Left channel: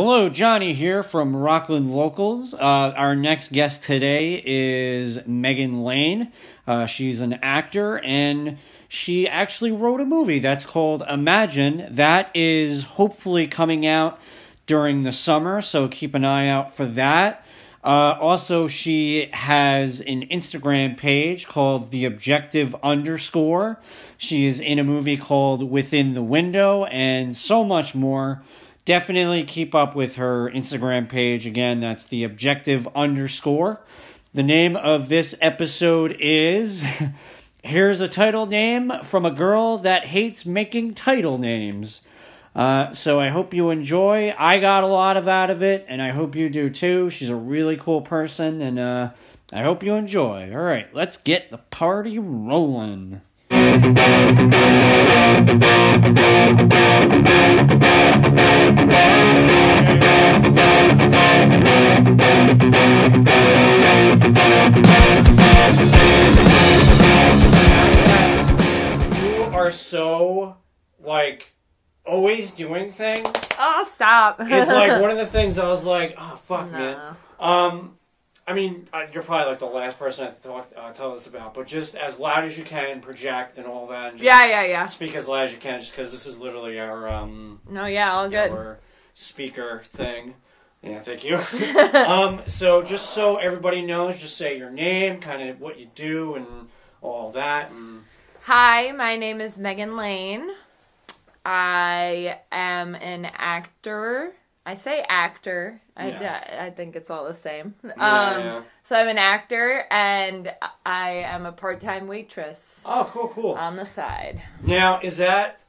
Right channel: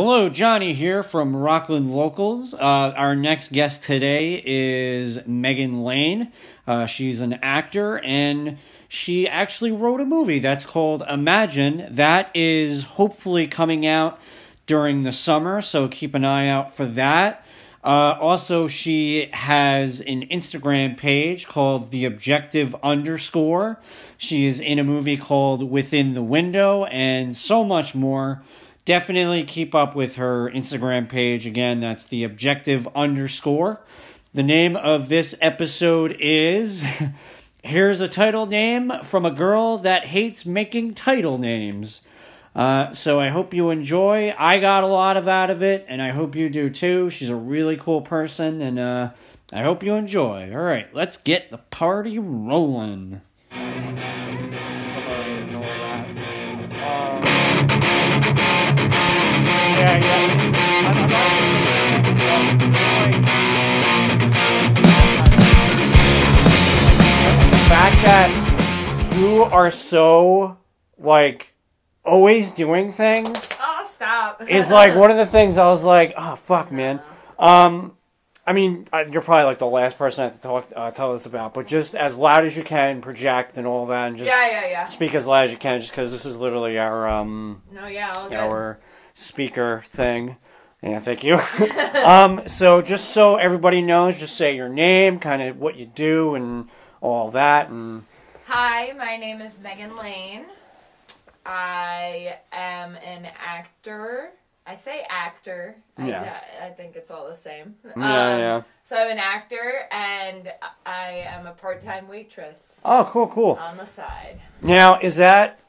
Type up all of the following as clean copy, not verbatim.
Hello, Johnny here from Rockland Locals. Our next guest today is Meghan Lane. She's an actor, and she actually wrote a movie that's called Imagine. That is hopefully coming out during the summer, so keep an eye out for that. Also, she has an Instagram page called The Objective _. She is in a movie called Within the Window, and so much more. Definitely keep up with her Instagram page. Again, that's The Objective _. The name of this episode is... Here's a title name from a girl that hates making title names. So I hope you enjoy. I got a lot out of it, and I hope you do too. She's a really cool person, and I hope you enjoy. All right, let's get the party rolling. You are so, like, always doing things. Oh, stop. Is like one of the things I was like, oh, fuck, man. I mean, you're probably like the last person I have to tell this about, but just as loud as you can, project and all that, and just speak as loud as you can, just because this is literally our our speaker thing. Yeah, thank you. So just so everybody knows, just say your name, kind of what you do, and all that. And hi, my name is Meghan Lane. I am an actor. I say actor. I think it's all the same. So I'm an actor, and I am a part-time waitress. Oh, cool. On the side. Now, does that,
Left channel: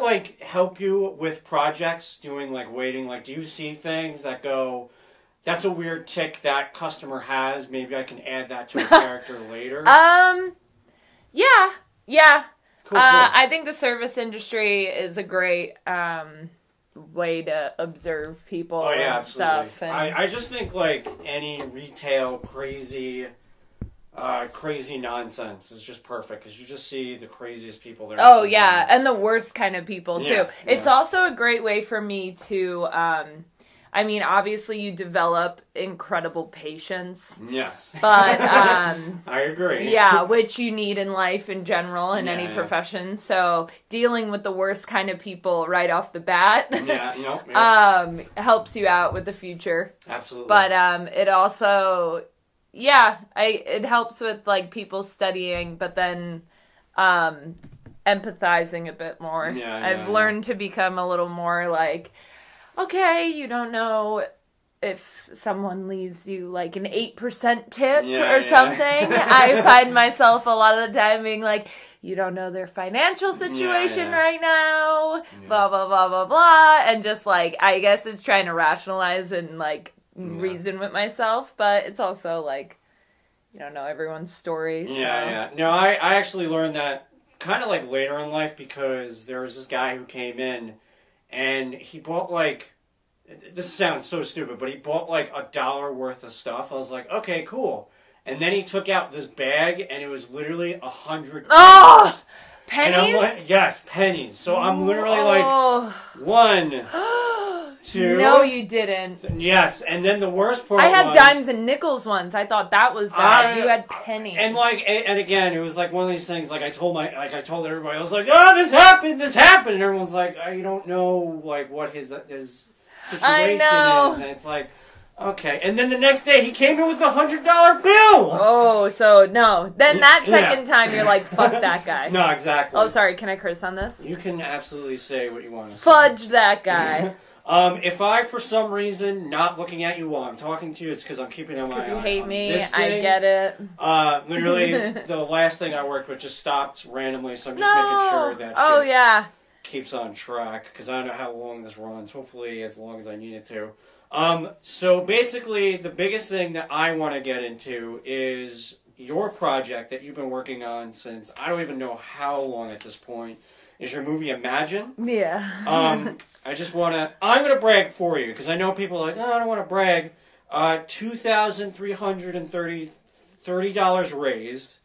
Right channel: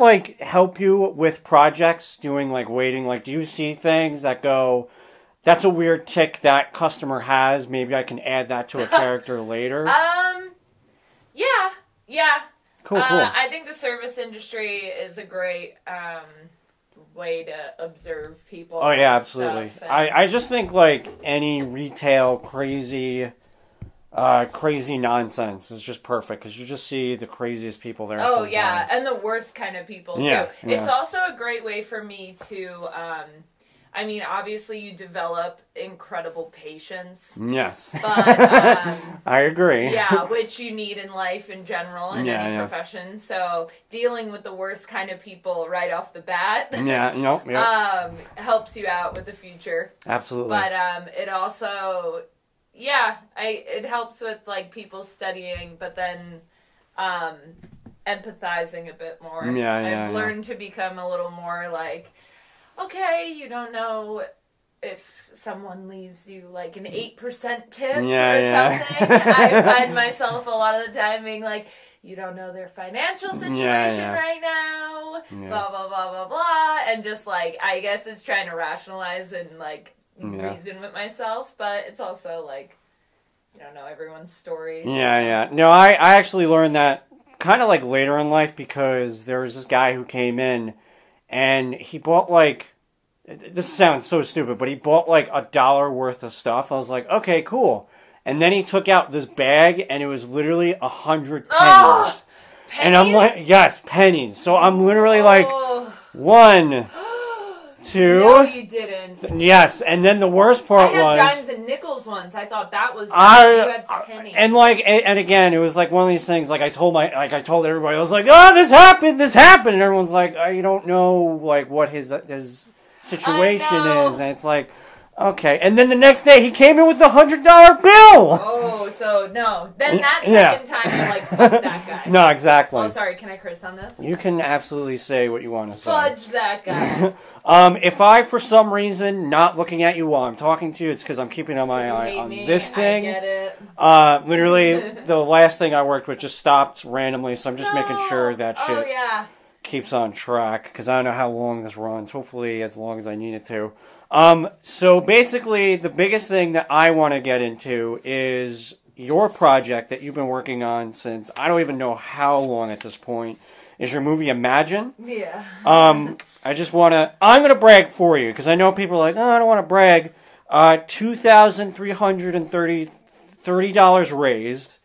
like, help you with projects, doing, like, waiting? Like, do you see things that go, that's a weird tick that customer has, maybe I can add that to a character later? Yeah. Cool. I think the service industry is a great way to observe people. Oh, yeah, absolutely. Stuff, I just think, like, any retail crazy nonsense is just perfect, because you just see the craziest people there. Oh, yeah, and the worst kind of people, too. Yeah. It's also a great way for me to... I mean, obviously, you develop incredible patience. Yes. But, I agree. Yeah, which you need in life in general, in any profession. So, dealing with the worst kind of people right off the bat helps you out with the future. Absolutely. But it also, it helps with, like, people studying, but then empathizing a bit more. I've learned to become a little more, like... Okay, you don't know if someone leaves you like an 8% tip or something. I find myself a lot of the time being like, you don't know their financial situation right now, blah, blah, blah, blah, blah. And just like, I guess it's trying to rationalize and like reason with myself, but it's also like, you don't know everyone's story. So. No, I actually learned that kind of like later in life, because there was this guy who came in and he bought, like, this sounds so stupid, but he bought, like, $1 worth of stuff. I was like, okay, cool. And then he took out this bag, and it was literally 100 pennies. Oh, pennies? And I'm like, yes, pennies. So I'm literally like, 1, 2. No, you didn't. Yes, and then the worst part was... I had dimes and nickels once. I thought that was bad. You had pennies. And like, and again, it was like one of these things, like I told everybody, I was like, oh, this happened, and everyone's like, you don't know, like, what his situation is, and it's like, okay. And then the next day, he came in with the $100 bill! Oh, so, no. Then that second time, you're like, fuck that guy. No, exactly. Oh, sorry, can I curse on this? You can absolutely say what you want to say. Fudge that guy. If I, for some reason, not looking at you while I'm talking to you, it's because I'm keeping on my eye on this thing. I get it. Literally, the last thing I worked with just stopped randomly, so I'm just making sure that shit keeps on track, because I don't know how long this runs. Hopefully, as long as I need it to. So basically, the biggest thing that I want to get into is your project that you've been working on since, I don't even know how long at this point, is your movie Imagine. Yeah. I'm going to brag for you, because I know people are like, oh, I don't want to brag. $2,330 raised.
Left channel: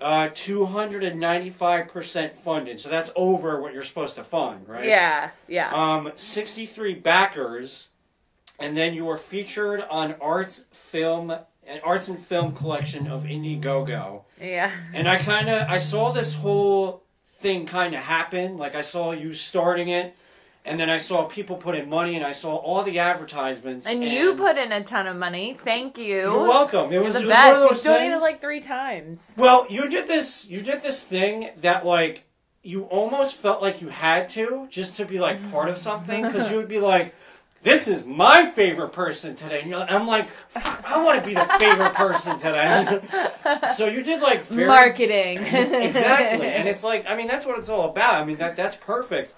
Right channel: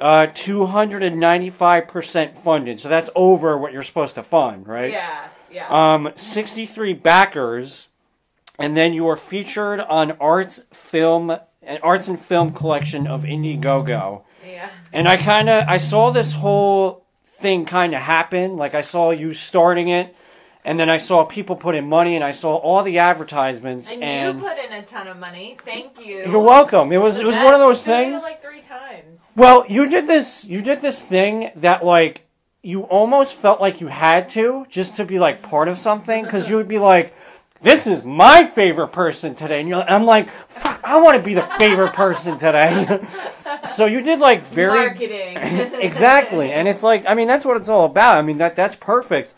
295% funded. So that's over what you're supposed to fund, right? Yeah. 63 backers, and then you are featured on Arts and Film Collection of Indiegogo. Yeah. And I saw this whole thing kind of happen. Like, I saw you starting it, and then I saw people put in money, and I saw all the advertisements. And you put in a ton of money. Thank you. You're welcome. It was one of those things. You donated like 3 times. Well, you did this thing that, like, you almost felt like you had to, just to be, like, part of something, because you would be like, this is my favorite person today. And I'm like, fuck, I want to be the favorite person today. So you did, like, very... Marketing. Exactly. And it's like, I mean, that's what it's all about. I mean, that's perfect.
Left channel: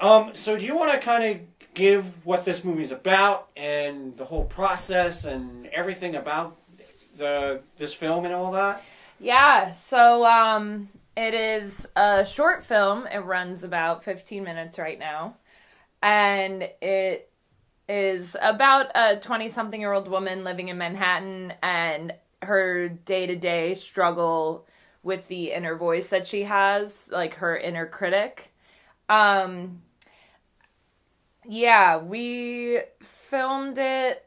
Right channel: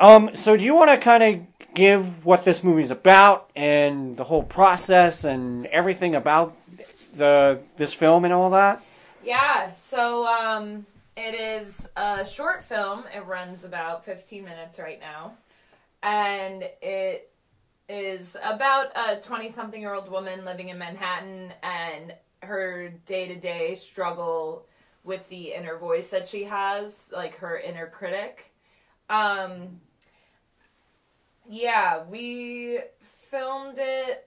So do you want to kind of give what this movie's about and the whole process and everything about this film and all that? Yeah. So, it is a short film. It runs about 15 minutes right now. And it is about a 20-something-year-old woman living in Manhattan and her day-to-day struggle with the inner voice that she has, like her inner critic. Yeah, we filmed it,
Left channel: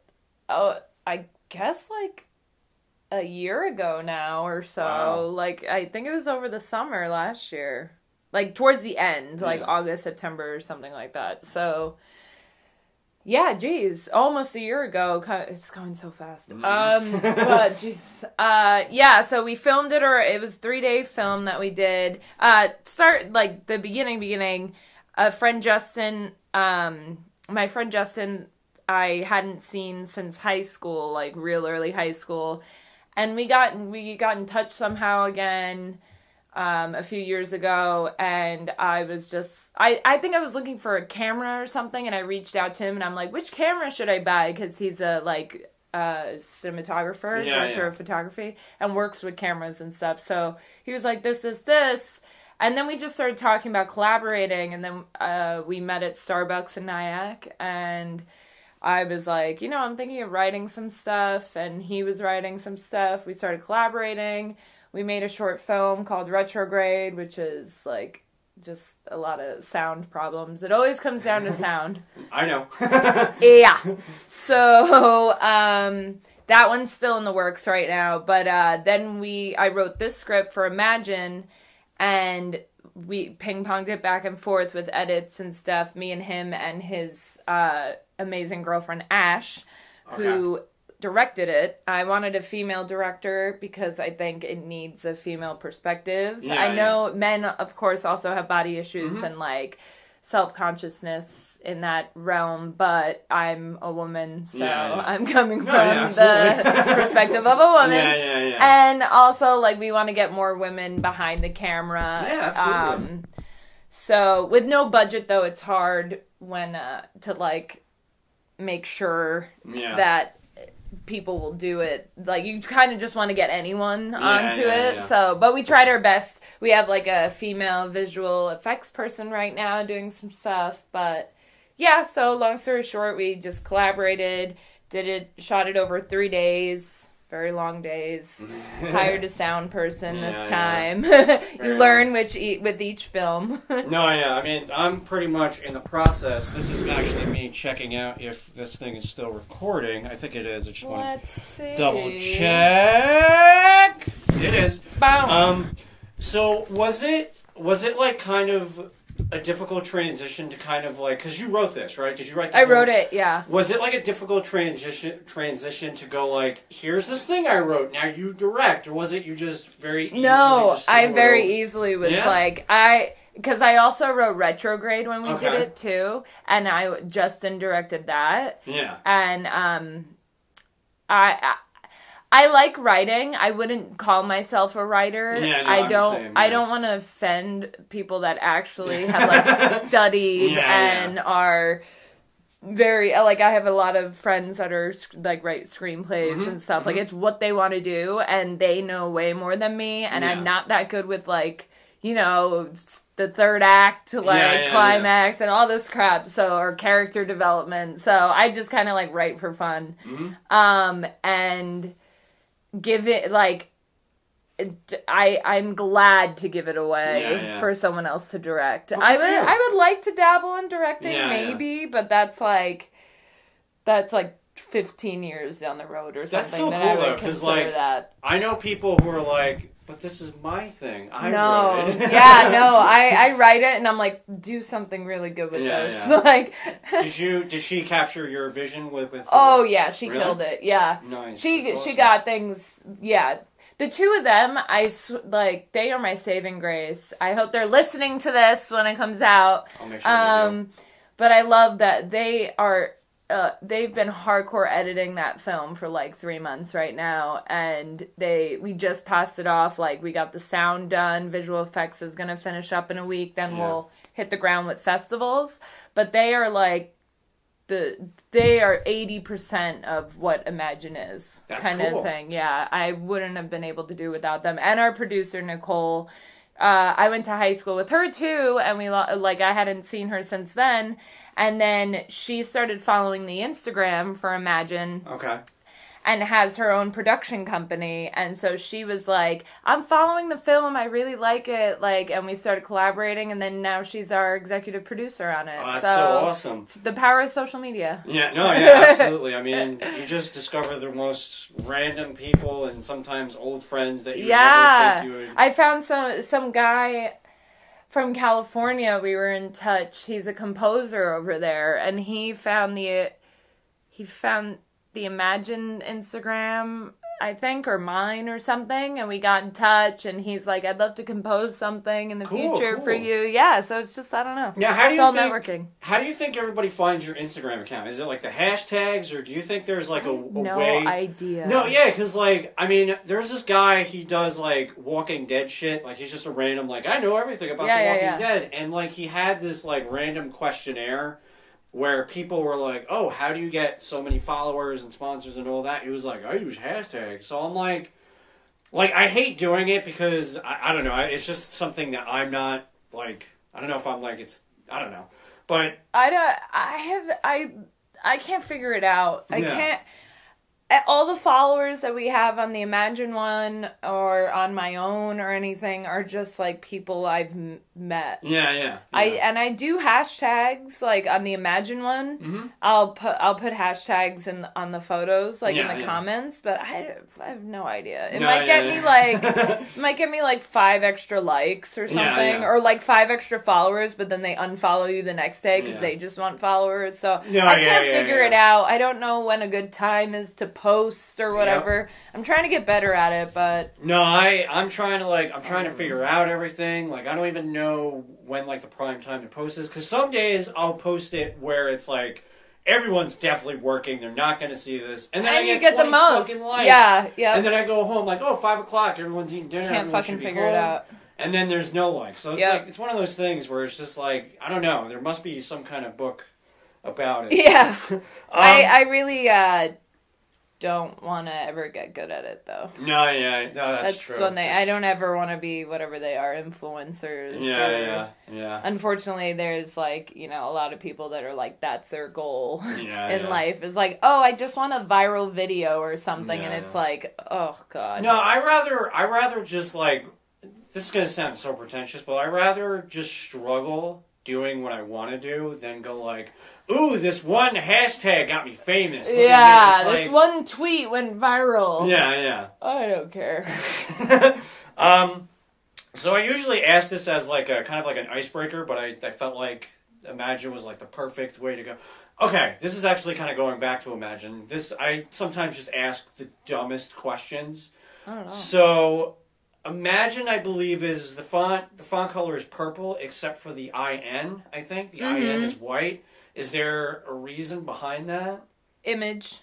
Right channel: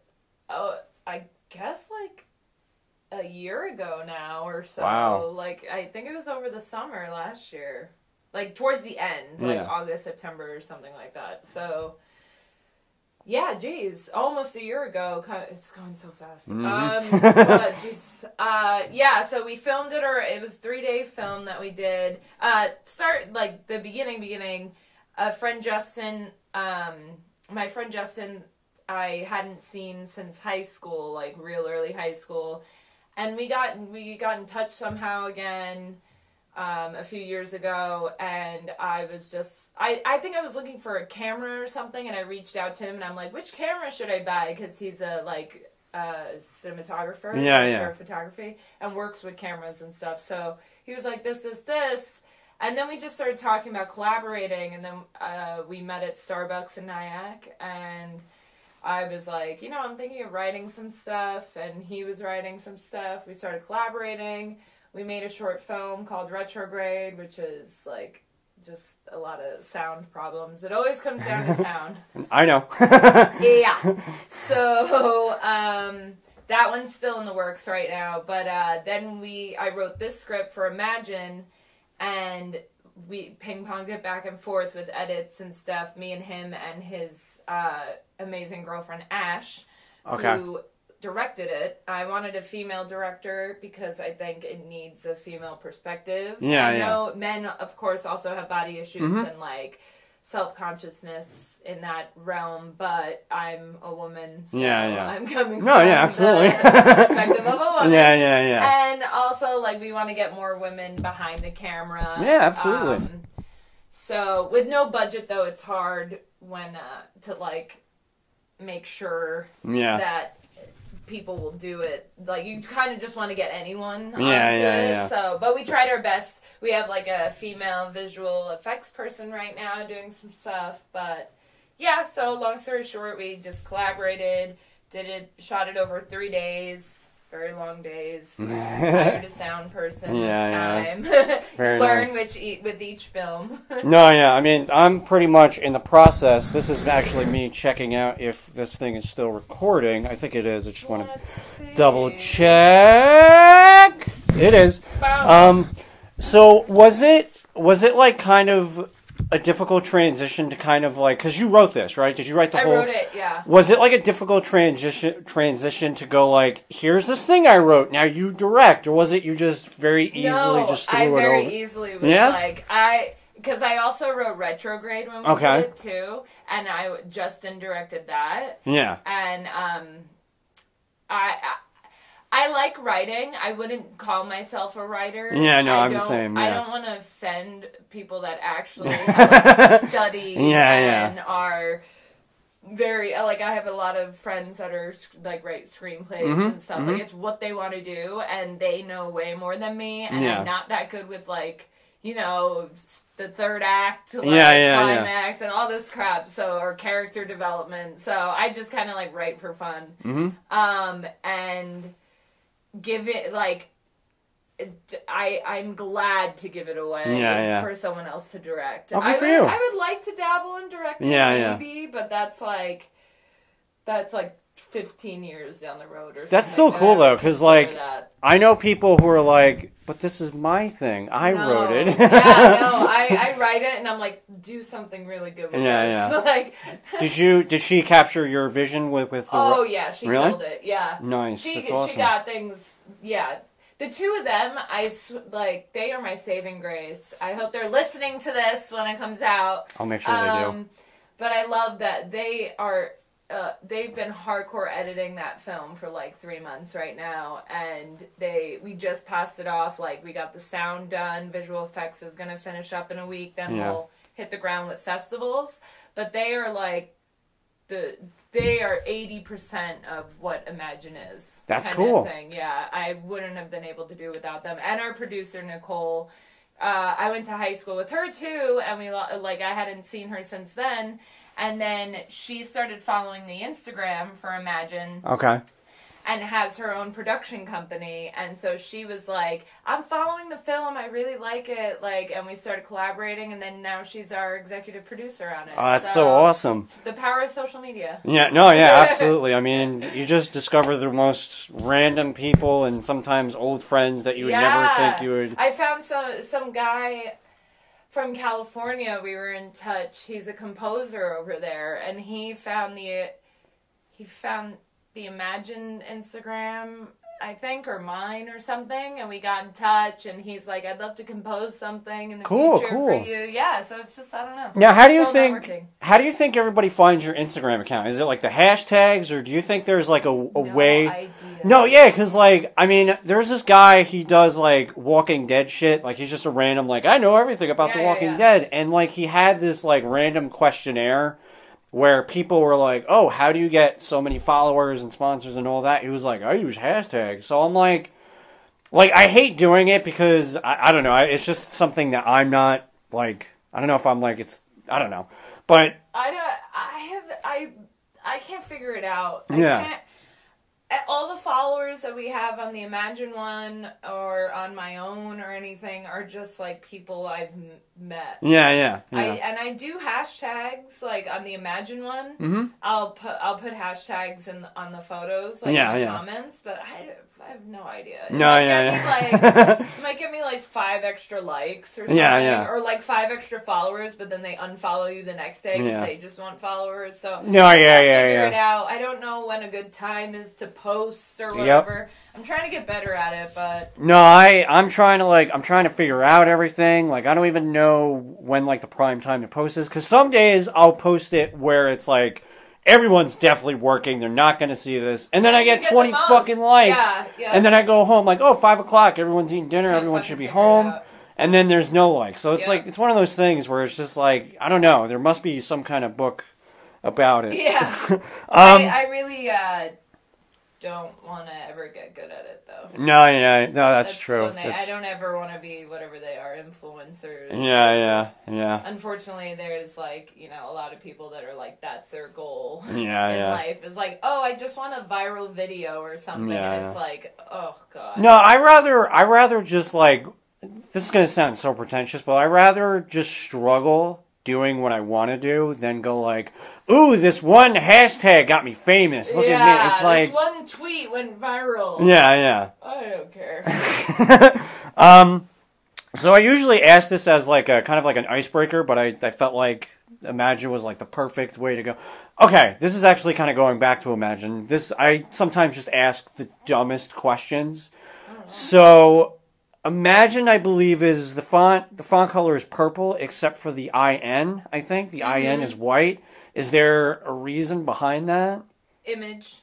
I guess, like, a year ago now or so. Wow. Like, I think it was over the summer last year. Like, towards the end, like August, September, or something like that. So, yeah, geez, almost a year ago. It's going so fast. But, geez. Yeah, so we filmed it, or it was a 3-day film that we did. Start, like, the beginning. My friend Justin, I hadn't seen since high school, like real early high school. And we got in touch somehow again, a few years ago. And I was just, I think I was looking for a camera or something. And I reached out to him and I'm like, which camera should I buy? Cause he's a cinematographer, director of photography, and works with cameras and stuff. So he was like, this. And then we just started talking about collaborating, and then we met at Starbucks in Nyack, and I was like, I'm thinking of writing some stuff, and he was writing some stuff. We started collaborating. We made a short film called Retrograde, which is, like, just a lot of sound problems. It always comes down to sound. I know. Yeah. So, that one's still in the works right now, but then I wrote this script for Imagine, and we ping-ponged it back and forth with edits and stuff, me and him and his amazing girlfriend, Ash, who directed it. I wanted a female director because I think it needs a female perspective. Yeah, I know men, of course, also have body issues and, like, self-consciousness in that realm, but I'm a woman, so I'm coming from the perspective of a woman. Yeah. And also, like, we want to get more women behind the camera. Yeah, absolutely. So, with no budget, though, it's hard when to, like, make sure that people will do it. Like, you kind of just want to get anyone onto it. So, but we tried our best. We have, like, a female visual effects person right now doing some stuff. But, yeah, so long story short, we just collaborated, shot it over 3 days. Very long days. Hired a sound person this time. Learn with each film. I mean, I'm pretty much in the process. This is actually me checking out if this thing is still recording. I think it is. I just want to double check. It is. So was it like kind of a difficult transition to kind of like, because you wrote this, right? Did you write the whole... I wrote it, yeah. Was it like a difficult transition to go like, here's this thing I wrote, now you direct, or was it you just very easily just threw it over? very easily was like, because I also wrote Retrograde when we did it too, and Justin directed that. Yeah. And I like writing. I wouldn't call myself a writer. Yeah, no, I'm the same. I don't want to offend people that actually have like studied and are very, like, I have a lot of friends that are like write screenplays and stuff. Like, it's what they want to do, and they know way more than me, and I'm not that good with, like, the third act, like, climax and all this crap, or character development. So I just kind of like write for fun. And give it, like, I'm glad to give it away for someone else to direct. I would like to dabble in directing, maybe, but that's like 15 years down the road or something. That's so cool though, because like I know people who are like, but this is my thing. I wrote it. I write it and I'm like, do something really good with this. Yeah. Like, did she capture your vision with oh yeah, she killed it. Yeah, nice. She got things. Yeah. The two of them, they are my saving grace. I hope they're listening to this when it comes out. I'll make sure they do. But I love that they are, they've been hardcore editing that film for like 3 months right now. And we just passed it off. Like, we got the sound done. Visual effects is going to finish up in a week. Then we'll hit the ground with festivals. But they are like, they are 80% of what Imagine is. That's kind cool. Of thing. Yeah, I wouldn't have been able to do without them. And our producer Nicole, I went to high school with her too, and I hadn't seen her since then. And then she started following the Instagram for Imagine. Okay. And has her own production company. And so she was like, I'm following the film. I really like it. And we started collaborating. And then now she's our executive producer on it. Oh, that's so awesome. The power of social media. Yeah, absolutely. I mean, you just discover the most random people and sometimes old friends that you would never think you would. I found some guy from California. We were in touch. He's a composer over there. And he found the Imagine Instagram, I think, or mine or something, and we got in touch, and he's like, I'd love to compose something in the future for you. Yeah, so it's just, I don't know. Now, how do you think everybody finds your Instagram account? Is it like the hashtags, or do you think there's like a way? No idea. No, yeah, because like, I mean, there's this guy, he does like Walking Dead shit, like he's just a random, like, I know everything about The Walking Dead, and like he had this like random questionnaire where people were like, oh, how do you get so many followers and sponsors and all that? He was like, I use hashtags. So I'm like, I hate doing it because, I don't know, it's just something that I'm not, like, I don't know if I'm like, I don't know. But I can't figure it out. I can't. All the followers that we have on the Imagine one or on my own or anything are just like people I've met. Yeah. I do hashtags like on the Imagine one. Mm-hmm. I'll put hashtags on the photos in the comments, but I have no idea. It might get me like 5 extra likes or something, or like 5 extra followers, but then they unfollow you the next day because they just want followers. So I can't figure it out. I don't know when a good time is to post or whatever. Yep. I'm trying to get better at it, but no, I'm trying to figure out everything. Like, I don't even know when like the prime time to post is, because some days I'll post it where it's like everyone's definitely working, they're not going to see this, and then I get 20 fucking likes, and then I go home like, 5 o'clock, everyone's eating dinner, everyone should be home, and then there's no likes. So it's like, it's one of those things where it's just like, I don't know, there must be some kind of book about it. Yeah. I really don't want to ever get good at it, though. No, that's true. I don't ever want to be whatever they are, influencers. Yeah. Unfortunately, there's like, a lot of people that are like, that's their goal in life. life. Is like, oh, I just want a viral video or something, and it's like, oh god. No, I rather just like, this is gonna sound so pretentious, but I rather just struggle doing what I want to do than go like, ooh, this one hashtag got me famous. Look at me. It's like, this one tweet went viral. Yeah. I don't care. So I usually ask this as like a kind of like an icebreaker, but I felt like Imagine was like the perfect way to go. Okay, this is actually kind of going back to Imagine. I sometimes just ask the dumbest questions. So Imagine, I believe, is the font color is purple except for the IN, I think. The IN is white. Is there a reason behind that? Image.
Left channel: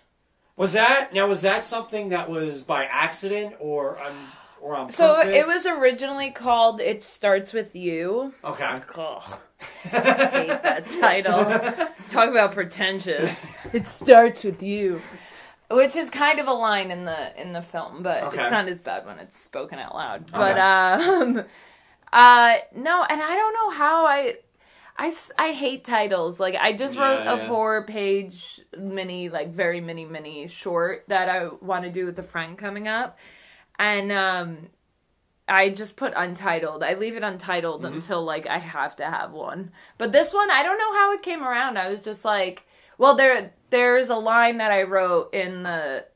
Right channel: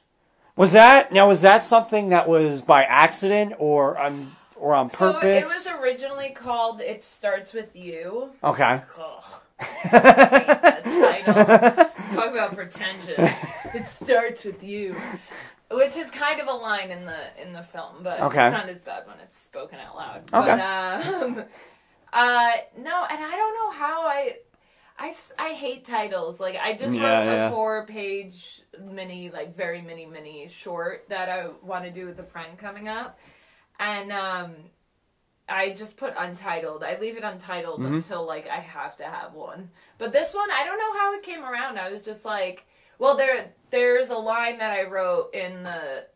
Was that something that was by accident or on purpose? So it was originally called It Starts With You. Okay. Ugh. I hate that title. Talk about pretentious. It starts with you. Which is kind of a line in the film, but it's not as bad when it's spoken out loud. Okay. But no, and I don't know how I hate titles. Like, I just wrote a 4-page mini, like very mini short that I want to do with a friend coming up, and I just put untitled. I leave it untitled until, like, I have to have one. But this one, I don't know how it came around. I was just like, well, there's a line that I wrote in the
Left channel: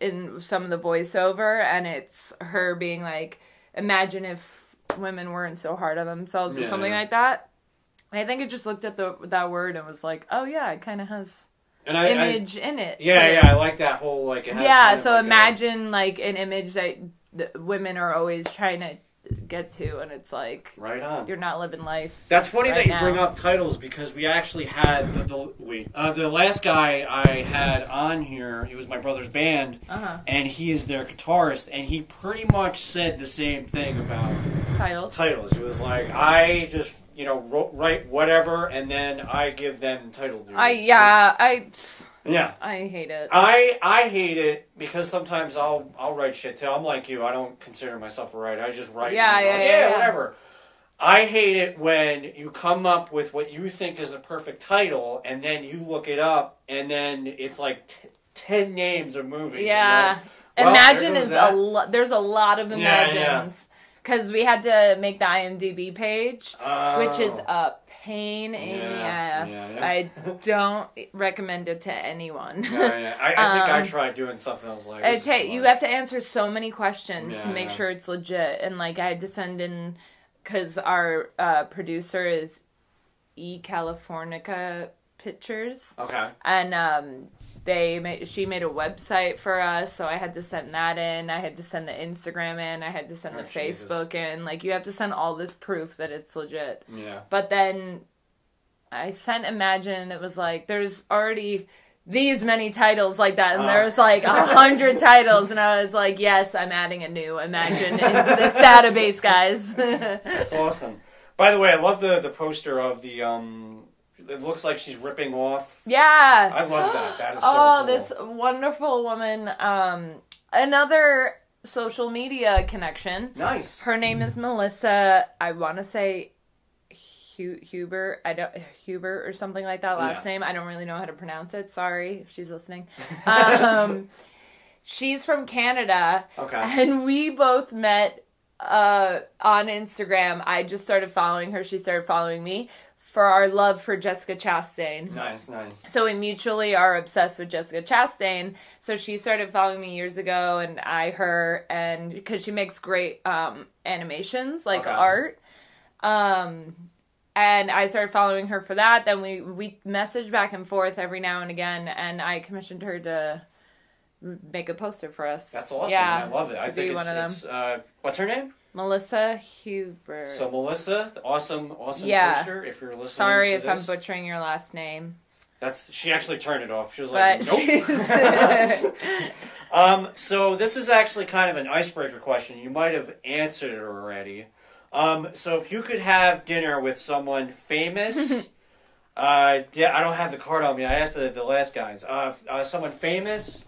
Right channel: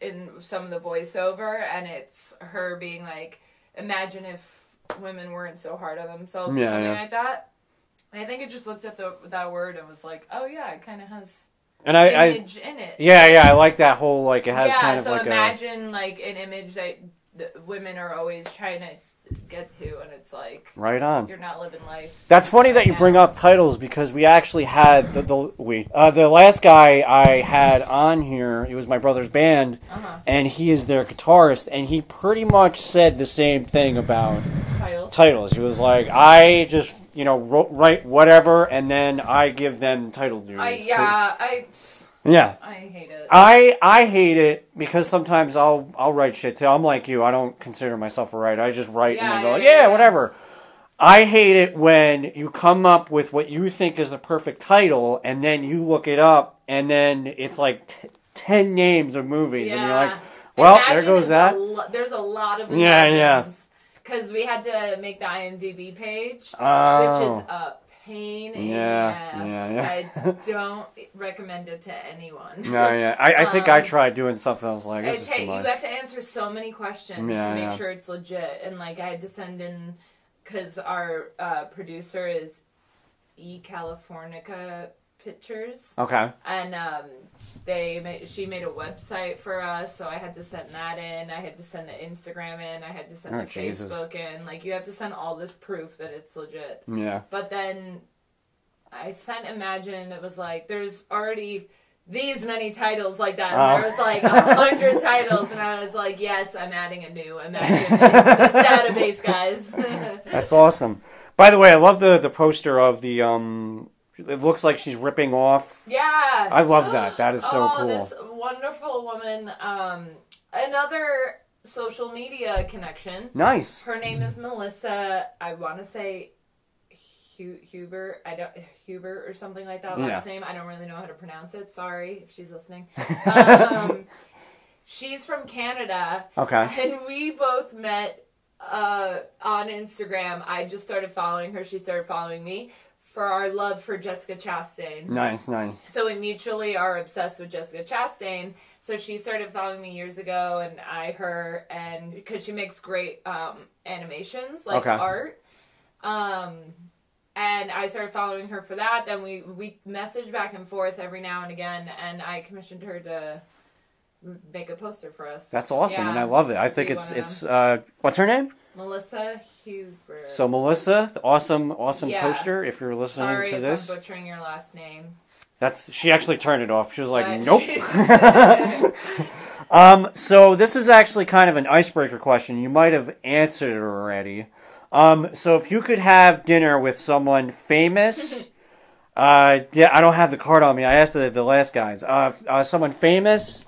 in some of the voiceover, and it's her being like, imagine if women weren't so hard on themselves or something like that. And I think I just looked at that word and was like, oh yeah, it kind of has image in it. Yeah, I like that whole, like, it has kind of so like imagine like an image that women are always trying to get to, and it's like, right on, you're not living life. That's funny that you bring up titles, because we actually had the last guy I had on here. It was my brother's band, and he is their guitarist, and he pretty much said the same thing about titles. He was like, I just write whatever, and then I give them title duties. I hate it. I hate it because sometimes I'll write shit too. I'm like you. I don't consider myself a writer. I just write whatever. I hate it when you come up with what you think is the perfect title, and then you look it up, and then it's like 10 names of movies. Yeah. And you're like, Imagine is there's a lot of Imagines. Because we had to make the IMDb page, which is a pain in the ass. I don't recommend it to anyone. I think I tried doing something. I was like, you have to answer so many questions to make sure it's legit. And like, I had to send in, because our producer is Californica Pictures. Okay. And she made a website for us, so I had to send that in. I had to send the Instagram in. I had to send the Facebook in. Like, you have to send all this proof that it's legit. Yeah. But then I sent Imagine, and it was like, there's already these many titles like that, and there was like 100 titles, and I was like, yes, I'm adding a new Imagine into this database, guys. That's awesome. By the way, I love the poster of the it looks like she's ripping off. Yeah. I love that. That is so cool. This wonderful woman. Another social media connection. Nice. Her name is Melissa. I want to say Huber. Huber or something like that last name. I don't really know how to pronounce it. Sorry if she's listening. She's from Canada. Okay. And we both met on Instagram. I just started following her. She started following me. For our love for Jessica Chastain. Nice. So we mutually are obsessed with Jessica Chastain. So she started following me years ago, and I her, and because she makes great animations, like art. And I started following her for that. Then we messaged back and forth every now and again, and I commissioned her to make a poster for us. That's awesome. Yeah, I love it. I think it's what's her name? Melissa Huber. So Melissa, awesome poster. If you're listening Sorry to this. if I'm butchering your last name. She actually turned it off. She was like, nope. So this is actually kind of an icebreaker question. You might have answered it already. So if you could have dinner with someone famous, I don't have the card on me. I asked the last guys. Someone famous,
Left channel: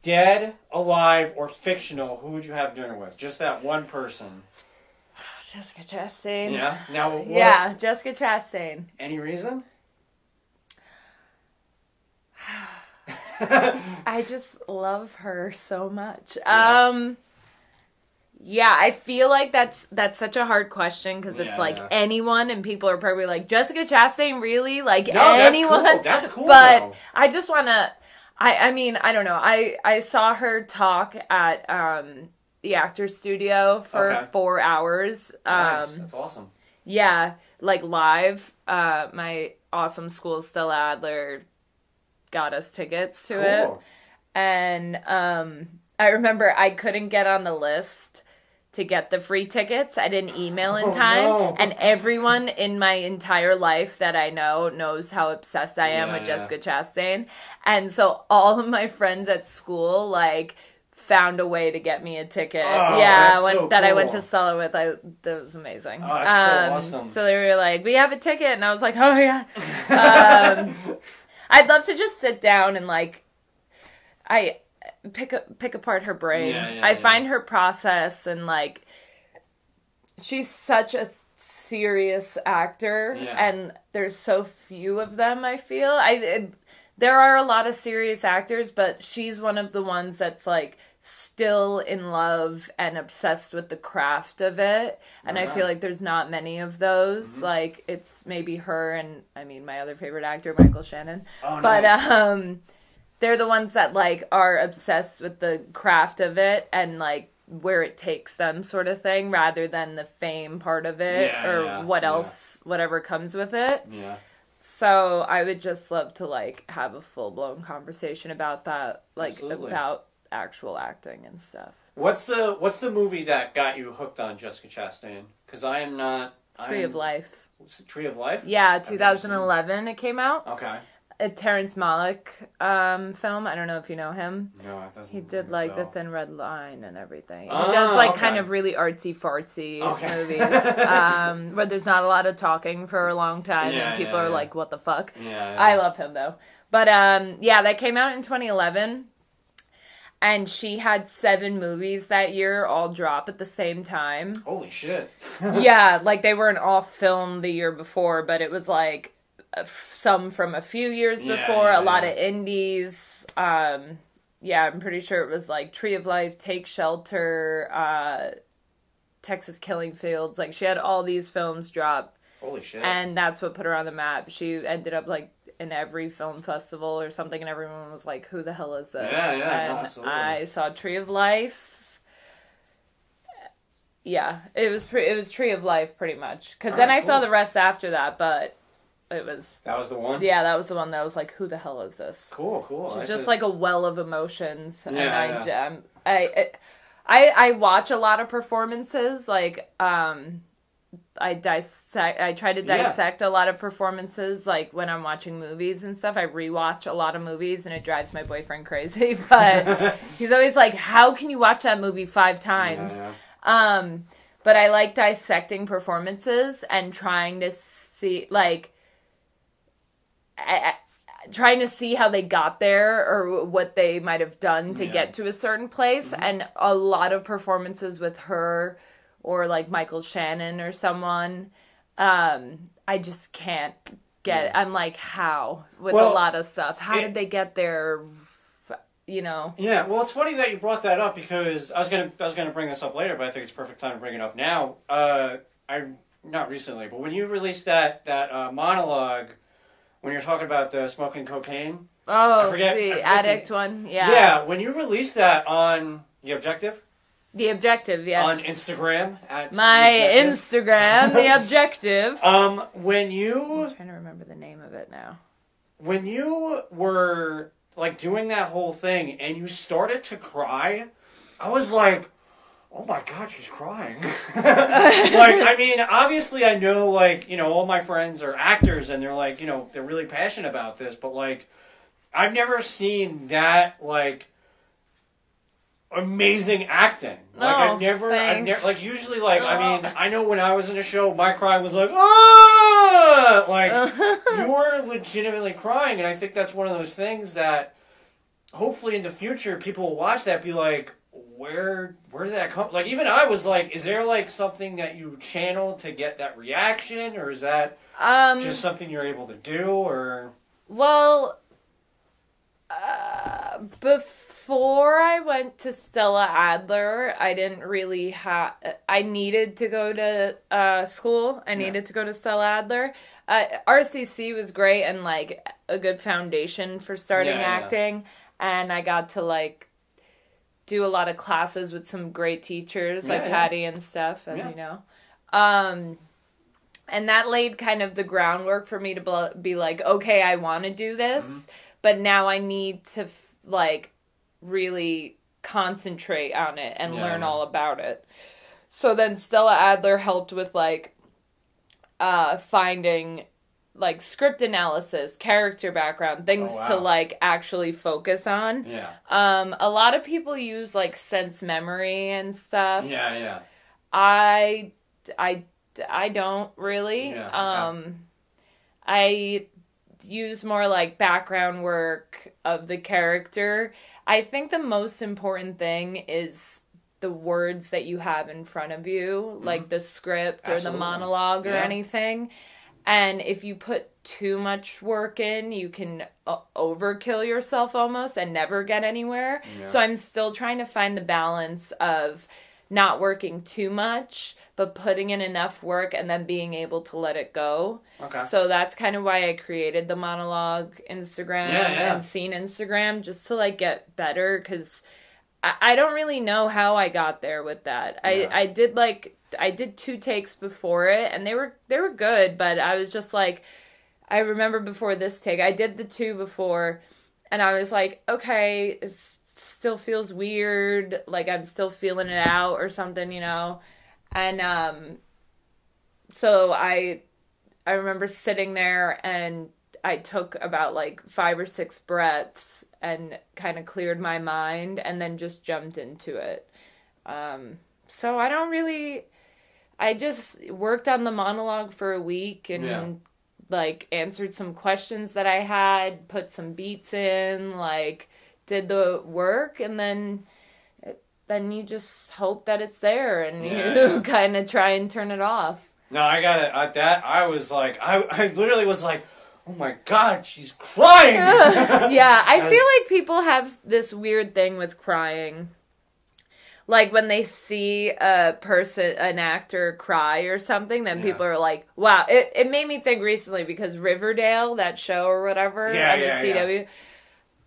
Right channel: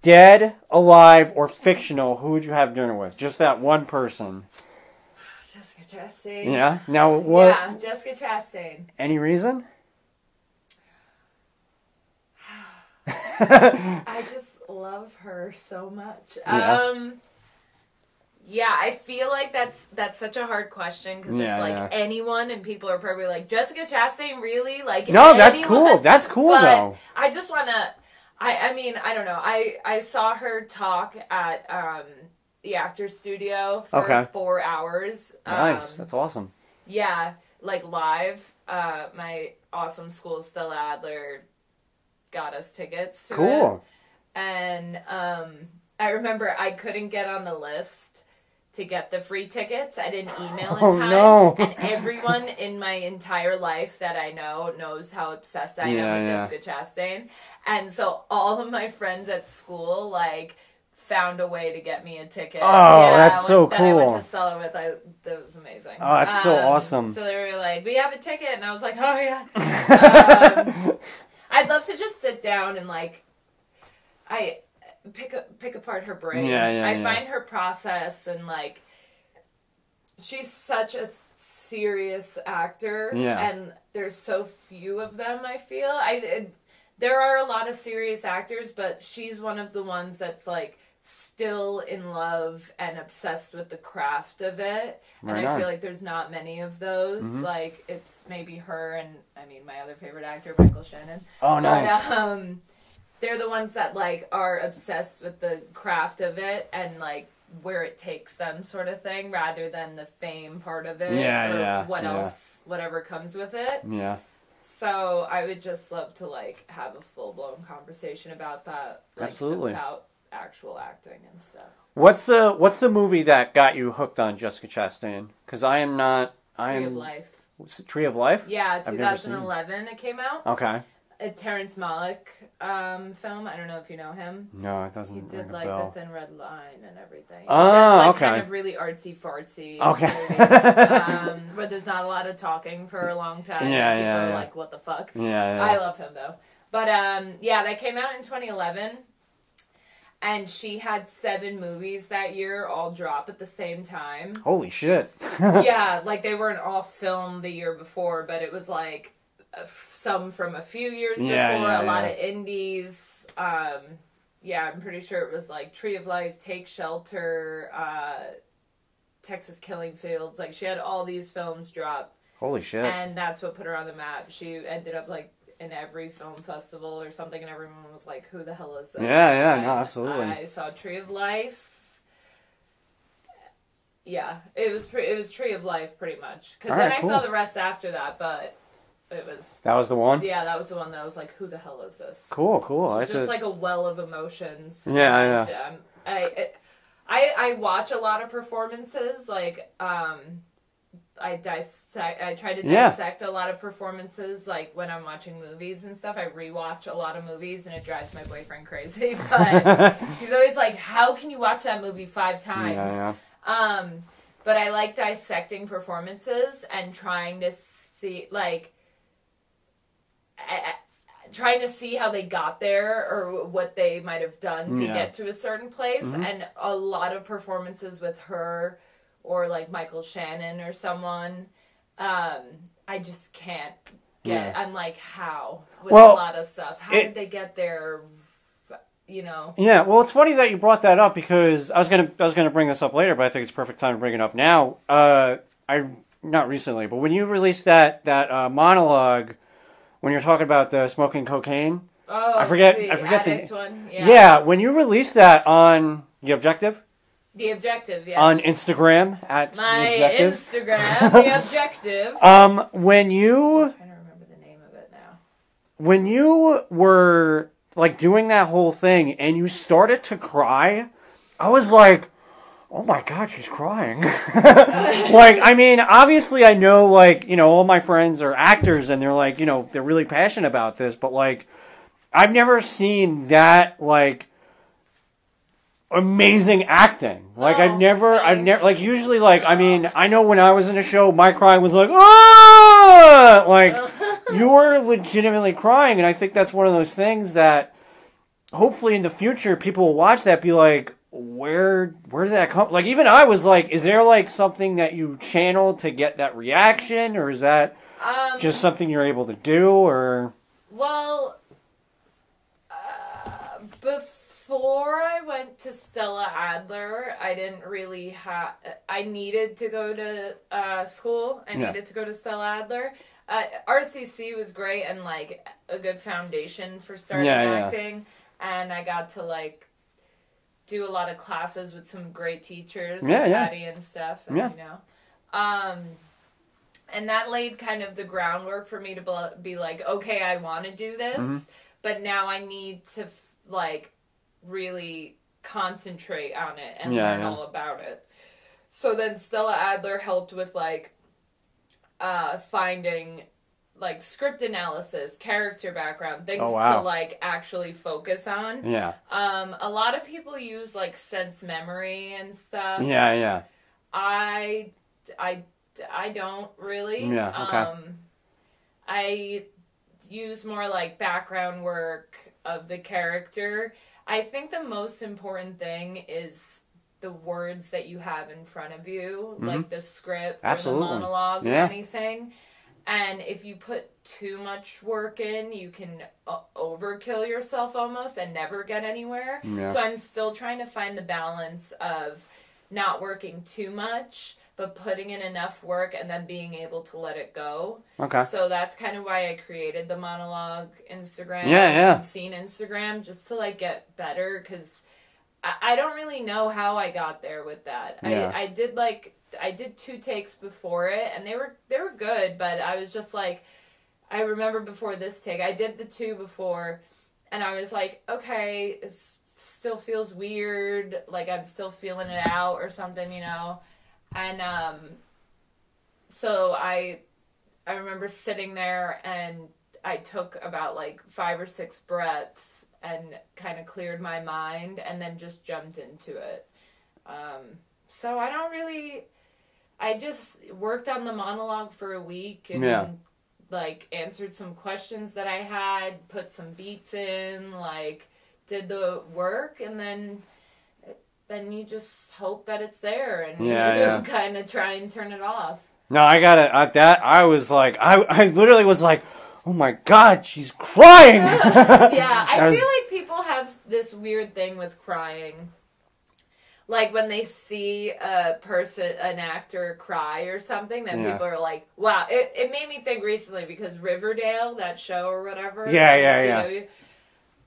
dead, alive, or fictional, who would you have dinner with? Just that one person. Jessica Chastain. Yeah? Now, what? Yeah, Jessica Chastain. Any reason? I just love her so much. Yeah, I feel like that's such a hard question, because it's like anyone, and people are probably like, Jessica Chastain, really? Like, no, anyone? That's cool, but though. I just want to... I mean, I don't know. I saw her talk at the Actors Studio for 4 hours. Nice. That's awesome. Yeah, like live. My awesome school, Stella Adler, got us tickets to it. And I remember I couldn't get on the list to get the free tickets. I didn't email in time. No. And everyone in my entire life that I know knows how obsessed I am with Jessica Chastain. And so all of my friends at school, like, found a way to get me a ticket. Oh, that's so cool. That I went to Stella with. That was amazing. Oh, that's so awesome. So they were like, we have a ticket. And I was like, oh, yeah. I'd love to just sit down and, like, I pick apart her brain. I find her process, and, like, she's such a serious actor. And there's so few of them, I feel. There are a lot of serious actors, but she's one of the ones that's, like, still in love and obsessed with the craft of it. And I feel like there's not many of those. Like, it's maybe her and, I mean, my other favorite actor, Michael Shannon. Oh, nice. But, they're the ones that, like, are obsessed with the craft of it and, like, where it takes them sort of thing, rather than the fame part of it whatever comes with it. Yeah. So I would just love to, like, have a full-blown conversation about that, like, Absolutely. about actual acting and stuff. What's the movie that got you hooked on Jessica Chastain? Because I am not... Tree of Life. Tree of Life? Yeah, 2011 it came out. Okay. A Terrence Malick film. I don't know if you know him. No, it doesn't. He did like The Thin Red Line and everything. Oh, he does like okay. kind of really artsy-fartsy movies. Where there's not a lot of talking for a long time. And people are like, what the fuck? Yeah. I love him though. But that came out in 2011. And she had 7 movies that year all drop at the same time. Holy shit. Yeah, like they weren't all filmed the year before, but it was like some from a few years before, a lot of indies. I'm pretty sure it was like Tree of Life, Take Shelter, Texas Killing Fields. Like she had all these films drop. Holy shit. And that's what put her on the map. She ended up like in every film festival or something, and everyone was like, who the hell is this? Yeah, no, absolutely. I saw Tree of Life. Yeah, it was Tree of Life pretty much. Because then I saw the rest after that, but it was... That was the one? Yeah, that was the one that was like, who the hell is this? Cool. She's just like a well of emotions. Yeah. I watch a lot of performances, like, I try to dissect a lot of performances, like when I'm watching movies and stuff. I rewatch a lot of movies, and it drives my boyfriend crazy. But he's always like, "How can you watch that movie 5 times?" Yeah. But I like dissecting performances and trying to see, like, trying to see how they got there or what they might have done to get to a certain place. And a lot of performances with her, or like Michael Shannon or someone, I just can't get it. I'm like, how? With a lot of stuff. How did they get there? You know? Yeah, well, it's funny that you brought that up, because I was gonna bring this up later, but I think it's a perfect time to bring it up now. Not recently, but when you released that monologue, when you're talking about the smoking cocaine. Oh, I forget addict one? Yeah. Yeah, when you released that on The Objective? The Objective, yes. On Instagram at my Instagram, The Objective. When you... I'm trying to remember the name of it now. When you were, like, doing that whole thing and you started to cry, I was like, oh my God, she's crying. Like, I mean, obviously I know, like, you know, all my friends are actors and they're like, you know, they're really passionate about this, but, like, I've never seen that, like, amazing acting. Like, I've never, like, usually, like, I mean, I know when I was in a show, my crying was like, ah! Like, you were legitimately crying, and I think that's one of those things that, hopefully in the future, people will watch that, be like, where did that come? Like, even I was like, is there, like, something that you channel to get that reaction, or is that just something you're able to do, or? Well, before I went to Stella Adler, I didn't really have... I needed to go to school. I needed to go to Stella Adler. RCC was great and, like, a good foundation for starting acting. And I got to, like, do a lot of classes with some great teachers, like Patty and stuff, and, you know. And that laid kind of the groundwork for me to be like, okay, I want to do this, but now I need to, like, really concentrate on it and learn all about it. So then Stella Adler helped with, like, finding, like, script analysis, character background, things to, like, actually focus on. Yeah. A lot of people use, like, sense memory and stuff. Yeah. I don't really. Yeah, okay. I use more, like, background work of the character. I think the most important thing is the words that you have in front of you, like the script or the monologue or anything. And if you put too much work in, you can overkill yourself almost and never get anywhere. Yeah. So I'm still trying to find the balance of not working too much, but putting in enough work and then being able to let it go. Okay. So that's kind of why I created the monologue Instagram and scene Instagram, just to like get better, because I don't really know how I got there with that. Yeah. I did 2 takes before it, and they were good, but I was just like, I remember before this take, I did the 2 before, and I was like, okay, it still feels weird, like I'm still feeling it out or something, you know. And so I remember sitting there, and I took about like 5 or 6 breaths and kind of cleared my mind, and then just jumped into it. So I just worked on the monologue for a week and like answered some questions that I had, put some beats in, like did the work, and then you just hope that it's there, and you kind of try and turn it off. No, I was like, I literally was like, oh my God, she's crying! Yeah, I feel like people have this weird thing with crying. Like, when they see an actor cry or something, then people are like, wow. It made me think recently, because Riverdale, that show or whatever. Yeah.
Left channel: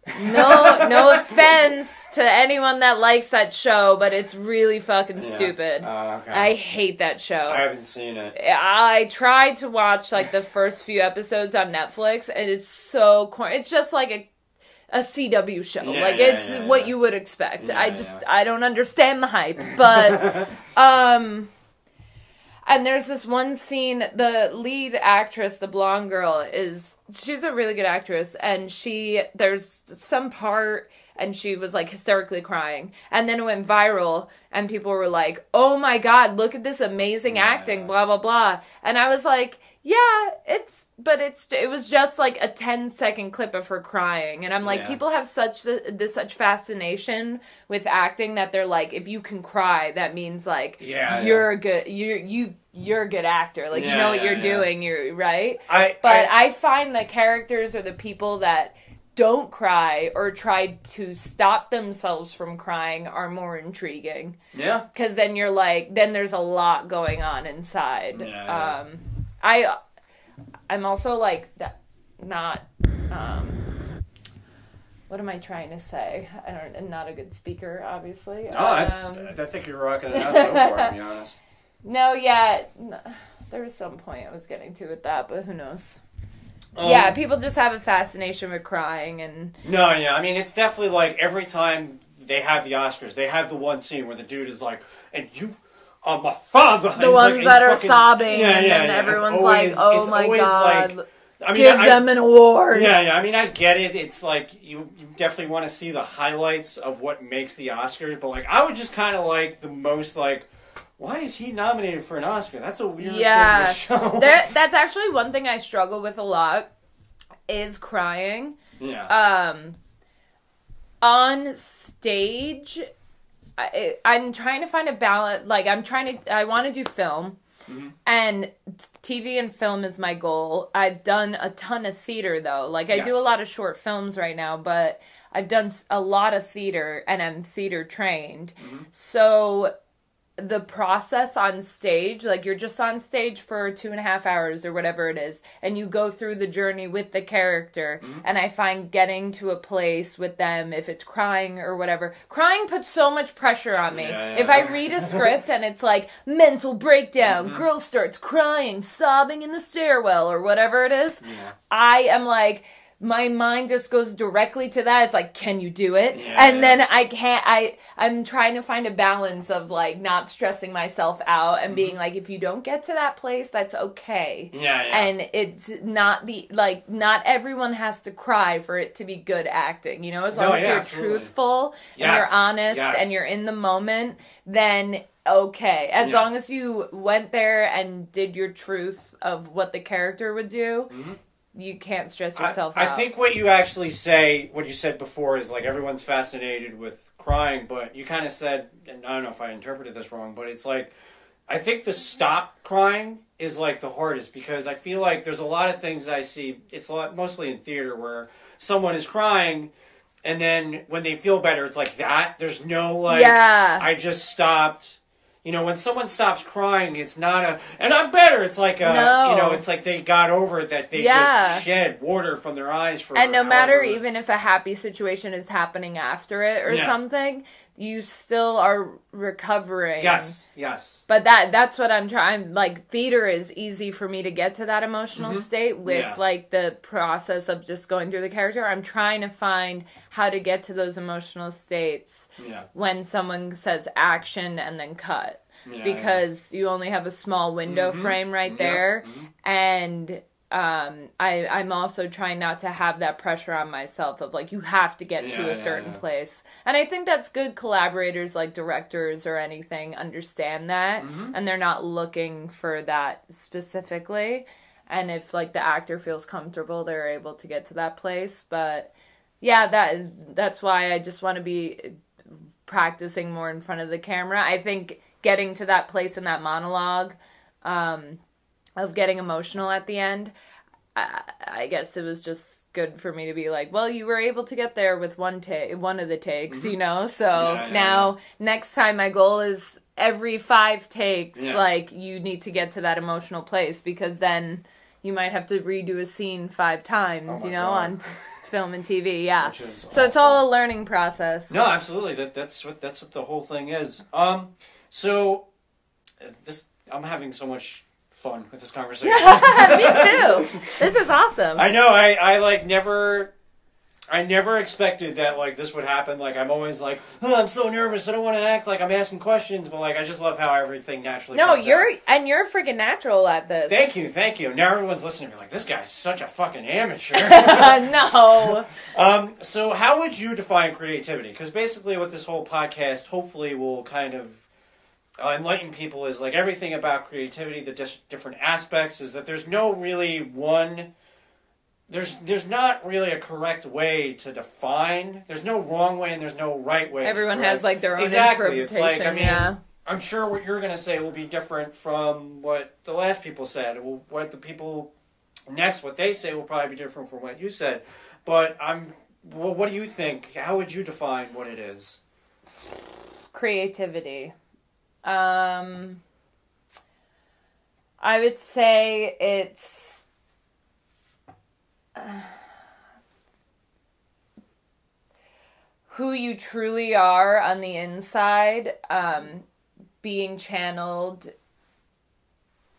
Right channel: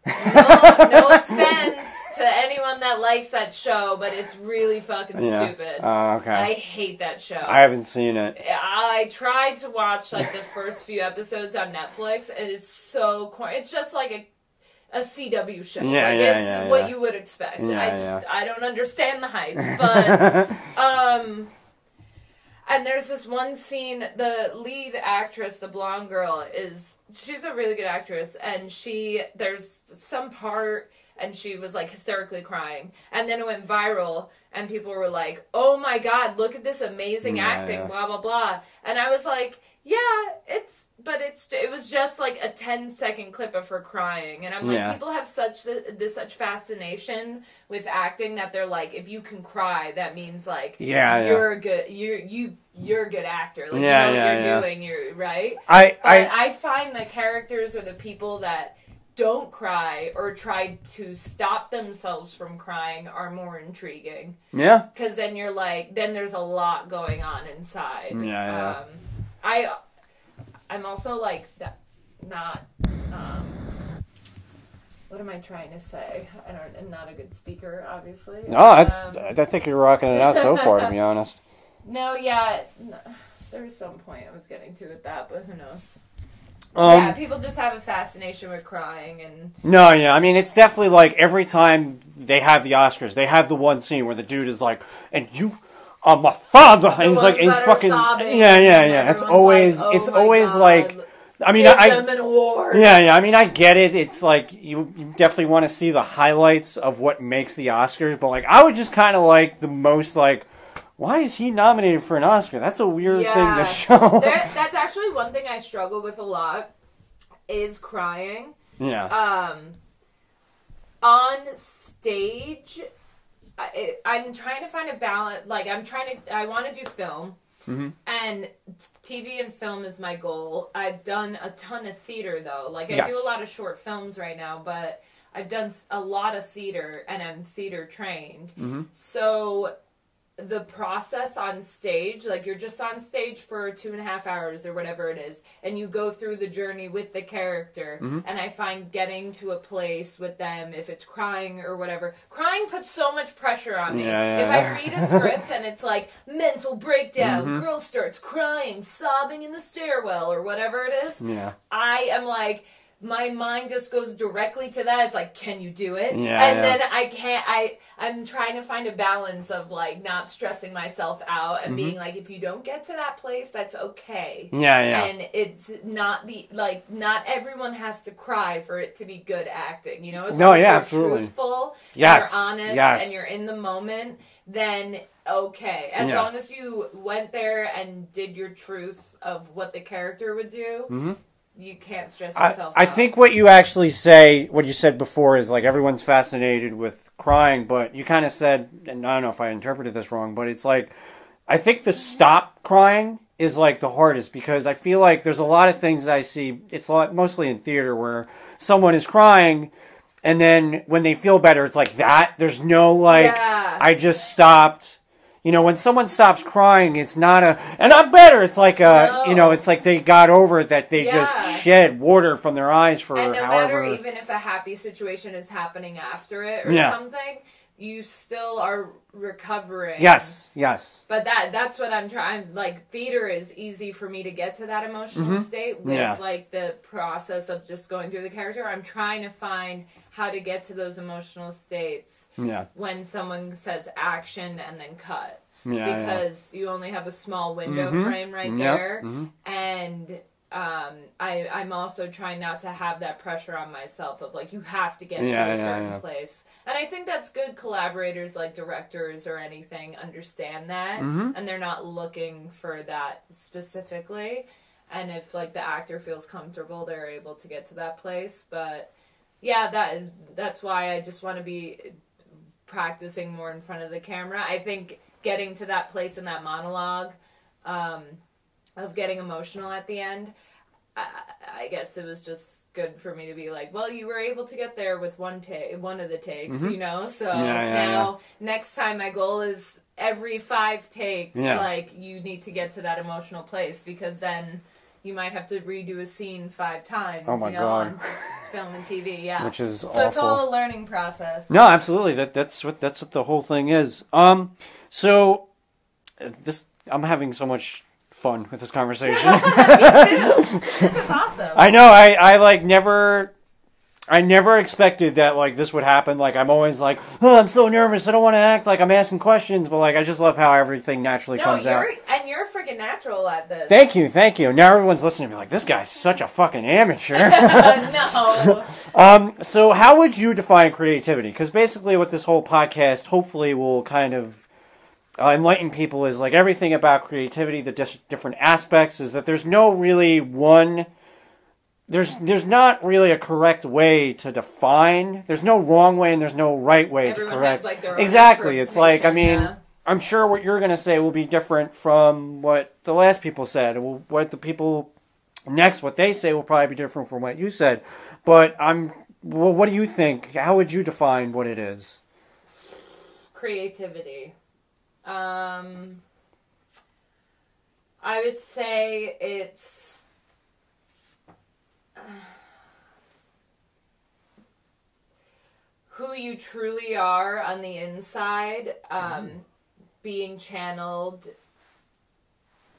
No offense to anyone that likes that show, but it's really fucking stupid. Okay. I hate that show. I haven't seen it. I tried to watch like the first few episodes on Netflix, and it's so corny. It's just like a CW show. It's what you would expect. I don't understand the hype, but and there's this one scene, the lead actress, the blonde girl, she's a really good actress, and there's some part, and she was like hysterically crying, and then it went viral, and people were like, oh my God, look at this amazing acting, blah, blah, blah. And I was like, it was just like a 10-second clip of her crying. And I'm like, people have such fascination with acting that they're like, if you can cry, that means like you're a good actor. Like you know what you're doing, you're right. I find the characters or the people that don't cry or try to stop themselves from crying are more intriguing. Yeah. Because then you're like, then there's a lot going on inside. I'm also like that, not, what am I trying to say? I'm not a good speaker, obviously. No, I think you're rocking it out so far, to be honest. No, there was some point I was getting to with that, but who knows? People just have a fascination with crying and... No, I mean, it's definitely like every time they have the Oscars, they have the one scene where the dude is like, and you... my father. The ones like, that are sobbing. Yeah. It's always, like, like, I mean, give them an award. Yeah. I mean, I get it. It's like you definitely want to see the highlights of what makes the Oscars, but like, I would just kind of like the most like, why is he nominated for an Oscar? That's a weird thing to show. That's actually one thing I struggle with a lot is crying. Yeah. On stage. I'm trying to find a balance. Like, I want to do film, and TV and film is my goal. I've done a ton of theater, though. Like, I do a lot of short films right now, but I've done a lot of theater, and I'm theater trained. So the process on stage, like you're just on stage for 2.5 hours or whatever it is, and you go through the journey with the character, and I find getting to a place with them, if it's crying or whatever, crying puts so much pressure on me. If I read a script and it's like mental breakdown, girl starts crying, sobbing in the stairwell or whatever it is, I am like, my mind just goes directly to that. It's like, can you do it? Then I can't, I'm trying to find a balance of like not stressing myself out and being like, if you don't get to that place, that's okay. And it's not not everyone has to cry for it to be good acting, you know? As long as you're truthful, and you're honest, and you're in the moment, then okay. As long as you went there and did your truth of what the character would do, you can't stress yourself out. I think what you actually say, what you said before is like everyone's fascinated with crying, but you kind of said, and I don't know if I interpreted this wrong, but it's like, I think the stop crying is like the hardest, because I feel like there's a lot of things I see. It's a lot, mostly in theater, where someone is crying, and then when they feel better, it's like that. There's no like, I just stopped. You know, when someone stops crying, it's not a, and I'm better. It's like a, you know, it's like they got over it, that they just shed water from their eyes for. And no matter even if a happy situation is happening after it or something, you still are recovering. Yes, yes. But that's what I'm trying. Like, theater is easy for me to get to that emotional state with like the process of just going through the character. I'm trying to find how to get to those emotional states when someone says action and then cut. Because you only have a small window frame right there. And I'm also trying not to have that pressure on myself of like, you have to get to a certain place. And I think that's good. Collaborators like directors or anything understand that, and they're not looking for that specifically. And if like the actor feels comfortable, they're able to get to that place. But yeah, that's why I just want to be practicing more in front of the camera. I think getting to that place in that monologue, of getting emotional at the end, I guess it was just good for me to be like, well, you were able to get there with one of the takes, you know? So now next time my goal is every 5 takes, like, you need to get to that emotional place, because then you might have to redo a scene 5 times, on film and TV, Which is awful. It's all a learning process. No, absolutely. That's what the whole thing is. So I'm having so much fun with this conversation. Me too. This is awesome. I know. I never expected that like this would happen. Like, I'm always like, oh, I'm so nervous. I don't want to act like I'm asking questions, but like I just love how everything naturally comes out. And you're freaking natural at this. Thank you. Now everyone's listening to me like, this guy's such a fucking amateur. No. So how would you define creativity? Because basically, what this whole podcast hopefully will kind of enlighten people is like everything about creativity, the different aspects, is that there's no really one. There's not really a correct way to define. There's no wrong way and there's no right way. Everyone has like their own exactly. It's like, I mean, I'm sure what you're going to say will be different from what the last people said. What the people next, what they say will probably be different from what you said. But what do you think? How would you define what it is? Creativity. I would say it's who you truly are on the inside, being channeled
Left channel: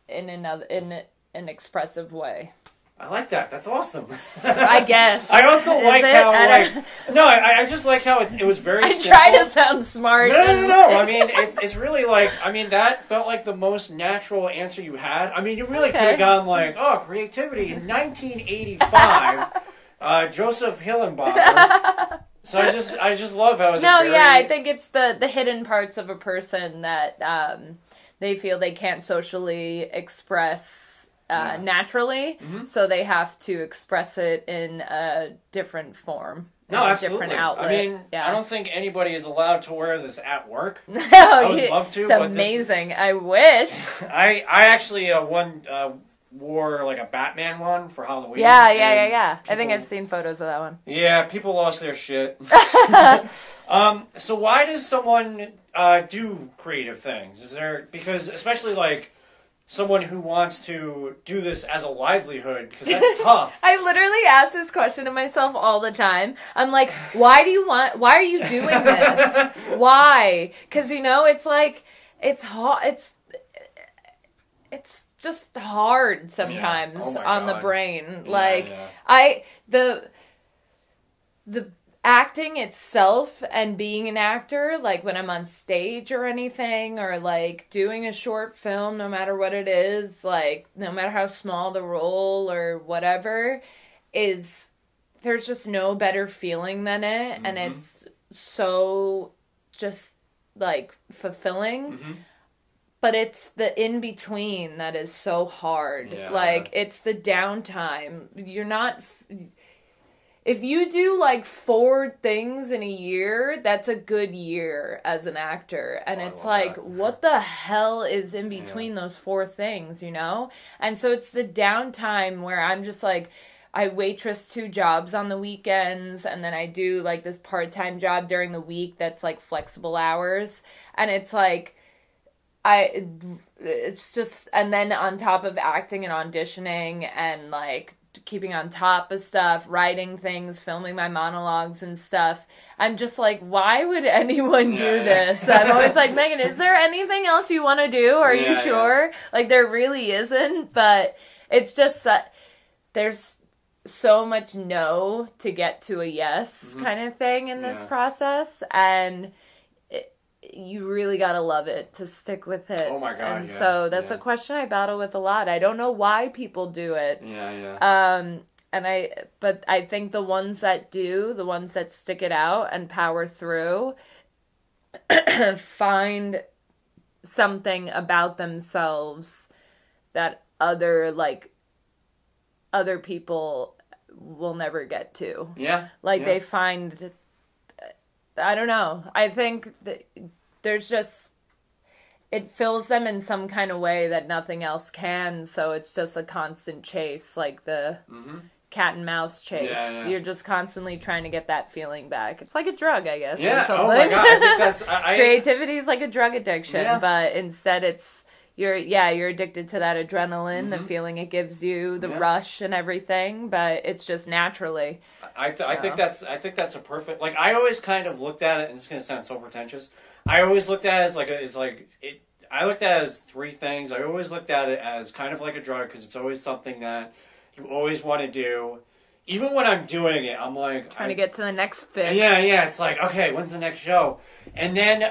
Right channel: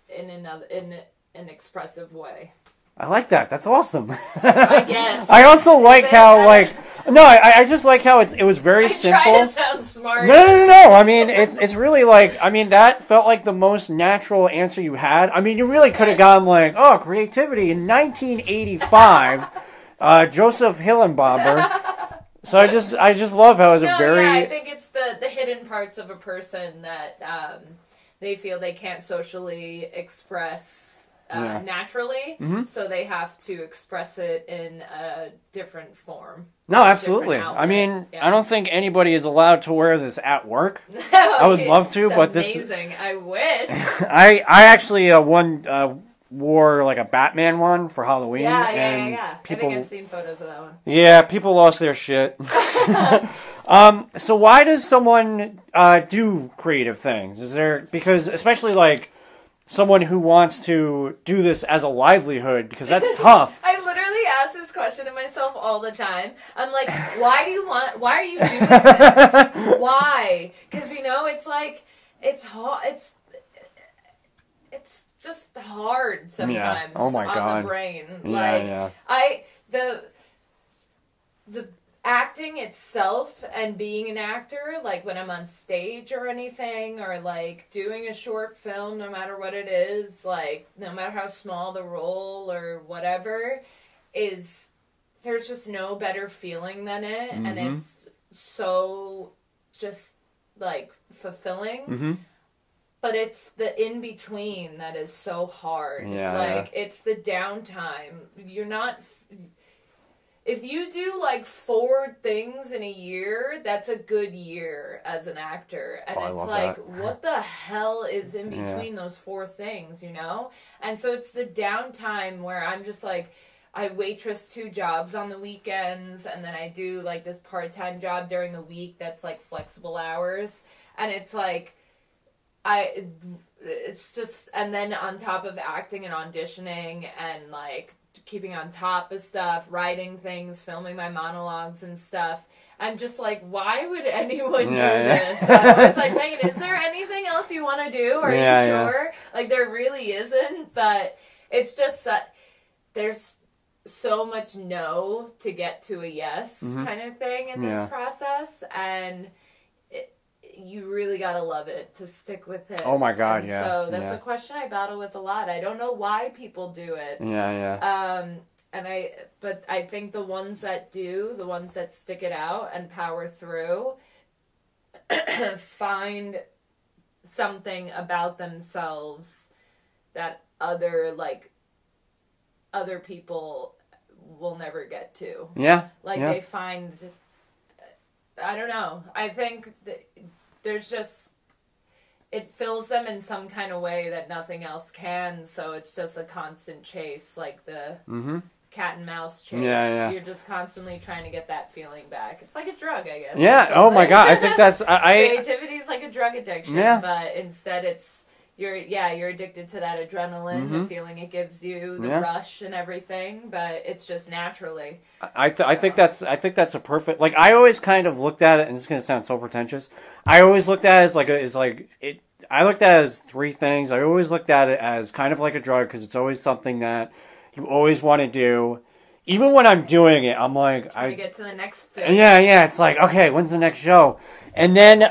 in an expressive way. I like that. That's awesome. I guess. I also like how, I just like how it was very simple. I try to sound smart. No. I mean, it's really like, I mean, that felt like the most natural answer you had. I mean, you really could have gone like, creativity in 1985, Joseph Hillenbauer. So I just love how it was I think it's the hidden parts of a person that they feel they can't socially express naturally, so they have to express it in a different form. No, absolutely. I mean, I don't think anybody is allowed to wear this at work. I would love to, but amazing. I wish. I actually wore like a Batman one for Halloween. Yeah. I think I've seen photos of that one. Yeah, people lost their shit. So why does someone do creative things? Is there, because especially like someone who wants to do this as a livelihood, because that's tough. I literally ask this question to myself all the time. I'm like, why are you doing this? Why? Because, it's like, it's hard. It's just hard sometimes on the brain. The acting itself and being an actor, like when I'm on stage or anything, or like doing a short film, no matter what it is, like no matter how small the role or whatever, there's just no better feeling than it. And it's so just like fulfilling. But it's the in-between that is so hard. It's the downtime. if you do like 4 things in a year, that's a good year as an actor. And it's like, what the hell is in between those 4 things, you know? And so it's the downtime where I'm just like, I waitress 2 jobs on the weekends, and then I do like this part-time job during the week that's like flexible hours. And it's like, it's just, and then on top of acting and auditioning and like keeping on top of stuff, writing things, filming my monologues and stuff, I'm just like, why would anyone do this? I'm always like, Meghan, is there anything else you want to do? Are you sure? Like, there really isn't, but it's just that there's so much no to get to a yes kind of thing in this process, and you really gotta love it to stick with it. Oh my God, and so that's a question I battle with a lot. I don't know why people do it. But I think the ones that do, the ones that stick it out and power through, find something about themselves that other people will never get to. They find, I don't know. I think that there's just, it fills them in some kind of way that nothing else can. So it's just a constant chase, like the cat and mouse chase. You're just constantly trying to get that feeling back. It's like a drug, I guess. Oh my God. I think that's, creativity is like a drug addiction, but instead it's, you're addicted to that adrenaline, the feeling it gives you, the rush and everything, but it's just naturally. I think that's a perfect, like, I always kind of looked at it, and it's going to sound so pretentious. I always looked at it I looked at it as 3 things. I always looked at it as kind of like a drug, because it's always something that you always want to do. Even when I'm doing it, I'm like, trying to get to the next fit. Yeah, it's like, okay, when's the next show? And then,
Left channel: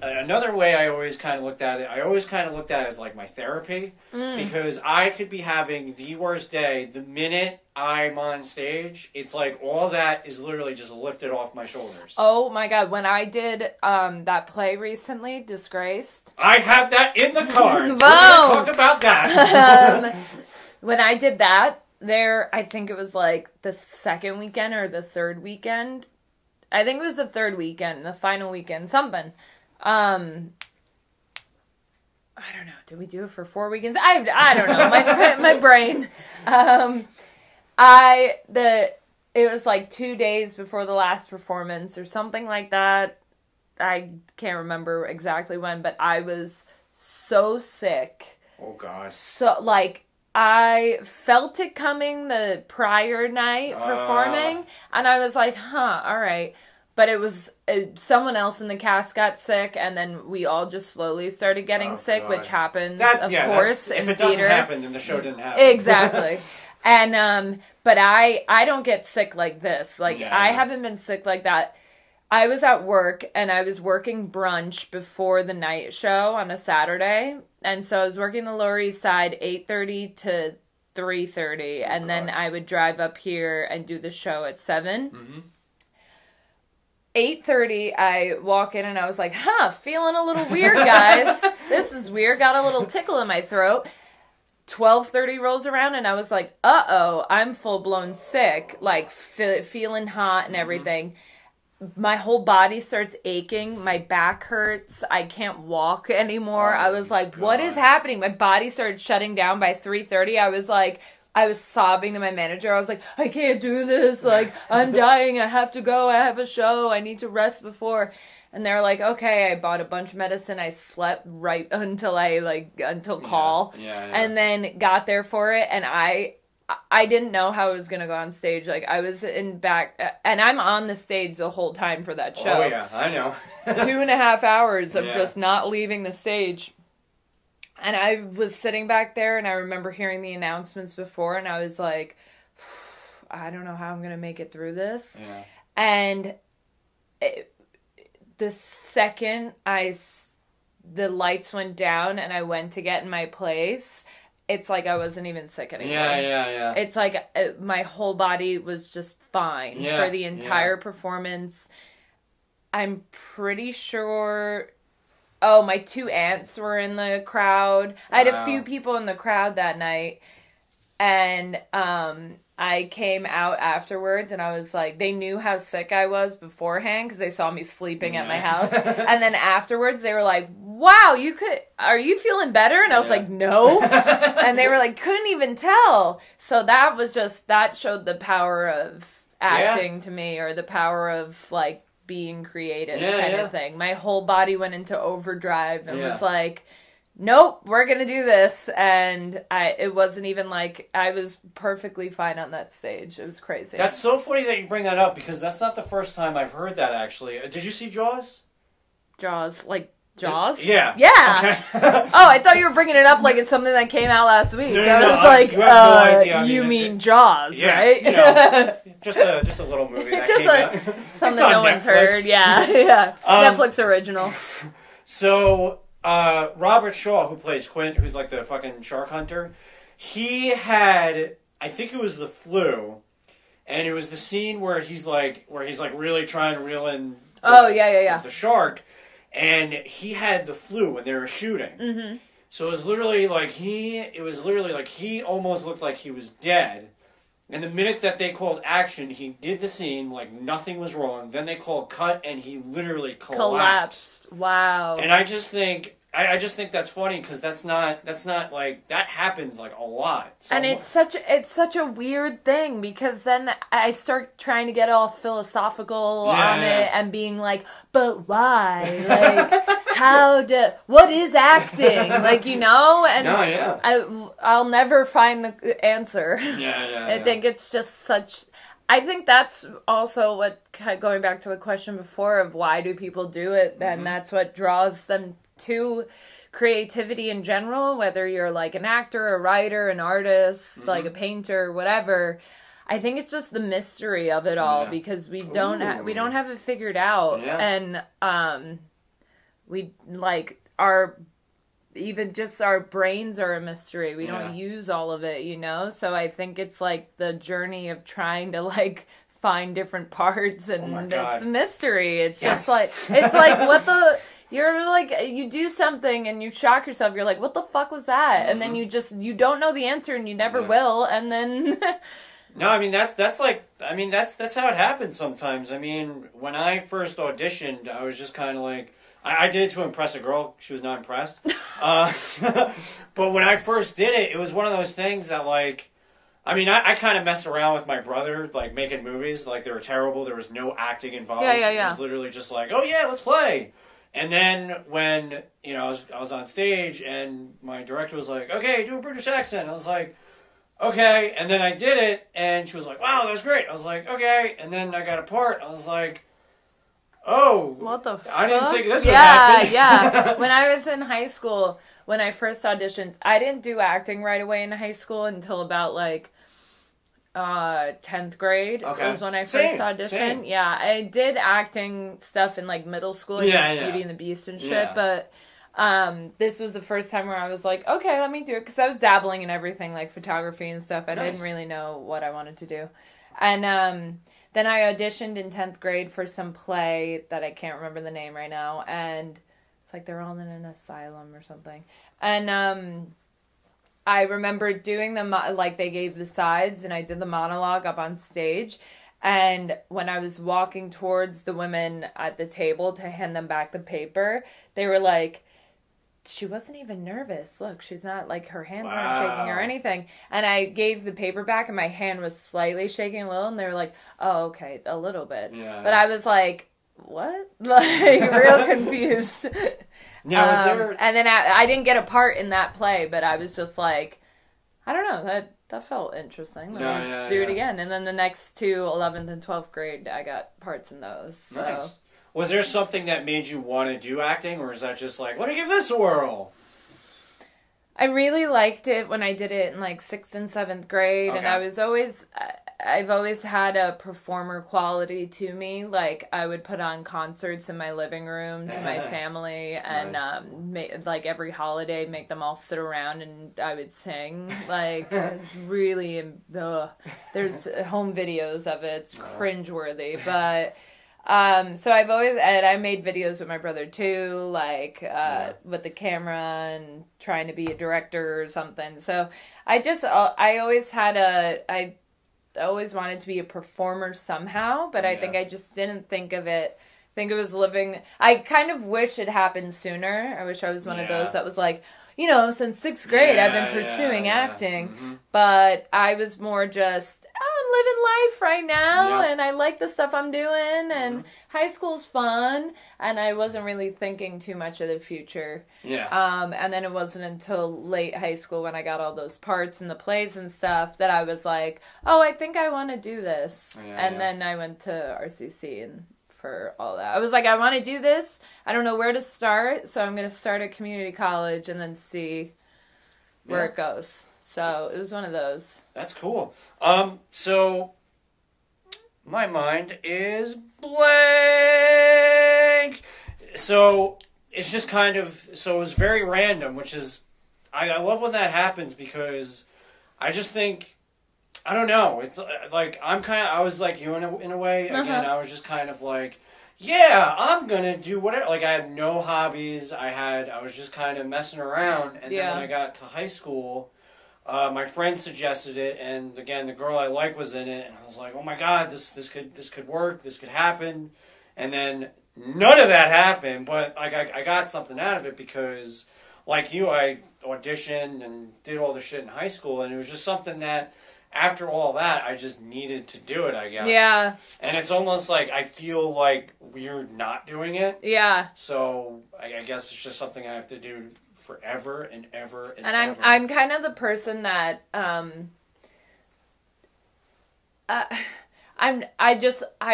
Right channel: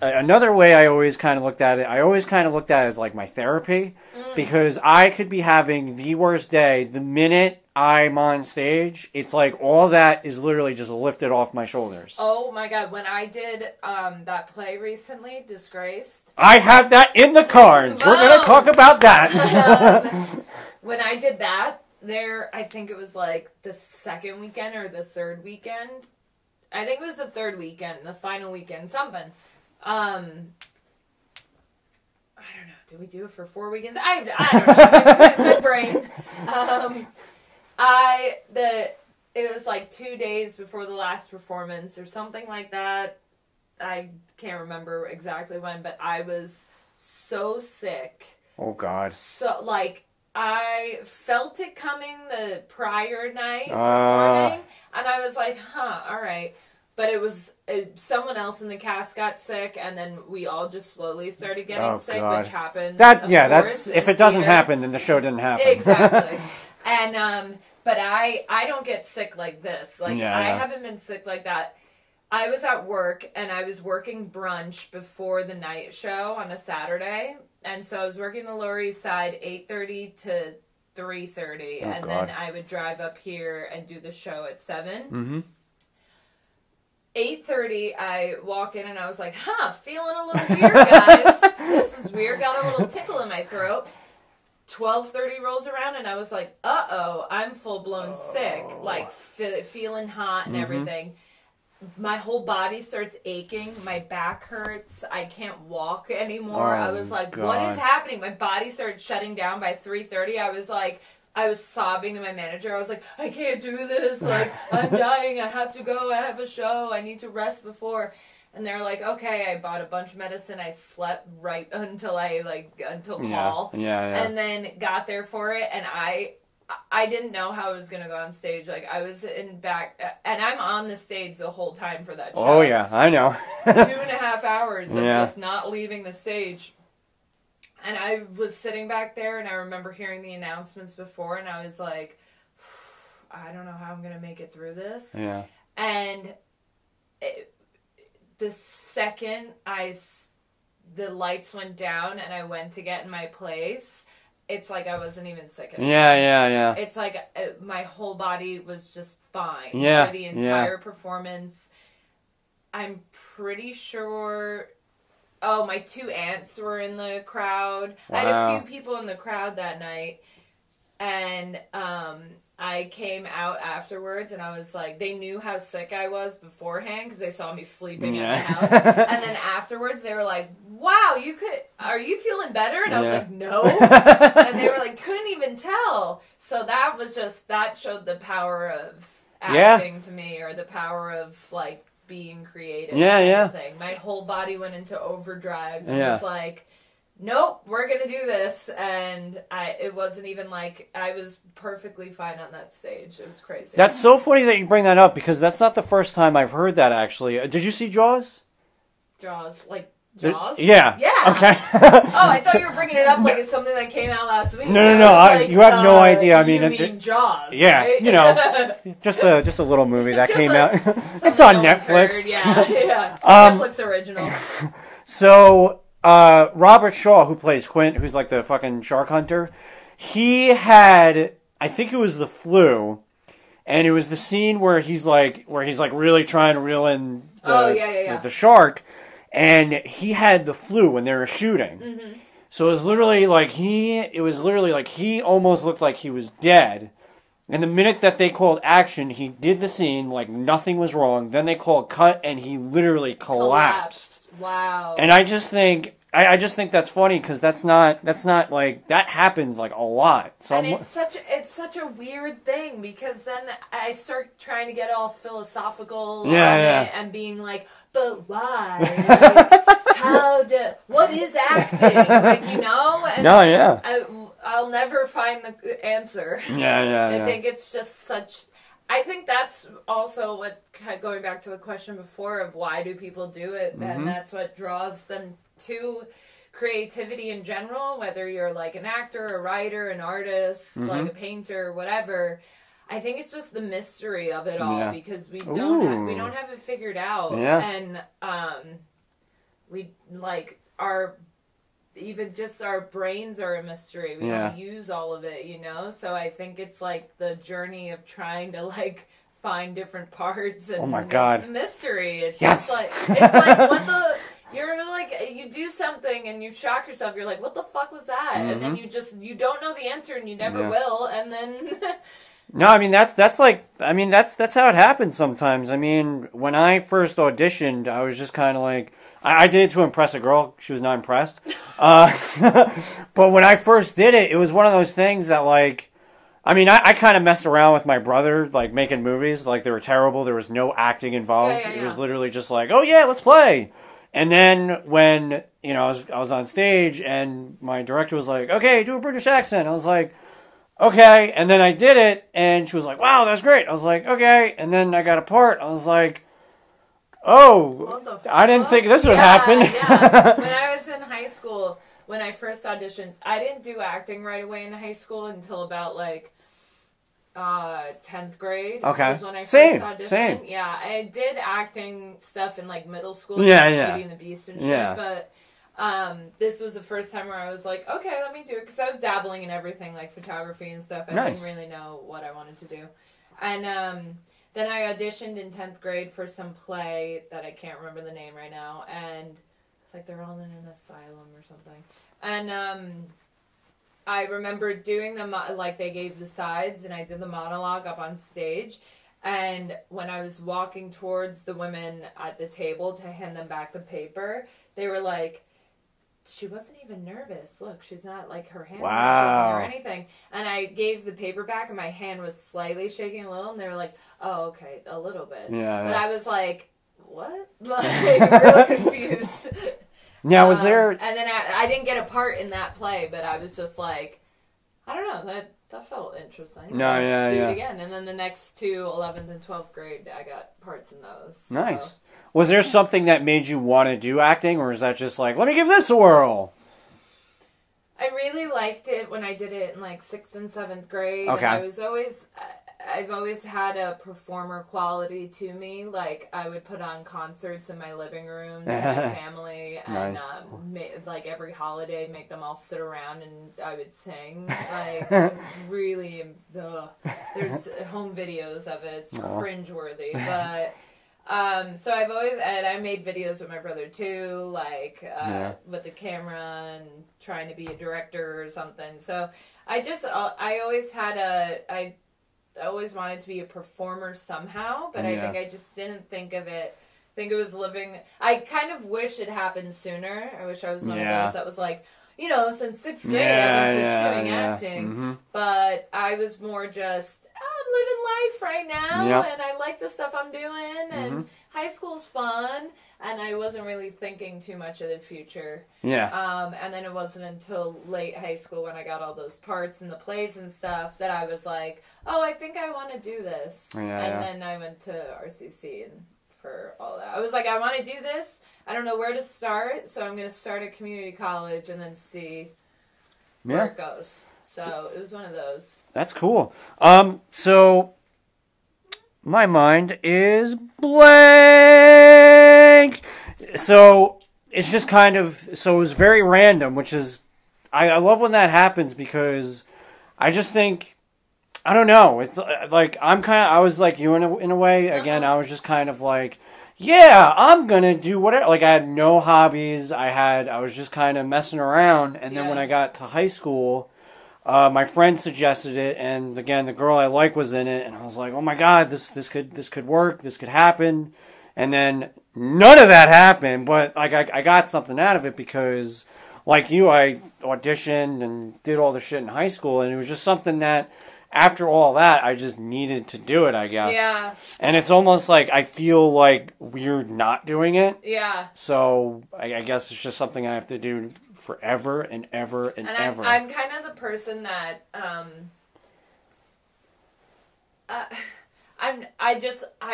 another way I always kind of looked at it, as like my therapy, because I could be having the worst day. The minute I'm on stage, it's like all that is literally just lifted off my shoulders. Oh my God. When I did that play recently, Disgraced. I have that in the cards. We're going to talk about that. When I did that, I think it was like the 2nd weekend or the 3rd weekend. I think it was the 3rd weekend, the final weekend, something. I don't know. Did we do it for 4 weekends? I don't know. My brain. It was like 2 days before the last performance or something like that. I can't remember exactly when, but I was so sick. Oh God. So like, I felt it coming the prior night performing, and I was like, all right. But it was someone else in the cast got sick, and then we all just slowly started getting sick, God. Which happens. Of course, if it doesn't happen, then the show didn't happen. Exactly. And but I don't get sick like this. Like I haven't been sick like that. I was at work, and I was working brunch before the night show on a Saturday, and so I was working the Lower East Side 8:30 to 3:30, and then I would drive up here and do the show at 7. 8:30, I walk in and I was like, feeling a little weird, guys. This is weird. Got a little tickle in my throat. 12:30 rolls around and I was like, I'm full-blown sick. Like, feeling hot and everything. My whole body starts aching. My back hurts. I can't walk anymore. I was like, what is happening? My body started shutting down by 3:30. I was sobbing to my manager. I was like, I can't do this. Like, I'm dying. I have to go. I have a show. I need to rest before. And they're like, okay. I bought a bunch of medicine. I slept right until call. And then got there for it. And I didn't know how I was going to go on stage. Like, I was in back, and I'm on the stage the whole time for that show. Oh, yeah. I know. 2.5 hours of just not leaving the stage. And I was sitting back there, and I remember hearing the announcements before, and I was like, I don't know how I'm going to make it through this. Yeah. And the second the lights went down and I went to get in my place, it's like I wasn't even sick anymore. Yeah. It's like my whole body was just fine for the entire performance. I'm pretty sure... Oh, my 2 aunts were in the crowd. Wow. I had a few people in the crowd that night. And I came out afterwards and I was like, they knew how sick I was beforehand because they saw me sleeping at my house. And then afterwards they were like, wow, are you feeling better? And I was like, no. And they were like, couldn't even tell. So that showed the power of acting to me, or the power of like being creative kind of thing. My whole body went into overdrive and was like, nope, we're gonna do this. And it wasn't even like, I was perfectly fine on that stage. It was crazy. That's so funny that you bring that up, because that's not the first time I've heard that, actually. Did you see Jaws? Jaws? Yeah. Okay. Oh, I thought you were bringing it up like it's something that came out last week. No. You have no idea. I mean, you mean Jaws, right? You know, just a little movie that came out. It's on Netflix. Heard. Yeah. Netflix original. So, Robert Shaw, who plays Quint, who's like the fucking shark hunter, he had, I think it was the flu, and it was the scene where he's like really trying to reel in the shark, and he had the flu when they were shooting. Mm-hmm. So it was literally like he almost looked like he was dead. And the minute that they called action, he did the scene like nothing was wrong. Then they called cut, and he literally collapsed. Wow. And I just think that's funny, because that's not like, that happens like a lot. So and it's such a weird thing, because then I start trying to get all philosophical on it and being like, but why? Like, what is acting? Like, you know? And I'll never find the answer. I think it's just I think that's also what, going back to the question before of why do people do it, and that's what draws them to creativity in general, whether you're like an actor, a writer, an artist, like a painter, whatever. I think it's just the mystery of it all, because we don't have it figured out, and we like even just our brains are a mystery. We don't use all of it, you know? So I think it's like the journey of trying to like find different parts, and it's a mystery. It's just like, it's like what the, you're like, you do something and you shock yourself. You're like, what the fuck was that? And then you don't know the answer, and you never will. And then no, I mean, that's how it happens sometimes. I mean, when I first auditioned, I was just kind of like, I did it to impress a girl. She was not impressed. But when I first did it, it was one of those things that, like, I mean, I kind of messed around with my brother, like, making movies. Like, they were terrible. There was no acting involved. It was literally just like, oh, yeah, let's play. And then when, you know, I was on stage, and my director was like, okay, do a British accent. I was like, okay. And then I did it, and she was like, wow, that's great. I was like, okay. And then I got a part. I was like, oh, what the fuck? I didn't think this would happen. When I was in high school, when I first auditioned, I didn't do acting right away in high school until about like 10th grade. Okay. Was when I first auditioned. Same. Yeah, I did acting stuff in like middle school, Beauty and the Beast and shit, but this was the first time where I was like, okay, let me do it, because I was dabbling in everything, like photography and stuff. I didn't really know what I wanted to do. And then I auditioned in 10th grade for some play that I can't remember the name right now, and it's like they're all in an asylum or something. And I remember doing them, like they gave the sides, and I did the monologue up on stage. And when I was walking towards the women at the table to hand them back the paper, they were like, she wasn't even nervous. Look, she's not, like, her hands weren't shaking or anything. And I gave the paper back, and my hand was slightly shaking a little, and they were like, oh, okay, a little bit. But I was like, what? Like, real confused. Now, was there... And then I didn't get a part in that play, but I was just like, I don't know, that felt interesting. Do it again. And then the next two, 11th and 12th grade, I got parts in those. So. Nice. Was there something that made you want to do acting, or is that just like, let me give this a whirl? I really liked it when I did it in like 6th and 7th grade, and I've always had a performer quality to me. Like, I would put on concerts in my living room to my family, and like every holiday, make them all sit around and I would sing. Like, really, there's home videos of it. It's cringeworthy, but... so I've always, and I made videos with my brother too, like, with the camera and trying to be a director or something. So I always had always wanted to be a performer somehow, but I think I just didn't think of it. I think it was living... I kind of wish it happened sooner. I wish I was one of those that was like, you know, since 6th grade I've been pursuing acting. Mm-hmm. But I was more just... living life right now, and I like the stuff I'm doing, and high school's fun, and I wasn't really thinking too much of the future. And then it wasn't until late high school when I got all those parts in the plays and stuff that I was like, oh, I think I want to do this. And then I went to RCC and for all that. I was like, I want to do this. I don't know where to start, so I'm going to start at community college and then see where it goes. So it was one of those. That's cool. So my mind is blank. So it's just kind of, so it was very random, which is, I love when that happens because I just think, I don't know. It's like, I was like you in a way. Again, I was just kind of like, yeah, I'm going to do whatever. Like I had no hobbies. I was just kind of messing around. And then when I got to high school, my friend suggested it, and again, the girl I like was in it, and I was like, "Oh my God, this could work, this could happen," and then none of that happened. But like, I got something out of it because, like you, I auditioned and did all the shit in high school, and it was just something that, after all that, I just needed to do it, I guess. Yeah. And it's almost like I feel like weird not doing it. Yeah. So I guess it's just something I have to do forever and ever and ever. I'm kind of the person that I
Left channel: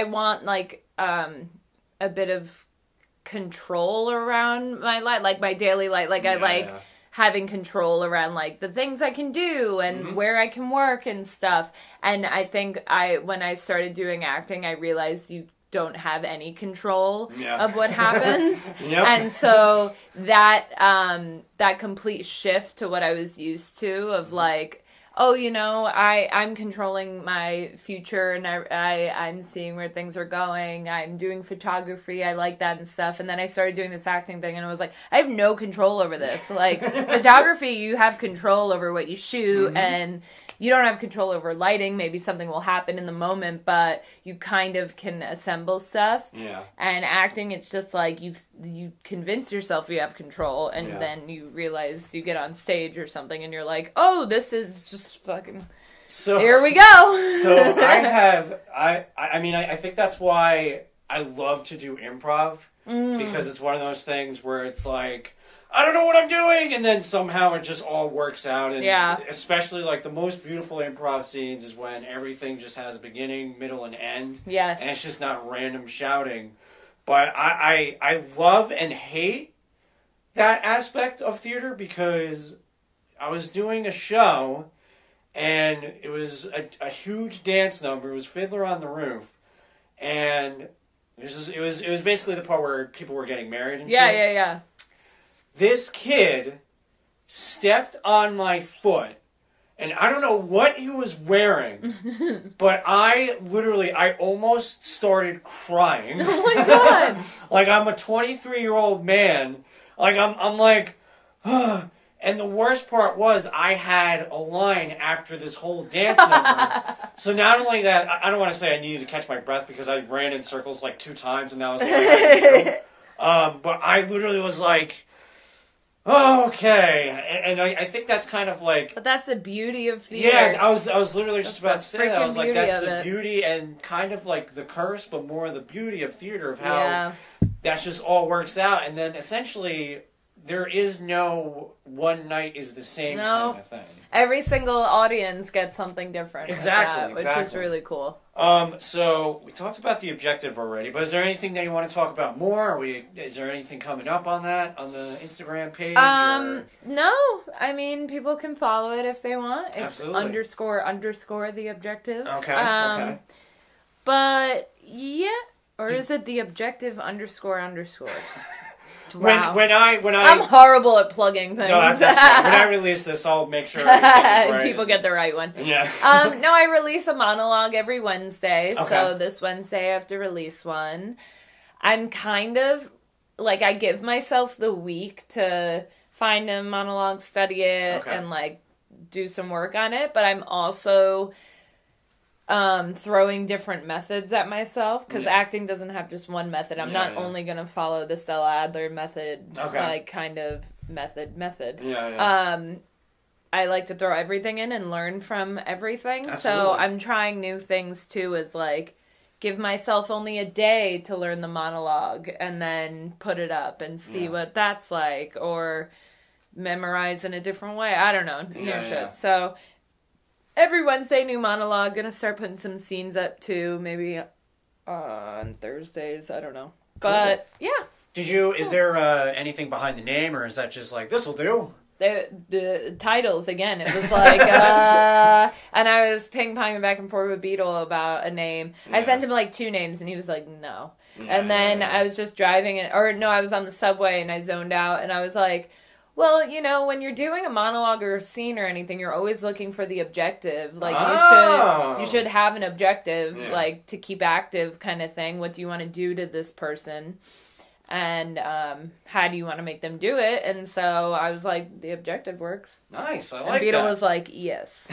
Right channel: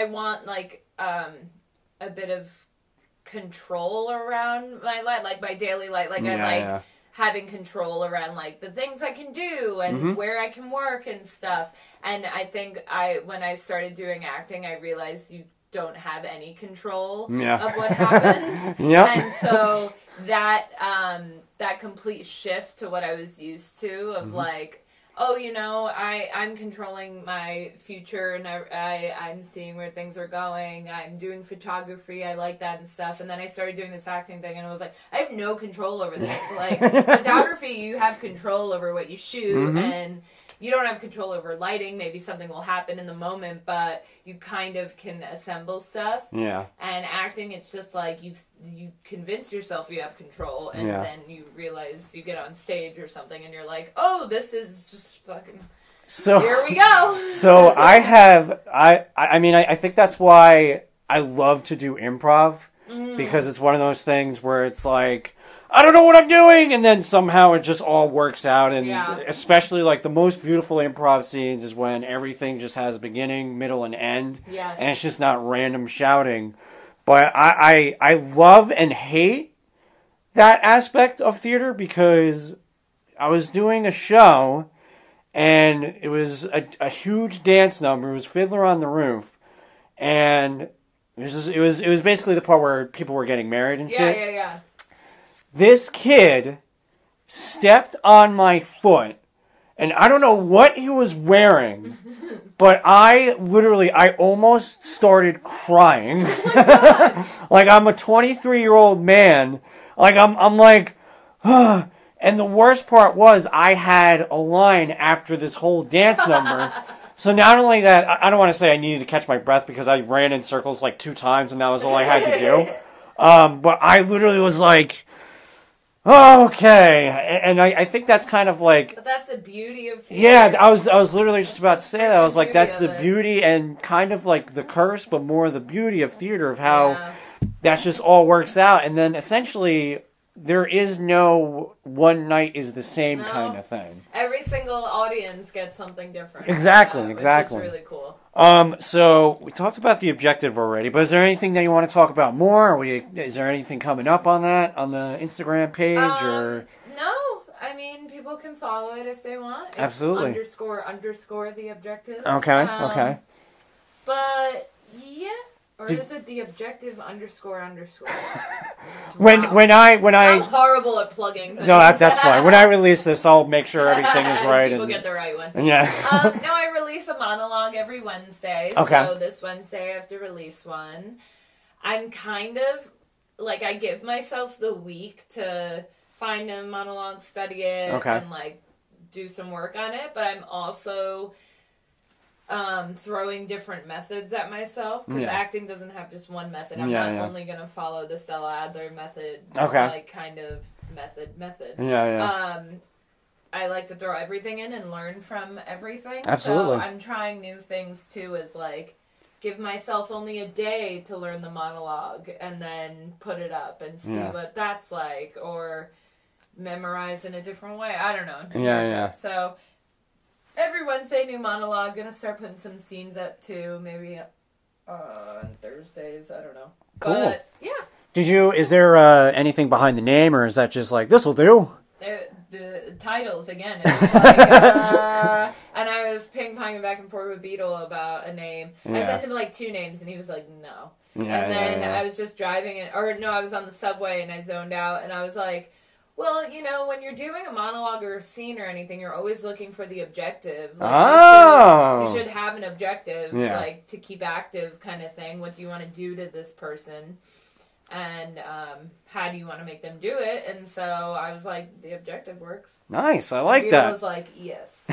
want like a bit of control around my life, like my daily life. Like I like having control around like the things I can do and where I can work and stuff. And I think when I started doing acting, I realized you don't have any control of what happens. And so that complete shift to what I was used to of like, oh, you know, I'm controlling my future and I'm seeing where things are going. I'm doing photography. I like that and stuff. And then I started doing this acting thing and I was like, I have no control over this. Like photography, you have control over what you shoot and you don't have control over lighting. Maybe something will happen in the moment, but you kind of can assemble stuff. Yeah. And acting, it's just like you convince yourself you have control, and then you realize you get on stage or something, and you're like, oh, this is just fucking. So here we go. So I mean, I think that's why I love to do improv because it's one of those things where it's like, I don't know what I'm doing, and then somehow it just all works out. And especially like the most beautiful improv scenes is when everything just has beginning, middle, and end. Yes. And it's just not random shouting. But I love and hate that aspect of theater because I was doing a show and it was a huge dance number. It was Fiddler on the Roof, and it was basically the part where people were getting married and shit. Yeah. This kid stepped on my foot, and I don't know what he was wearing, but I almost started crying. Oh my God. Like, I'm a 23-year-old man. Like, I'm like, and the worst part was I had a line after this whole dance number. So not only that, I don't want to say I needed to catch my breath because I ran in circles like 2 times, and that was all I had to do. But I literally was like, oh, okay, and I think that's kind of like... But that's the beauty of theater. Yeah, I was literally just about to say that. I was like, that's the beauty and kind of like the curse, but more the beauty of theater, of how that just all works out. And then essentially, there is no one night is the same kind of thing. Every single audience gets something different. Exactly. Which is really cool. So we talked about the objective already, but is there anything that you want to talk about more? Is there anything coming up on that, on the Instagram page? No. I mean, people can follow it if they want. It's Absolutely. __ the objective. Okay. But, yeah. Or is it the objective __? Wow. When I'm horrible at plugging things. No, that's fine. When I release this, I'll make sure everything is right. People get the right one. Yeah. No, I release a monologue every Wednesday. Okay. So this Wednesday I have to release one. I'm kind of, like, I give myself the week to find a monologue, study it, and, like, do some work on it. But I'm also... throwing different methods at myself, because acting doesn't have just one method. I'm not only going to follow the Stella Adler method, like kind of method. I like to throw everything in and learn from everything. Absolutely. So I'm trying new things too, as like give myself only a day to learn the monologue and then put it up and see what that's like, or memorize in a different way. I don't know. So every Wednesday, new monologue. Gonna start putting some scenes up too, maybe on Thursdays. I don't know. Cool. But yeah. Is there anything behind the name, or is that just like, this'll do? The titles again, it was like and I was ping-ponging back and forth with Beetle about a name. I sent him like 2 names and he was like no, and then I was just driving I was on the subway and I zoned out and I was like, well, you know, when you're doing a monologue or a scene or anything, you're always looking for the objective. Like, you should have an objective, like, to keep active kind of thing. What do you want to do to this person? And how do you want to make them do it? And so I was like, the objective works. Nice, I like that. that. Beetle was like, yes.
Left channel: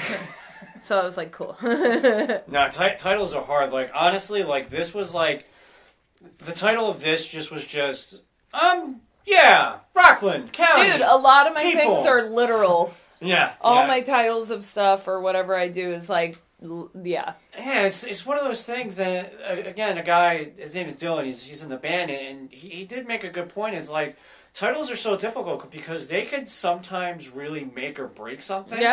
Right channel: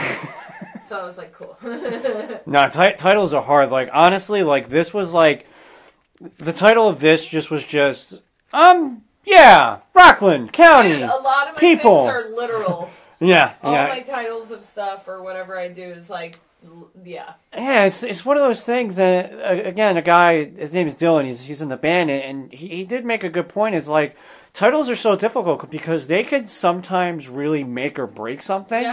So I was like, cool. No, titles are hard. Like, honestly, like, this was like, the title of this was Rockland County. Dude, a lot of my things are literal. All my titles of stuff or whatever I do is like, yeah, it's one of those things that, again, a guy, his name is Dylan, he's in the band, and he did make a good point. Is like, titles are so difficult because they could sometimes really make or break something.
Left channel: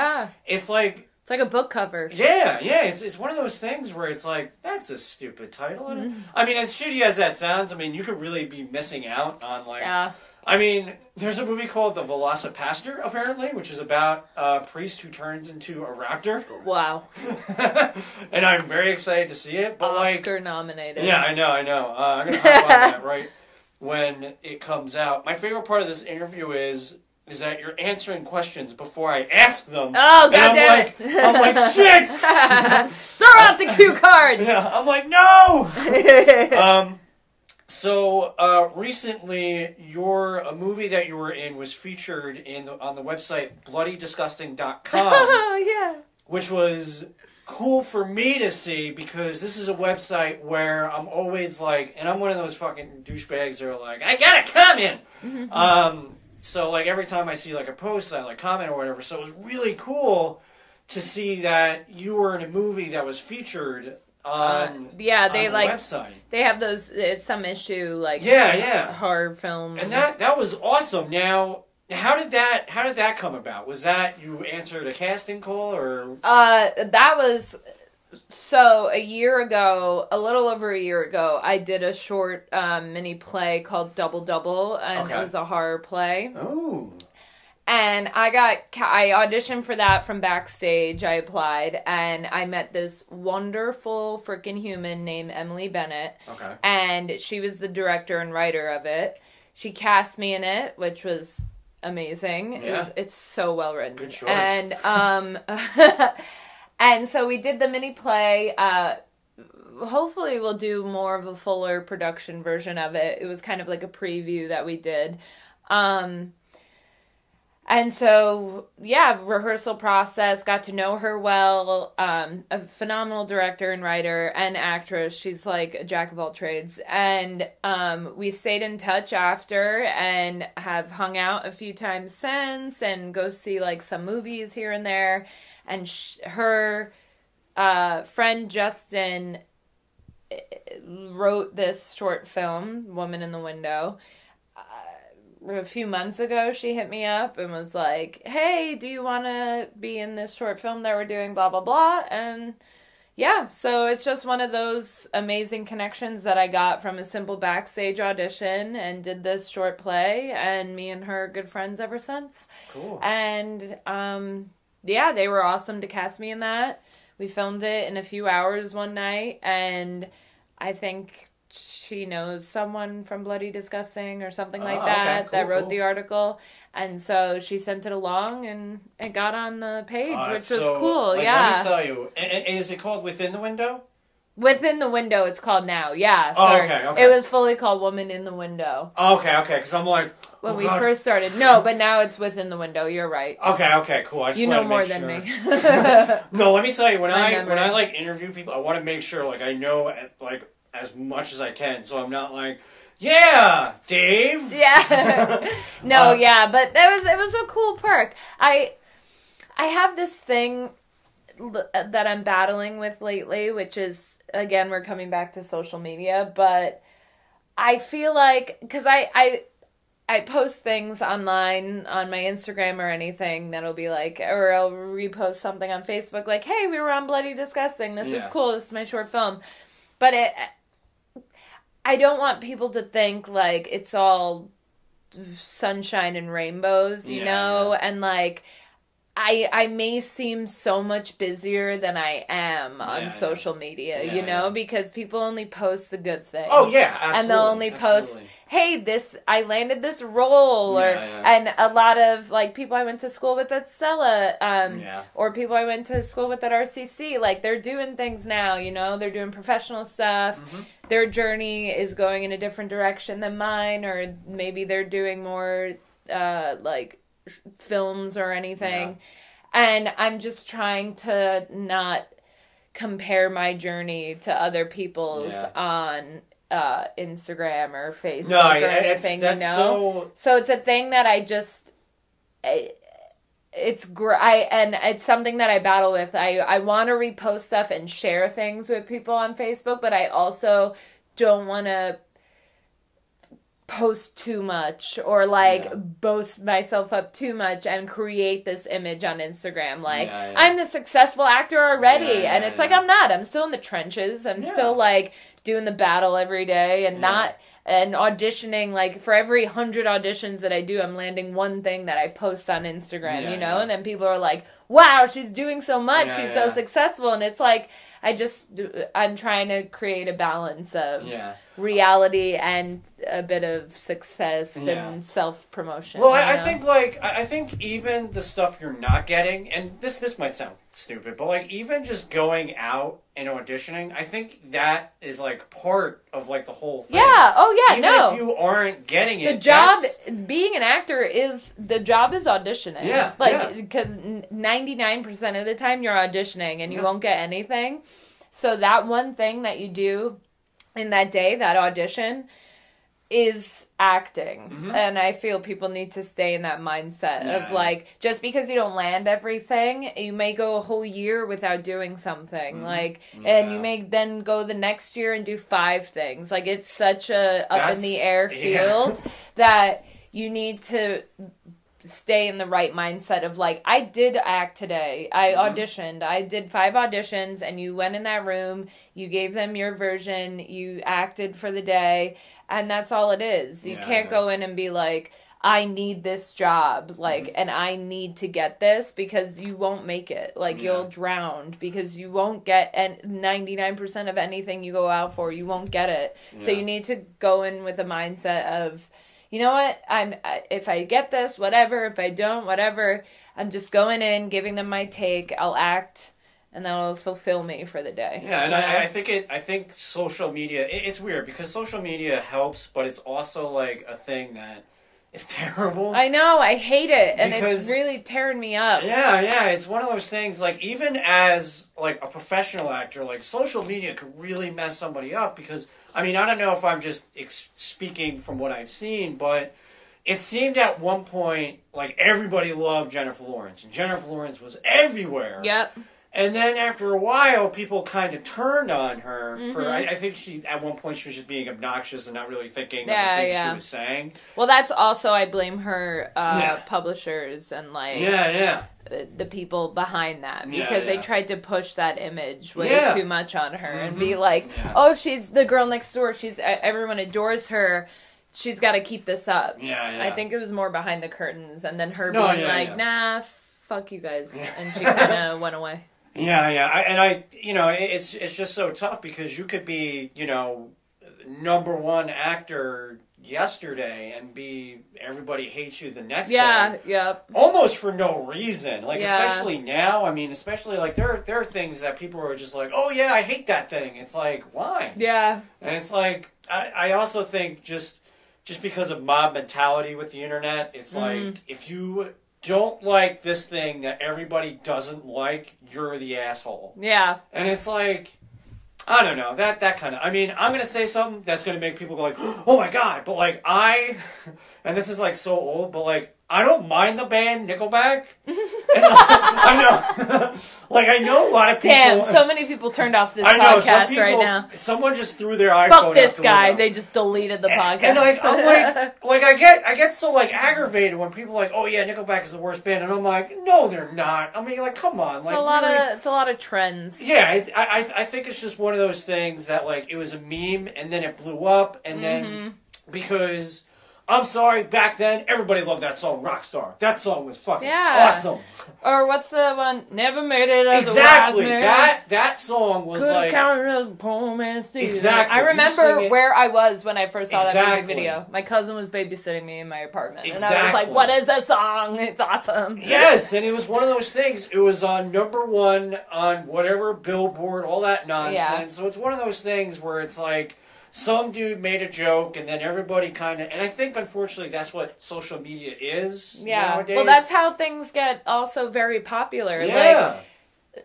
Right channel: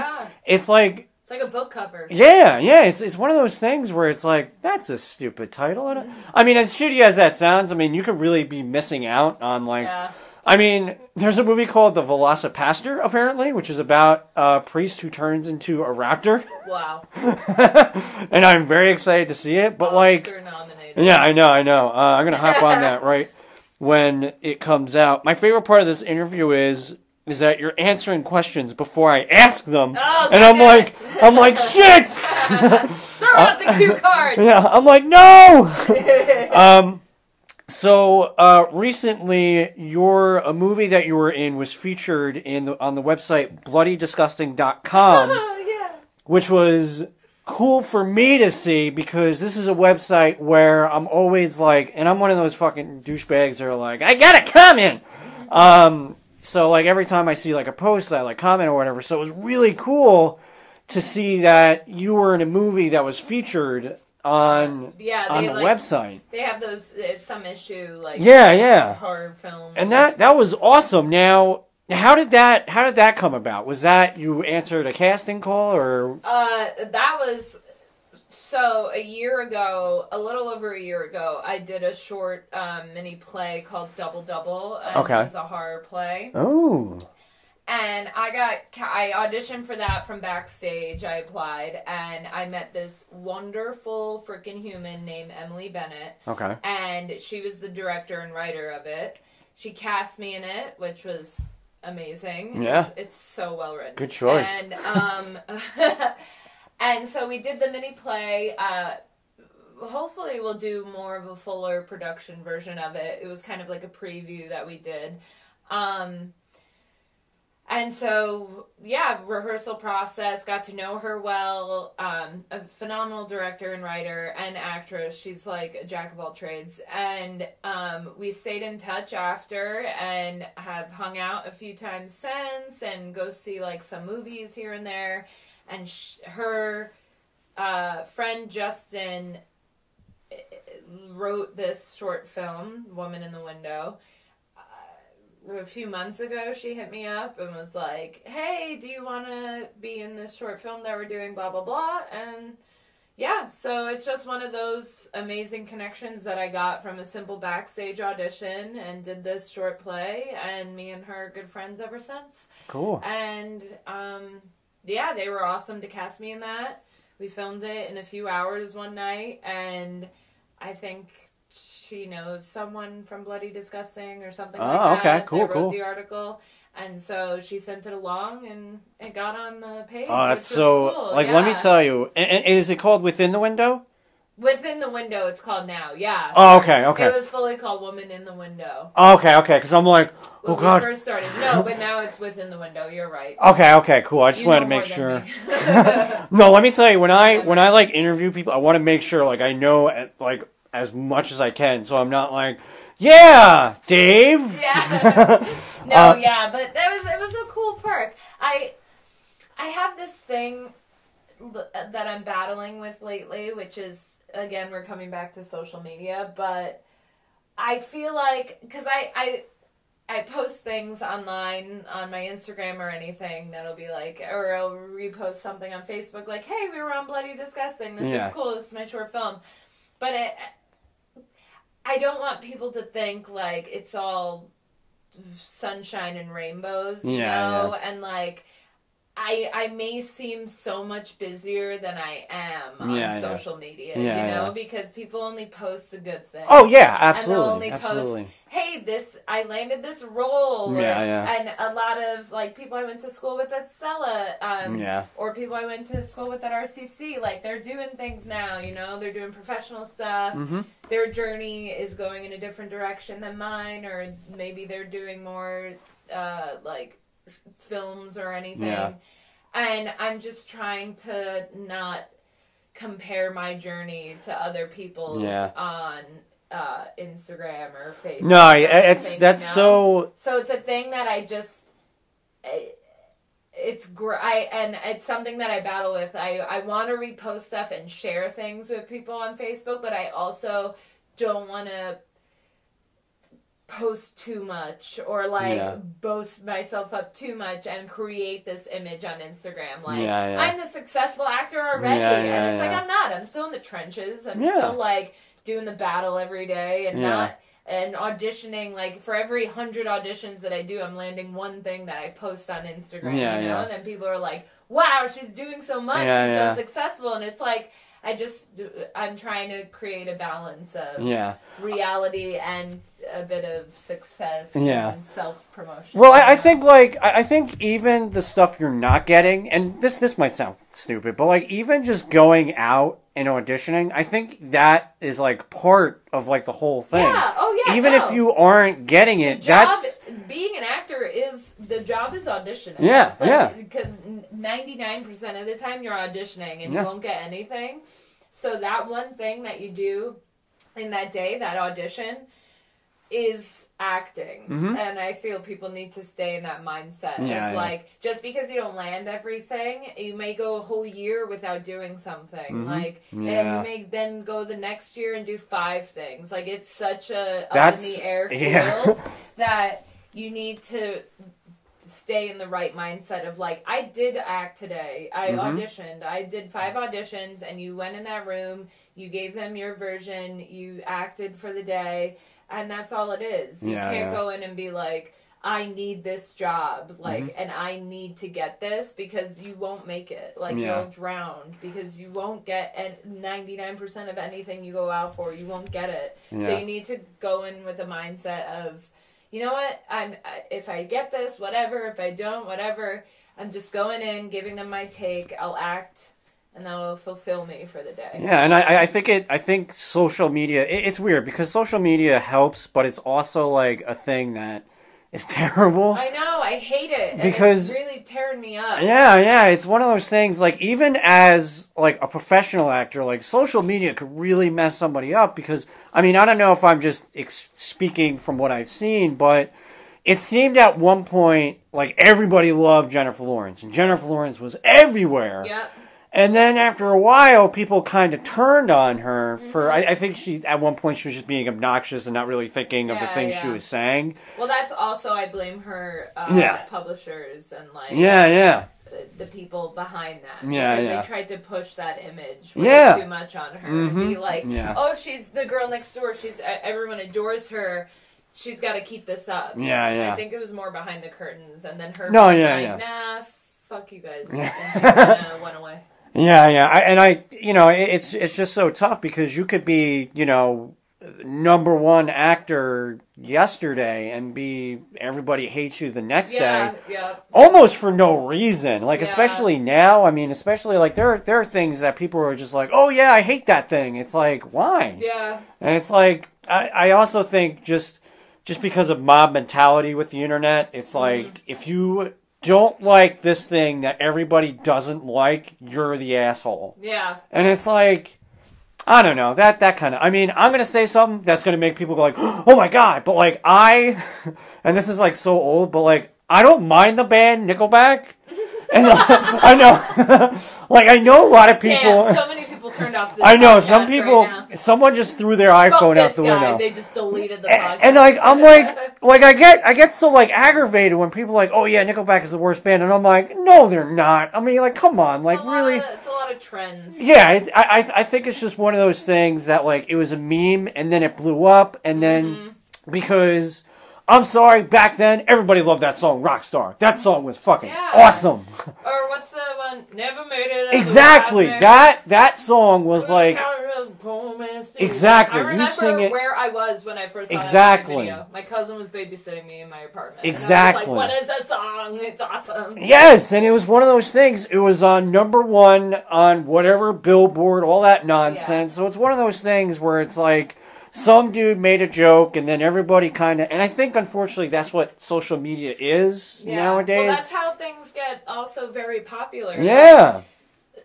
It's like a book cover. It's one of those things where it's like, that's a stupid title. I mean, as shitty as that sounds, I mean, you could really be missing out on like I mean, there's a movie called The Velocipaster, apparently, which is about a priest who turns into a raptor. Wow. And I'm very excited to see it, but Oscar nominated. Yeah, I know. I'm going to hype on that right when it comes out. My favorite part of this interview is that you're answering questions before I ask them. Oh, and I'm like, shit! Throw out the cue cards! Yeah, I'm like, no! So, recently, a movie that you were in was featured on the website bloodydisgusting.com. Oh, yeah. Which was cool for me to see, because this is a website where I'm always like, and I'm one of those fucking douchebags that are like, I gotta comment! So, like, every time I see, like, a post, I, like, comment or whatever. So it was really cool to see that you were in a movie that was featured on the website. They have those, it's some issue, like, horror film. And that was awesome. Now, how did that come about? Was that you answered a casting call, or? That was, so a little over a year ago, I did a short mini play called Double Double, and it was a horror play. Oh. And I auditioned for that from backstage. I applied, and I met this wonderful freaking human named Emily Bennett. Okay. And she was the director and writer of it. She cast me in it, which was amazing. Yeah. It's so well written. Good choice. And and so we did the mini play. Hopefully we'll do more of a fuller production version of it. It was kind of like a preview that we did. And so, rehearsal process, got to know her well, a phenomenal director and writer and actress. She's like a jack of all trades. And we stayed in touch after and have hung out a few times since and go see like some movies here and there. And her friend Justin wrote this short film, Woman in the Window. A few months ago, she hit me up and was like, hey, do you want to be in this short film that we're doing, blah, blah, blah. And so it's just one of those amazing connections that I got from a simple backstage audition, and did this short play, and me and her are good friends ever since. Cool. And they were awesome to cast me in that. We filmed it in a few hours one night, and I think she knows someone from Bloody Disgusting or something like that that wrote the article. And so she sent it along, and it got on the page, which was cool. Let me tell you. And is it called Within the Window? Within the Window, it's called now. Yeah. Oh, okay. It was fully called Woman in the Window. Okay. Because I'm like, when we first started. No, but now it's Within the Window. You're right. Okay, cool. I just wanted to make sure. No, let me tell you, when I like interview people, I want to make sure like I know like as much as I can, so I'm not like, yeah, Dave. Yeah. No, yeah, but it was a cool perk. I have this thing that I'm battling with lately, which is, again, we're coming back to social media, but I feel like, because I post things online on my Instagram or anything that'll be like, or I'll repost something on Facebook like, hey, we were on Bloody Disgusting, this is cool, this is my short film. But I don't want people to think like it's all sunshine and rainbows, you know? And like, I may seem so much busier than I am on social media, you know, because people only post the good things. Oh, yeah, absolutely. And they'll only post, hey, I landed this role. And a lot of, like, people I went to school with at Stella, or people I went to school with at RCC, like, they're doing things now, you know, they're doing professional stuff. Their journey is going in a different direction than mine, or maybe they're doing more, like, films or anything, and I'm just trying to not compare my journey to other people's on Instagram or Facebook. No, or anything, that's you know? So it's a thing that I just it's something that I battle with. I want to repost stuff and share things with people on Facebook, but I also don't want to post too much or like boast myself up too much and create this image on Instagram like I'm the successful actor already, and it's like I'm not. I'm still in the trenches. I'm still like doing the battle every day and not and auditioning. Like for every 100 auditions that I do, I'm landing one thing that I post on Instagram, you know, and then people are like, wow, she's doing so much, she's so successful, and it's like I'm trying to create a balance of reality and a bit of success and self-promotion. Well, I think even the stuff you're not getting, and this might sound stupid, but like even just going out and auditioning, I think that is like part of like the whole thing. Yeah, oh yeah, even if you aren't getting it, being an actor is auditioning. Yeah, because 99% of the time you're auditioning and you won't get anything. So that one thing that you do in that day, that audition, is acting. And I feel people need to stay in that mindset of like, just because you don't land everything, you may go a whole year without doing something. And you may then go the next year and do 5 things. Like, it's such a up in the air field that you need to stay in the right mindset of like, I did act today. I auditioned. I did 5 auditions, and you went in that room, you gave them your version, you acted for the day, and that's all it is. You can't go in and be like, I need this job, like, and I need to get this, because you won't make it. Like, you'll drown, because you won't get, and 99% of anything you go out for, you won't get it. So you need to go in with a mindset of, you know what, if I get this, whatever. If I don't, whatever. I'm just going in, giving them my take. I'll act, and that'll fulfill me for the day. Yeah, and I think social media, it's weird, because social media helps, but it's also like a thing that is terrible. I know, I hate it, and it's really tearing me up. Yeah, it's one of those things, like, even as, like, a professional actor, like, social media could really mess somebody up, because, I mean, I don't know if I'm just speaking from what I've seen, but it seemed at one point like everybody loved Jennifer Lawrence, and Jennifer Lawrence was everywhere. Yep. And then after a while, people kind of turned on her for, I think at one point she was just being obnoxious and not really thinking of the things she was saying. Well, that's also, I blame her publishers and like the people behind that, because they tried to push that image way too much on her and be like, oh, she's the girl next door. Everyone adores her. She's got to keep this up. I think it was more behind the curtains, and then her being nah, fuck you guys, and she kind of went away. Yeah. It's just so tough, because you could be, #1 actor yesterday and be everybody hates you the next day. Yeah. Almost for no reason. Like, especially now, I mean, especially, like, there are things that people are just like, oh, yeah, I hate that thing. It's like, why? Yeah. And it's like, I also think just because of mob mentality with the internet, it's like, if you don't like this thing that everybody doesn't like, you're the asshole. Yeah. And it's like, I don't know, that kind of, I mean, I'm going to say something that's going to make people go like, oh my God, but like and this is like so old, but like, I don't mind the band Nickelback. And, I know, like, I know a lot of people. Damn, so many people turned off this I know, podcast some people, right now. Someone just threw their iPhone Fuck out this the guy, window. they just deleted the podcast. And like, I'm like I get so like aggravated when people are like, oh yeah, Nickelback is the worst band, and I'm like, no, they're not. I mean, like, come on, like, really? It's a lot of trends. Yeah, I think it's just one of those things that like it was a meme, and then it blew up, and then because. I'm sorry, back then, everybody loved that song, Rockstar. That song was fucking awesome. Or what's the one, Never Made It as Exactly. a Wise That song was like... Exactly. I remember where I was when I first saw that music video. My cousin was babysitting me in my apartment. Exactly. And I was like, what is that song? It's awesome. Yes, and it was one of those things. It was on #1 on whatever Billboard, all that nonsense. Yeah. So it's one of those things where it's like... Some dude made a joke, and then everybody kind of... And I think, unfortunately, that's what social media is nowadays. Well, that's how things get also very popular. Yeah.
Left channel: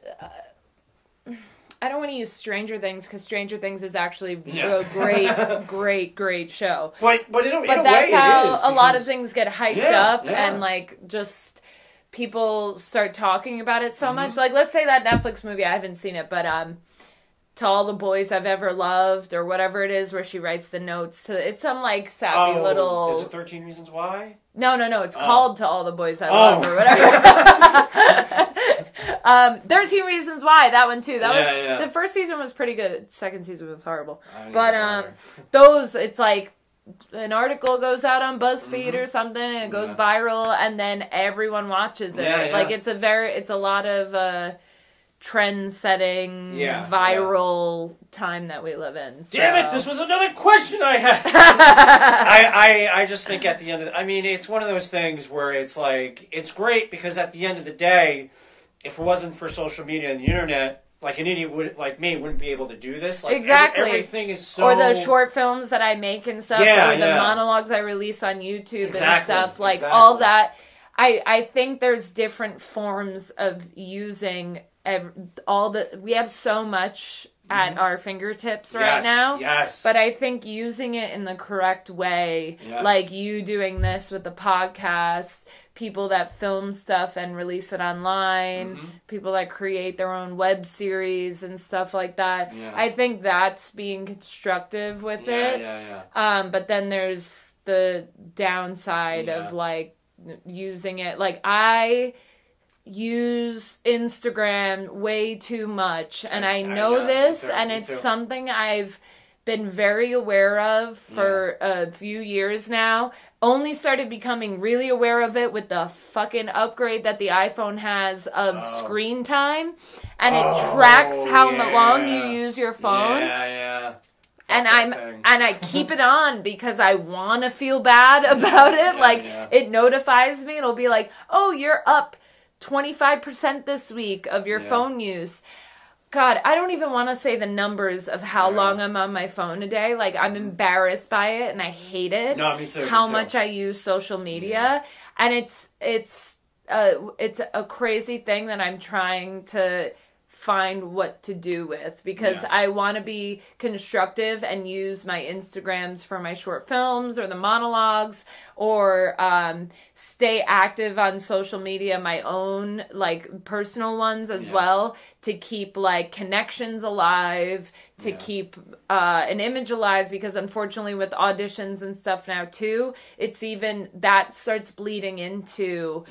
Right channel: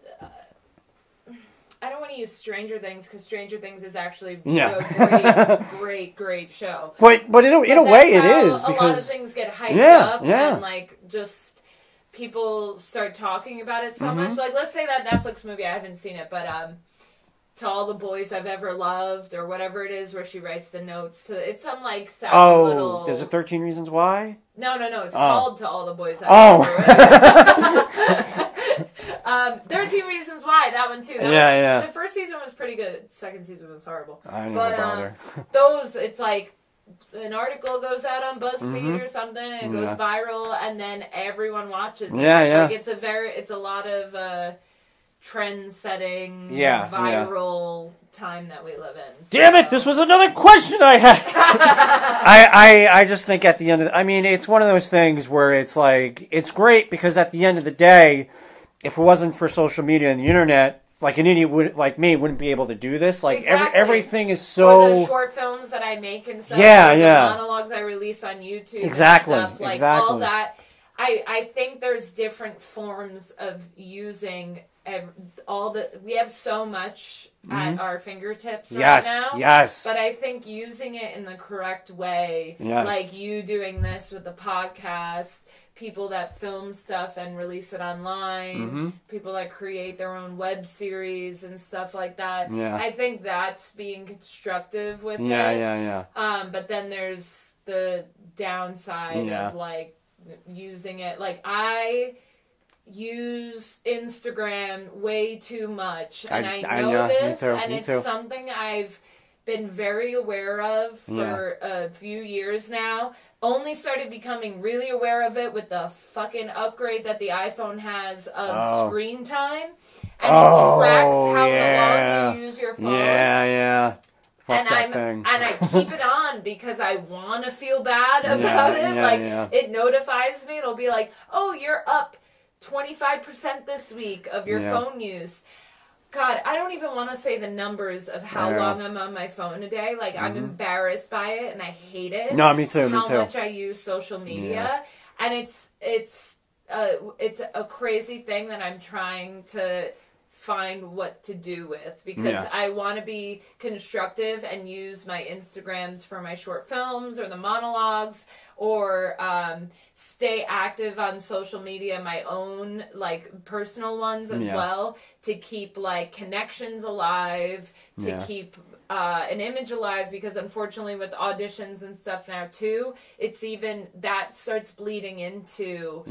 Like, I don't want to use Stranger Things, because Stranger Things is actually a great show. But in a way, it is. A lot of things get hyped up, and, like, just... People start talking about it so much. Like, let's say that Netflix movie, I haven't seen it, but... To All the Boys I've Ever Loved, or whatever it is, where she writes the notes. It's some, like, sappy little... Is it 13 Reasons Why? No, it's called To All the Boys I've Ever Loved. 13 Reasons Why, that one, too. The first season was pretty good. Second season was horrible. But, it's like... An article goes out on BuzzFeed or something, and it goes viral, and then everyone watches it. Like, it's a lot of... trend-setting, viral time that we live in. So. Damn it! This was another question I had. I just think at the end of I mean, it's one of those things where it's like it's great because at the end of the day, if it wasn't for social media and the internet, like an idiot like me wouldn't be able to do this. Like everything is so. Or the short films that I make and stuff. Or the monologues I release on YouTube and stuff. Like all that. I think there's different forms of using. We have so much at our fingertips right now. Yes. But I think using it in the correct way, like you doing this with the podcast, people that film stuff and release it online, people that create their own web series and stuff like that. Yeah. I think that's being constructive with it. But then there's the downside of like using it. Like I use Instagram way too much, and I know this, and it's something I've been very aware of for a few years now. Only started becoming really aware of it with the fucking upgrade that the iPhone has of screen time, and it tracks how long you use your phone. And I keep it on because I want to feel bad about it. It notifies me. It'll be like, oh, you're up 25% this week of your phone use. God, I don't even want to say the numbers of how long I'm on my phone a day. Like, I'm embarrassed by it, and I hate it. No, me too. How much I use social media, and it's a crazy thing that I'm trying to find what to do with, because I want to be constructive and use my Instagrams for my short films or the monologues, or stay active on social media, my own like personal ones as well, to keep like connections alive, to keep an image alive, because unfortunately with auditions and stuff now too, it's even that starts bleeding into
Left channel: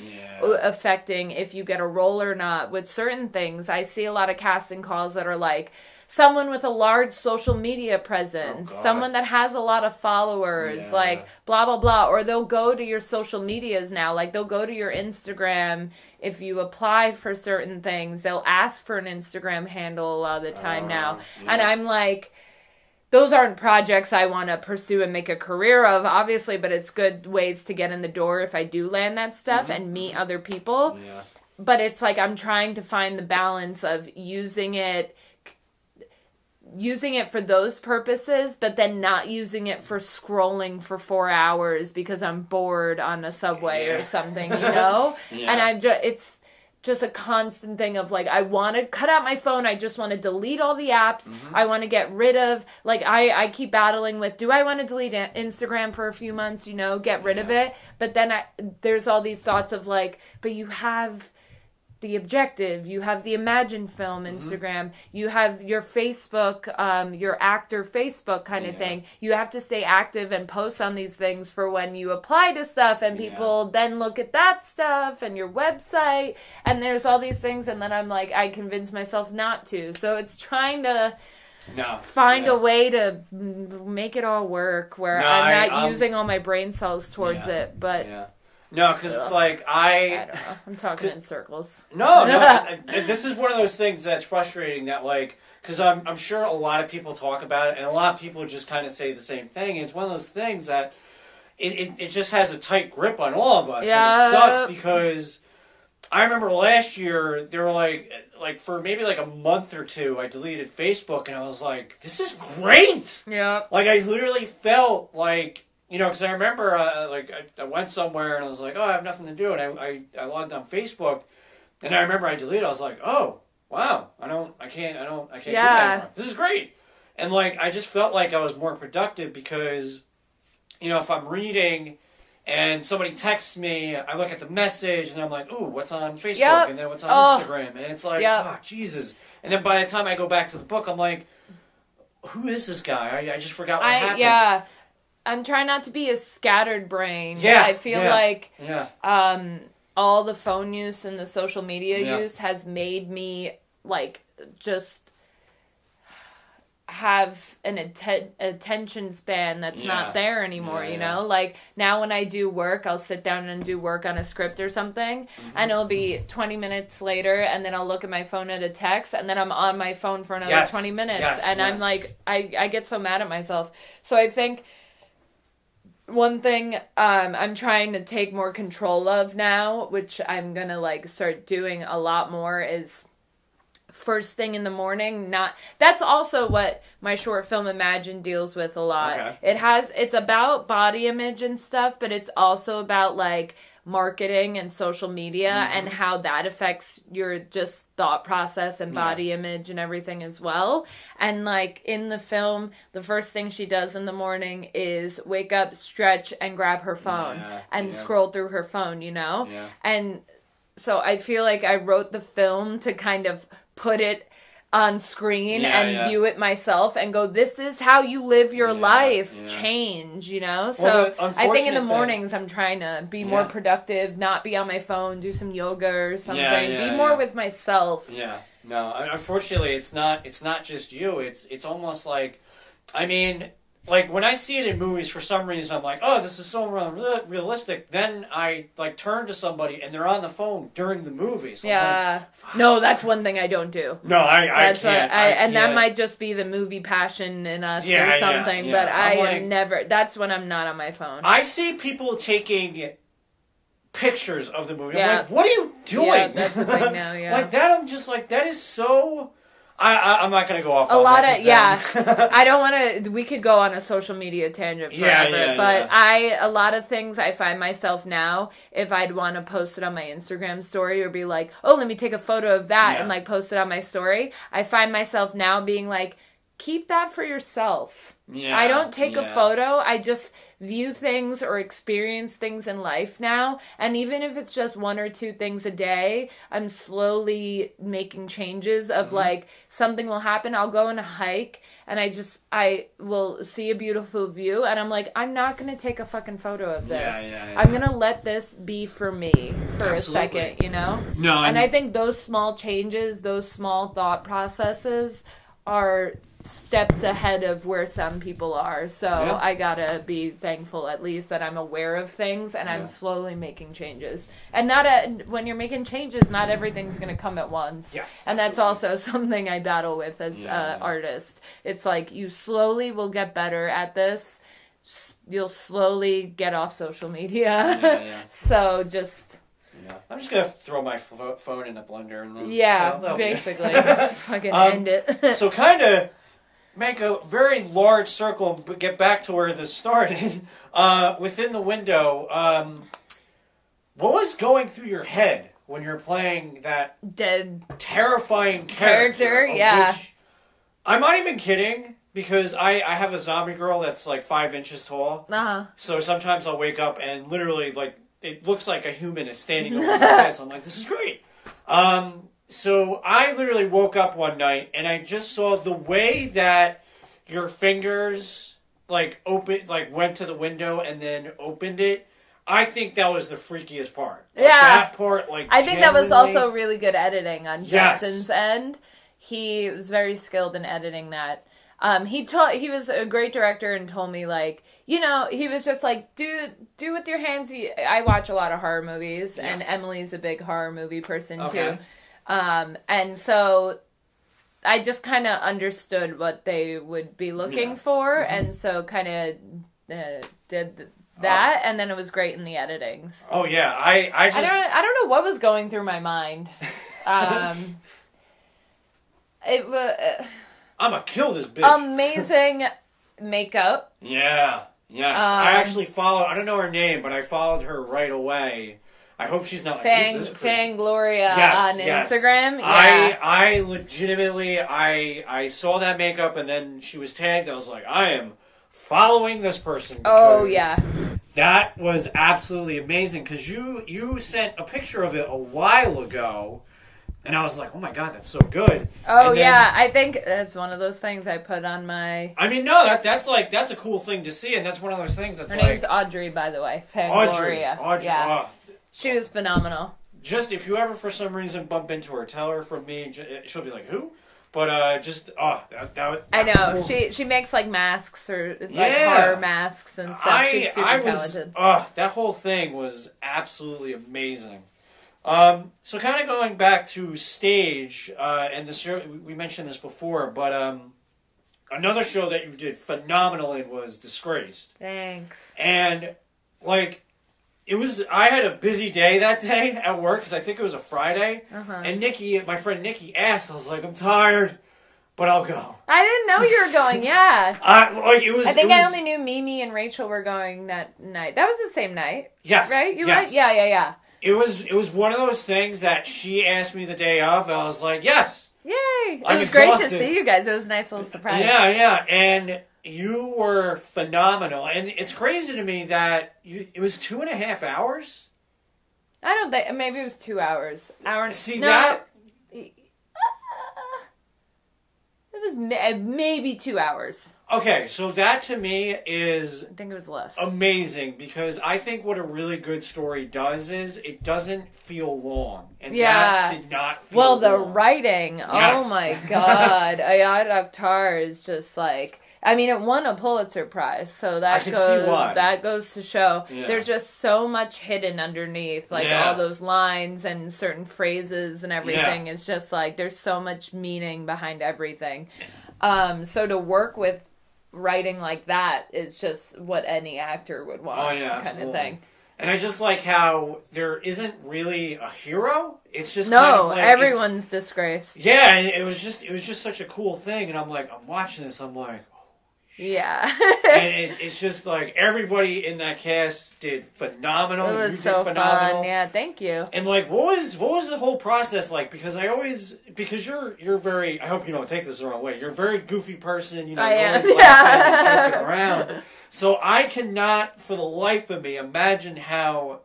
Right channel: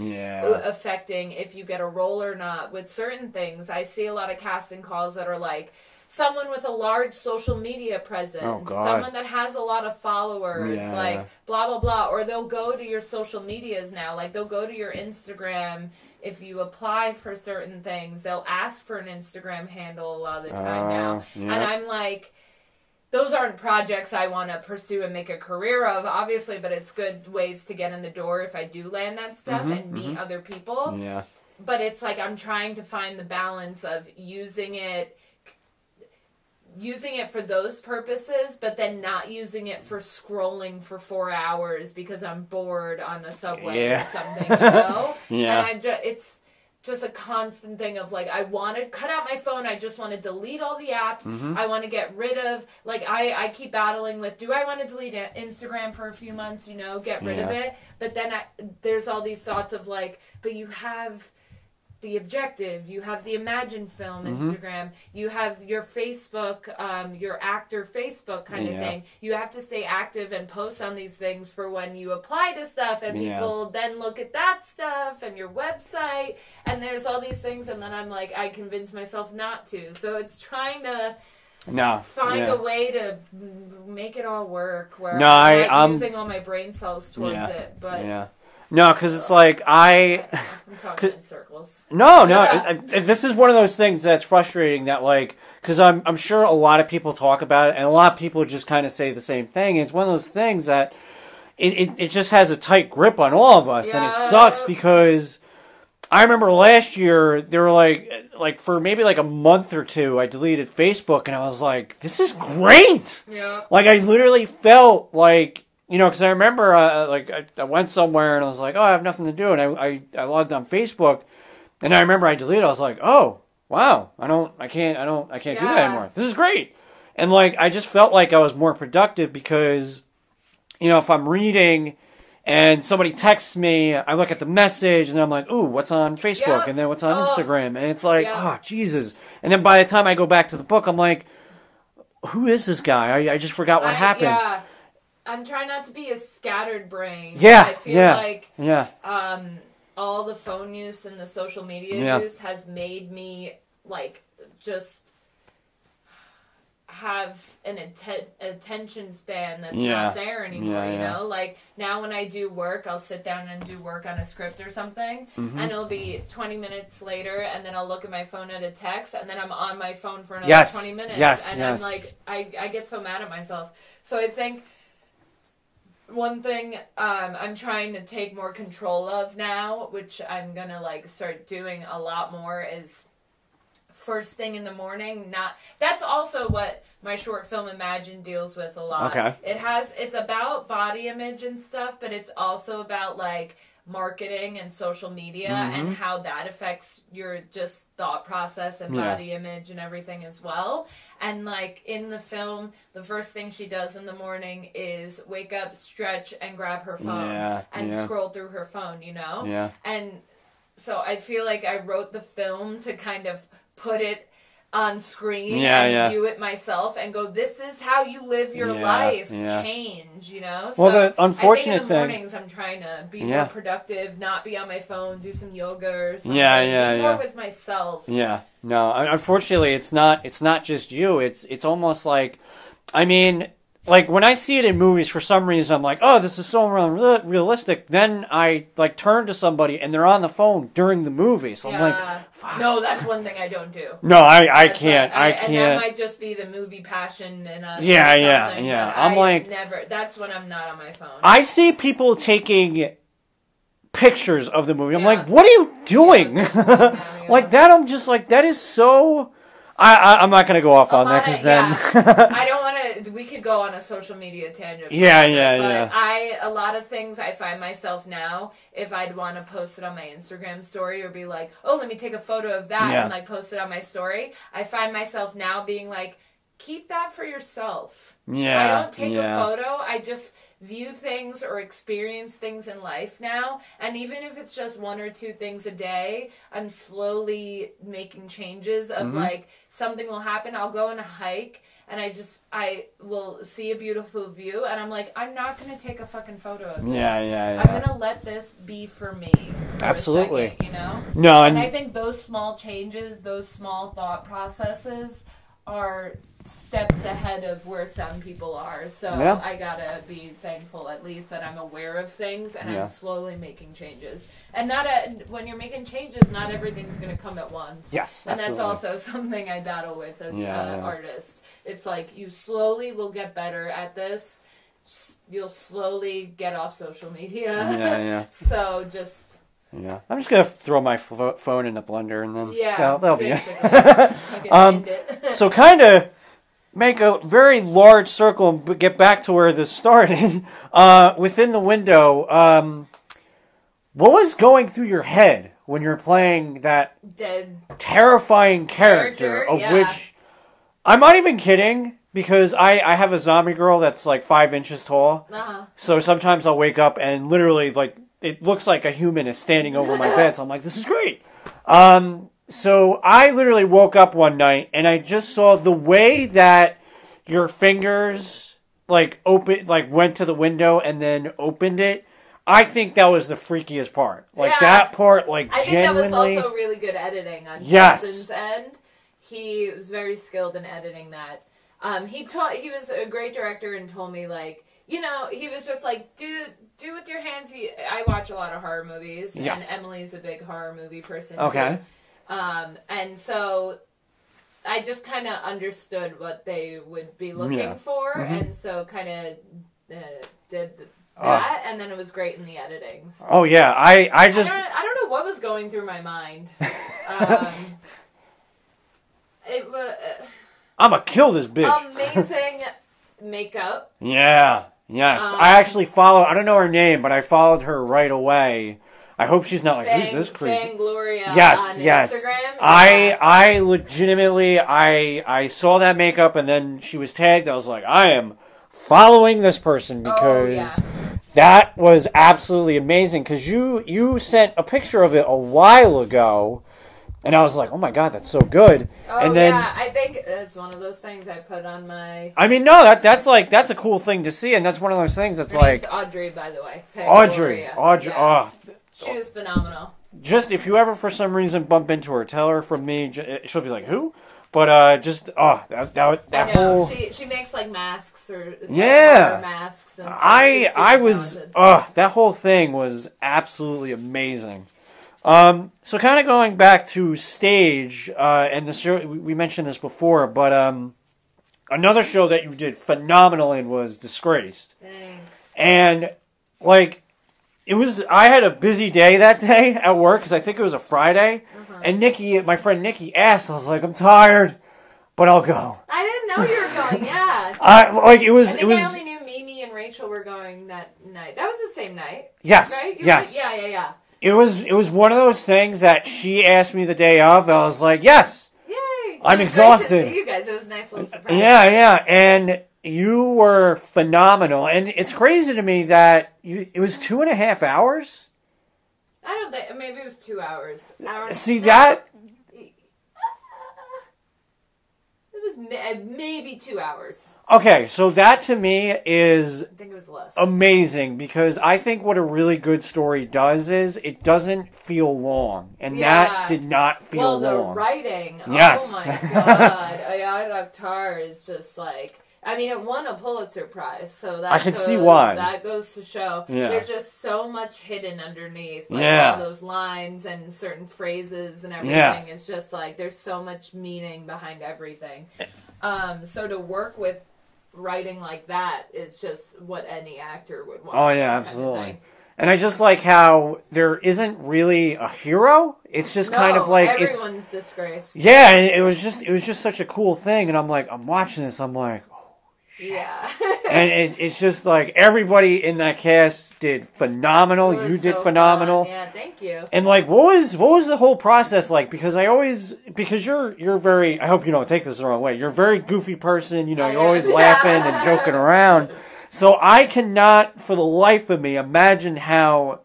affecting if you get a role or not with certain things. I see a lot of casting calls that are like, someone with a large social media presence, someone that has a lot of followers, like blah, blah, blah. Or they'll go to your social medias now. Like they'll go to your Instagram. If you apply for certain things, they'll ask for an Instagram handle a lot of the time now. And I'm like, those aren't projects I want to pursue and make a career of, obviously, but it's good ways to get in the door if I do land that stuff and meet other people. Yeah. But it's like I'm trying to find the balance of using it for those purposes, but then not using it for scrolling for 4 hours because I'm bored on a subway or something, you know? And it's just a constant thing of like, I want to cut out my phone. I just want to delete all the apps. I want to get rid of, like, I keep battling with, do I want to delete Instagram for a few months, you know, get rid of it? But then there's all these thoughts of like, but you have the Objective, you have the Imagine Film Instagram, you have your Facebook, your actor Facebook kind of thing. You have to stay active and post on these things for when you apply to stuff, and people then look at that stuff and your website, and there's all these things, and then I'm like, I convince myself not to. So it's trying to find a way to make it all work where I'm not using all my brain cells towards it, but... No, because it's like I don't know. I'm talking in circles. No. This is one of those things that's frustrating. That like, because I'm sure a lot of people talk about it, and a lot of people just kind of say the same thing. It's one of those things that it just has a tight grip on all of us, and it sucks because I remember last year they were like for maybe like a month or two, I deleted Facebook, and I was like, this is great. Yeah. Like I literally felt like. You know, because I remember, I went somewhere and I was like, oh, I have nothing to do, and I logged on Facebook, and I remember I deleted. I was like, oh, wow, I can't do that anymore. This is great, and like I just felt like I was more productive because, you know, if I'm reading and somebody texts me, I look at the message and I'm like, ooh, what's on Facebook, and then what's on Instagram, and it's like, oh, Jesus, and then by the time I go back to the book, I'm like, who is this guy? I just forgot what happened. Yeah. I'm trying not to be a scattered brain. Yeah, I feel like all the phone use and the social media use has made me like just have an attention span that's not there anymore, you know? Like, now when I do work, I'll sit down and do work on a script or something, and it'll be 20 minutes later, and then I'll look at my phone at a text, and then I'm on my phone for another 20 minutes, and I'm like, I get so mad at myself. So I think... one thing I'm trying to take more control of now, which I'm going to like start doing a lot more, is first thing in the morning. That's also what my short film Imagine deals with a lot. Okay. It's about body image and stuff, but it's also about like marketing and social media and how that affects your just thought process and body image and everything as well. And like in the film, the first thing she does in the morning is wake up, stretch, and grab her phone and scroll through her phone, you know? Yeah. And so I feel like I wrote the film to kind of put it on screen and view it myself and go, this is how you live your life. Change, you know? So I think in the mornings I'm trying to be more productive, not be on my phone, do some yoga or something, be more with myself. Yeah. No, unfortunately it's not just you. It's almost like, I mean, like when I see it in movies, for some reason I'm like, oh, this is so realistic. Then I like turn to somebody and they're on the phone during the movie. So I'm like, fuck. No, that's one thing I don't do. No, I can't. And that might just be the movie passion in us or something. But I like, never. That's when I'm not on my phone. I see people taking pictures of the movie. I'm like, what are you doing? That's the thing now, like that. I'm just like, that is so. I'm not going to go off on that. I don't want to. We could go on a social media tangent. But a lot of things I find myself now, if I'd want to post it on my Instagram story or be like, oh, let me take a photo of that and like post it on my story. I find myself now being like, keep that for yourself. I don't take a photo. I just view things or experience things in life now. And even if it's just 1 or 2 things a day, I'm slowly making changes of like something will happen. I'll go on a hike and I will see a beautiful view and I'm like, I'm not going to take a fucking photo of this. I'm going to let this be for me for a second, you know? No. And I think those small changes, those small thought processes are steps ahead of where some people are. So Yeah. I gotta be thankful at least that I'm aware of things and I'm slowly making changes. And when you're making changes, not everything's gonna come at once. Yes, and absolutely. that's also something I battle with as artist. It's like you slowly will get better at this. You'll slowly get off social media. Yeah. So just. Yeah, I'm just gonna throw my phone in the blender and then that'll basically, be it. I can end it. So kind of make a very large circle, but get back to where this started. Within the window, what was going through your head when you're playing that dead terrifying character of which I'm not even kidding. Because I have a zombie girl that's like 5 inches tall. So sometimes I'll wake up and literally like it looks like a human is standing over my bed. So I'm like, this is great. So I literally woke up one night and I just saw the way that your fingers like went to the window and then opened it. I think that was the freakiest part. Like that part, like I think that was also really good editing on Justin's end. He was very skilled in editing that. He was a great director and told me, like, you know, he was just like, do with your hands. I watch a lot of horror movies, and Emily's a big horror movie person, too. And so I just kind of understood what they would be looking for, and so kind of did that, and then it was great in the editing. Oh, yeah. I don't know what was going through my mind. It was... I'm gonna kill this bitch. Amazing makeup. Yeah. Yes. I actually follow, I don't know her name, but I followed her right away. I hope she's not like, who's this creep? Fangloria on Instagram. Yeah. I legitimately, I saw that makeup and then she was tagged. I was like, I am following this person because that was absolutely amazing. Because you sent a picture of it a while ago. And I was like, oh my God, that's so good. Oh, and then, I think that's one of those things I put on my... I mean, no, that's a cool thing to see, and that's one of those things that's Her name's Audrey, by the way. Audrey. Yeah. Oh. She was phenomenal. Just, if you ever for some reason bump into her, tell her from me, she'll be like, who? But, that I know, whole... she makes, like, masks, or horror masks and stuff. She's super talented. That whole thing was absolutely amazing. So kind of going back to stage, and the show, we mentioned this before, but another show that you did phenomenal in was Disgraced. Thanks. And, like, I had a busy day that day at work, because I think it was a Friday, and my friend Nikki asked, I was like, I'm tired, but I'll go. I didn't know you were going, yeah. I only knew Mimi and Rachel were going that night. That was the same night. Yes. Right? Yes. Right? Yeah. It was one of those things that she asked me the day of, and I was like, yes. Yay! I'm exhausted. It was great to see you guys. It was a nice little surprise. Yeah. And you were phenomenal. And it's crazy to me that it was 2.5 hours? I don't think... Maybe it was 2 hours. See, that... It was maybe 2 hours. Okay, so that to me is... I think it was less. Amazing, because I think what a really good story does is it doesn't feel long. And that did not feel long. Well, the writing, yes. Oh my God. Ayad Akhtar is just like... I mean, it won a Pulitzer Prize, so that see why. That goes to show there's just so much hidden underneath, like all those lines and certain phrases and everything. It's just like there's so much meaning behind everything. So to work with writing like that is just what any actor would want. Oh yeah, absolutely. Kind of thing. And I just like how there isn't really a hero. It's just kind of like everyone's disgraced. Yeah, and it was just such a cool thing. And I'm watching this. I'm like. Yeah. And it's just like everybody in that cast did phenomenal. You did phenomenal. Fun. Yeah, thank you. And like, what was the whole process like? Because you're very, I hope you don't take this the wrong way. You're a very goofy person, you're always laughing and joking around. So I cannot, for the life of me, imagine how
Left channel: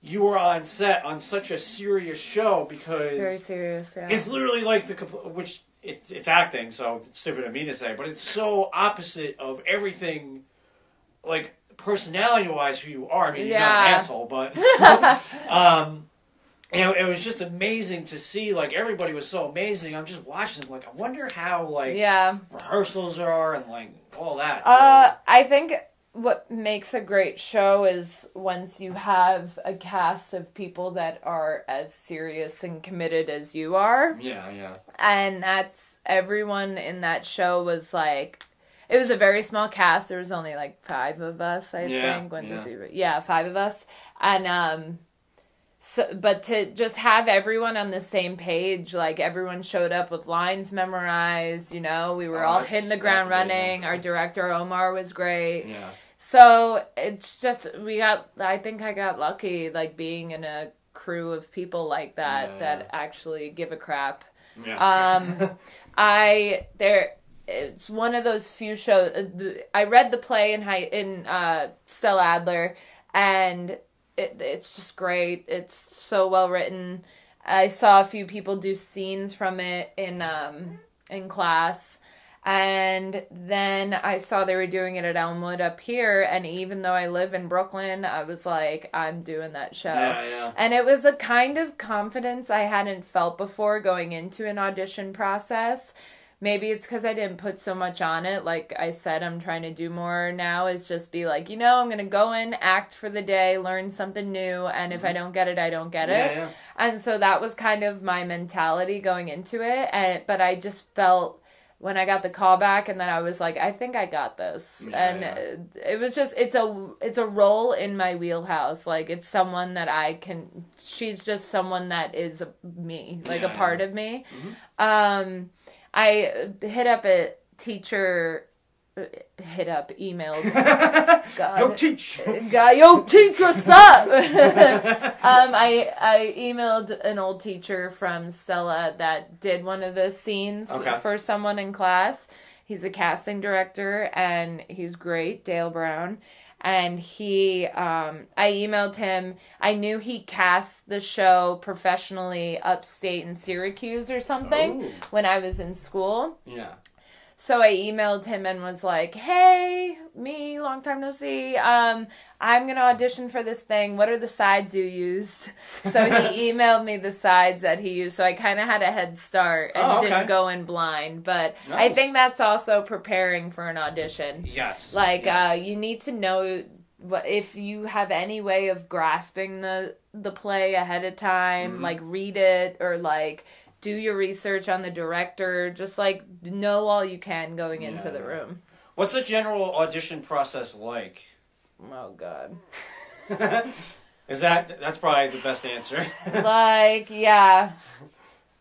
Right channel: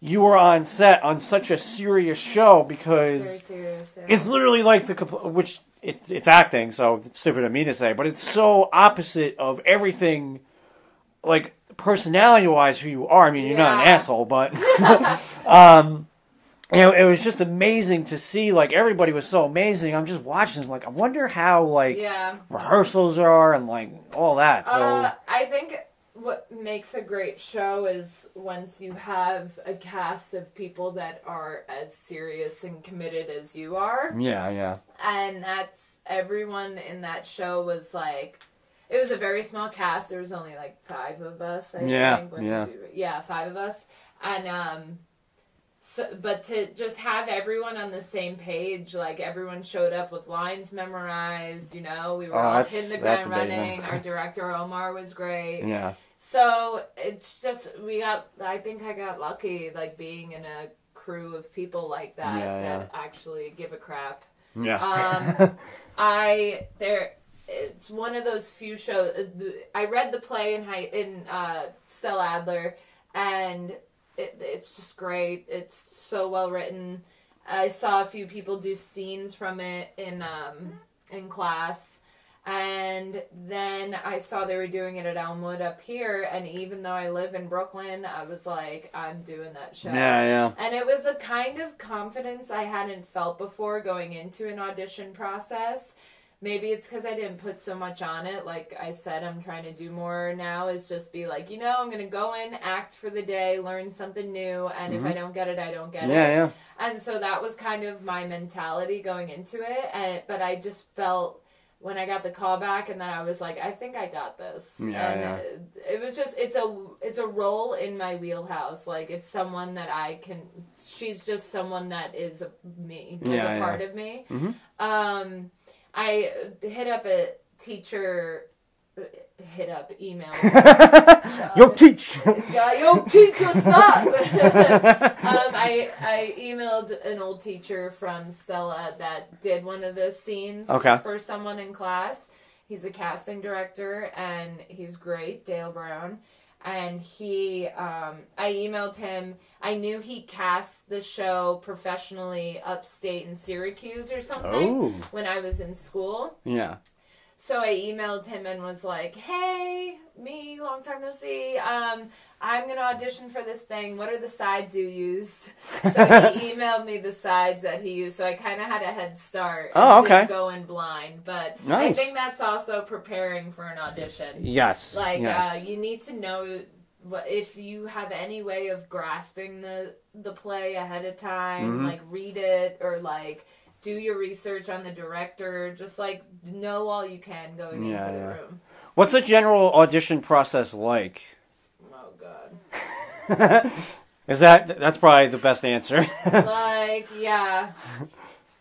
you were on set on such a serious show because very serious, it's literally like It's acting, so it's stupid of me to say, but it's so opposite of everything, like, personality-wise, who you are. I mean, you're not an asshole, but... it was just amazing to see, like, everybody was so amazing. I'm just watching, like, I wonder how, like, rehearsals are and, like, all that. So. I think what makes a great show is once you have a cast of people that are as serious and committed as you are. Yeah. And that's, everyone in that show was, like, it was a very small cast. There was only, like, 5 of us, I think. 5 of us. And, so, but to just have everyone on the same page, like everyone showed up with lines memorized, you know, we were all hitting the ground running. Our director Omar was great. Yeah. So it's just, I think I got lucky, like being in a crew of people like that, that actually give a crap. Yeah. It's one of those few shows, I read the play in Stella Adler, and it's just great. It's so well written. I saw a few people do scenes from it in class, and then I saw they were doing it at Elmwood up here, and even though I live in Brooklyn, I was like, I'm doing that show. Yeah. And it was a kind of confidence I hadn't felt before going into an audition process. Maybe it's because I didn't put so much on it. Like I said, I'm trying to do more now, is just be like, you know, I'm going to go in, act for the day, learn something new, and if I don't get it, I don't get it. Yeah. And so that was kind of my mentality going into it. But I just felt when I got the call back, and then I was like, I think I got this. It was just, it's a role in my wheelhouse. Like, it's someone that she's just someone that is me, like a part of me. I emailed. Yo, teach! Yo, teach, what's up? I emailed an old teacher from Stella that did one of the scenes for someone in class. He's a casting director, and he's great, Dale Brown. And I emailed him. I knew he cast the show professionally upstate in Syracuse or something when I was in school. Yeah. So I emailed him and was like, hey, me, long time no see. I'm going to audition for this thing. What are the sides you used? So he emailed me the sides that he used. So I kind of had a head start and didn't go in blind. But I think that's also preparing for an audition. Yes. Like, you need to know if you have any way of grasping the play ahead of time, like read it or like do your research on the director. Just like know all you can going into the room. What's a general audition process like? Oh, God. That's probably the best answer. Like, yeah.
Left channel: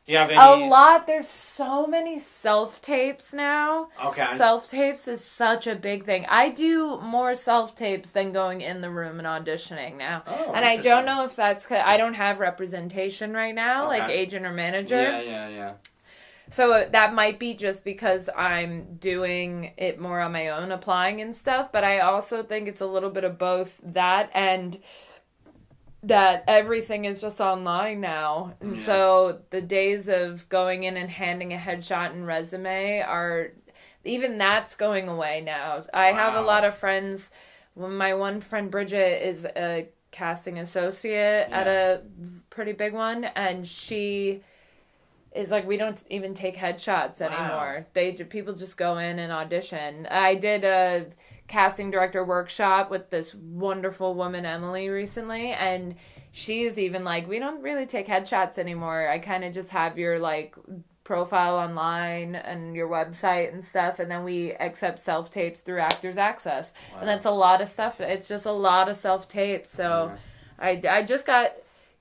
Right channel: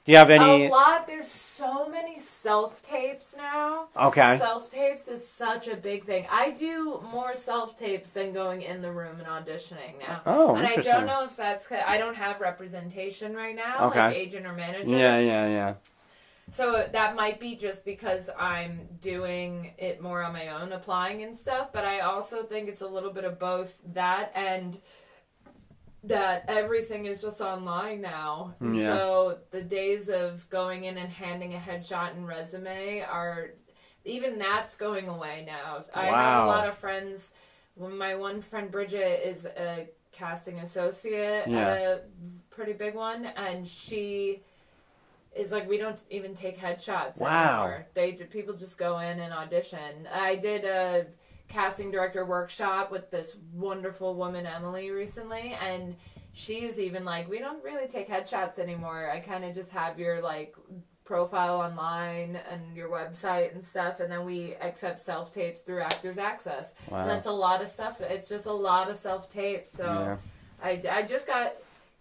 Do you have any? A lot. There's so many self-tapes now. Okay. Self-tapes is such a big thing. I do more self-tapes than going in the room and auditioning now. Oh, and I don't know if that's because I don't have representation right now, like agent or manager. Yeah. So that might be just because I'm doing it more on my own, applying and stuff. But I also think it's a little bit of both that and that everything is just online now. And so the days of going in and handing a headshot and resume even that's going away now. I have a lot of friends. My one friend Bridget is a casting associate at a pretty big one, and she is like, we don't even take headshots anymore. People just go in and audition. I did a casting director workshop with this wonderful woman, Emily, recently, and she is even like, we don't really take headshots anymore. I kind of just have your like profile online and your website and stuff, and then we accept self-tapes through Actors Access. And that's a lot of stuff. It's just a lot of self-tapes. So I just got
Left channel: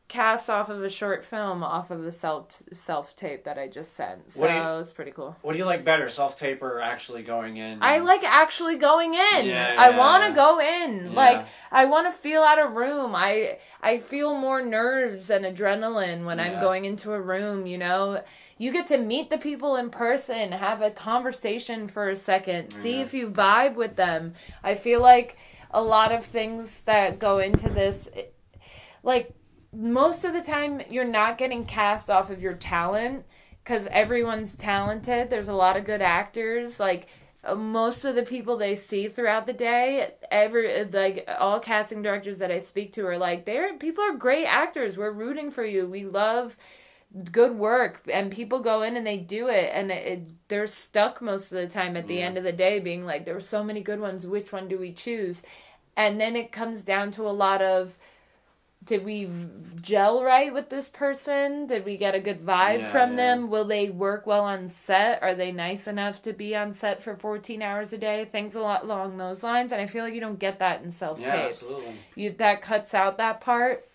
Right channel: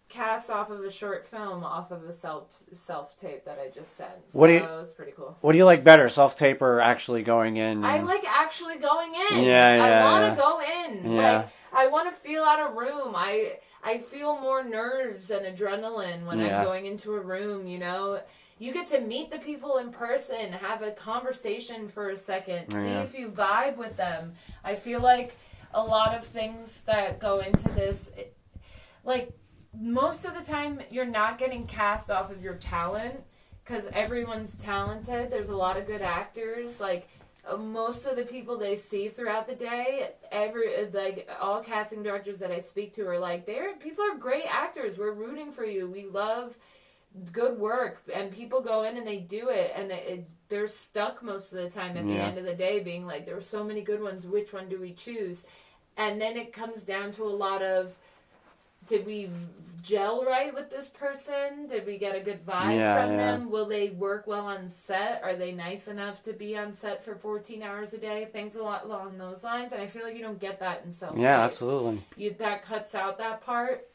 cast off of a short film off of a self-tape that I just sent. So it was pretty cool. What do you like better, self-tape or actually going in? I like actually going in. I want to go in. Yeah. Like, I want to feel out a room. I feel more nerves and adrenaline when I'm going into a room, you know. You get to meet the people in person, have a conversation for a second, see if you vibe with them. I feel like a lot of things that go into this, like, most of the time you're not getting cast off of your talent because everyone's talented. There's a lot of good actors. Like, most of the people they see throughout the day, all casting directors that I speak to are like, people are great actors. We're rooting for you. We love good work, and people go in and they do it, and they're stuck most of the time at the end of the day being like, there were so many good ones, which one do we choose? And then it comes down to a lot of, did we gel right with this person? Did we get a good vibe from them? Will they work well on set? Are they nice enough to be on set for 14 hours a day? Things a lot along those lines. And I feel like you don't get that in self-tapes. Yeah, absolutely. That cuts out that part.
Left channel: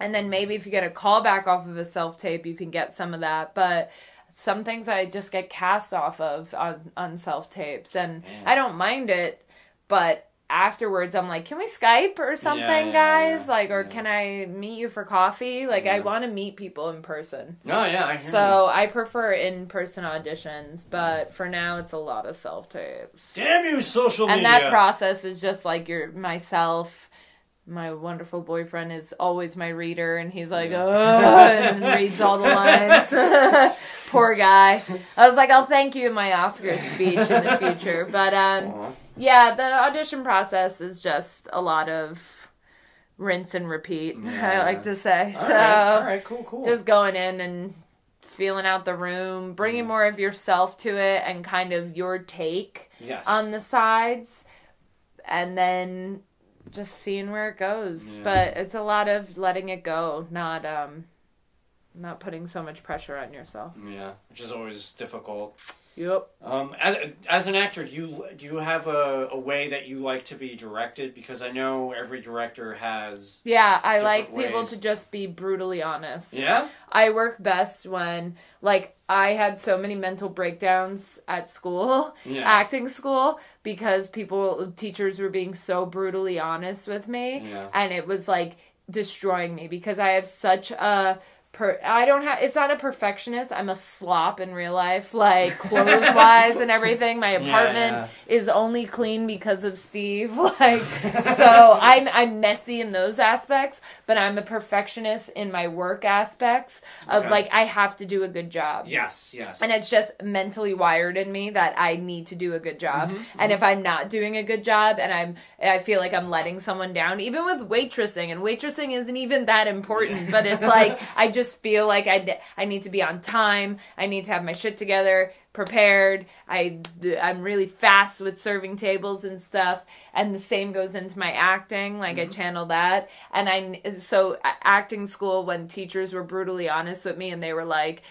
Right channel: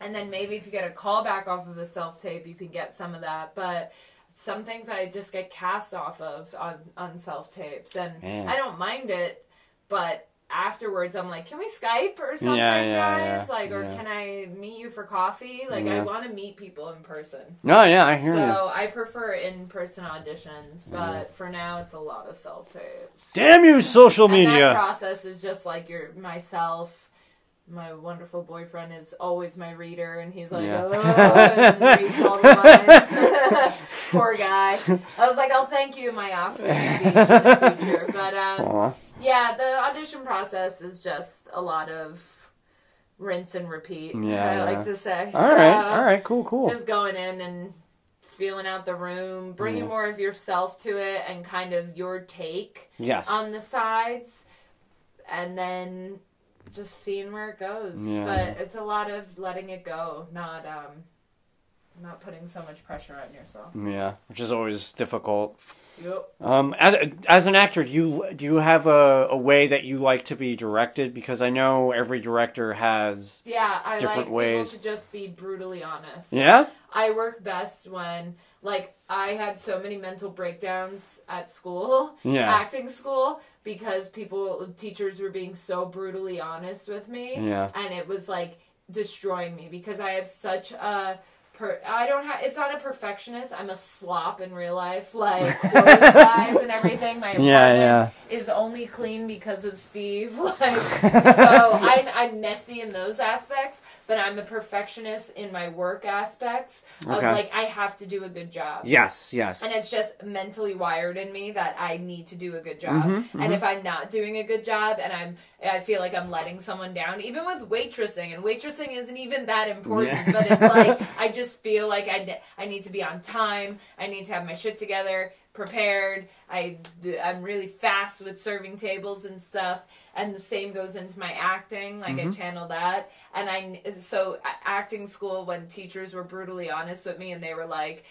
And then maybe if you get a callback off of a self-tape, you can get some of that. But some things I just get cast off of on self-tapes. And I don't mind it, but afterwards I'm like, can we Skype or something, guys? Or can I meet you for coffee? I want to meet people in person. No, yeah, I hear you. So I prefer in-person auditions, but for now it's a lot of self-tapes. Damn you, social media! And that process is just like myself. My wonderful boyfriend is always my reader, and he's like, and reads all the lines. Poor guy. I was like, I'll thank you in my Oscar speech in the future. But, the audition process is just a lot of rinse and repeat, I like to say. All right, cool. Just going in and feeling out the room, bringing more of yourself to it, and kind of your take on the sides, and then just seeing where it goes. But it's a lot of letting it go, not putting so much pressure on yourself. Yeah, which is always difficult. Yep. As an actor, do you have a way that you like to be directed? Because I know every director has I like ways. people to just be brutally honest. Yeah? I work best when, I had so many mental breakdowns at school, acting school, because teachers were being so brutally honest with me. Yeah. And it was, destroying me, because I have such a... it's not a perfectionist. I'm a slop in real life, clothes-wise and everything. My apartment is only clean because of Steve. So I'm messy in those aspects, but I'm a perfectionist in my work aspects of I have to do a good job. Yes. And it's just mentally wired in me that I need to do a good job. And if I'm not doing a good job and I feel like I'm letting someone down, even with waitressing, and waitressing isn't even that important, but it's I just feel like I need to be on time. I need to have my shit together, prepared. I'm really fast with serving tables and stuff. And the same goes into my acting. I channel that. And so acting school, when teachers were brutally honest with me and they were like,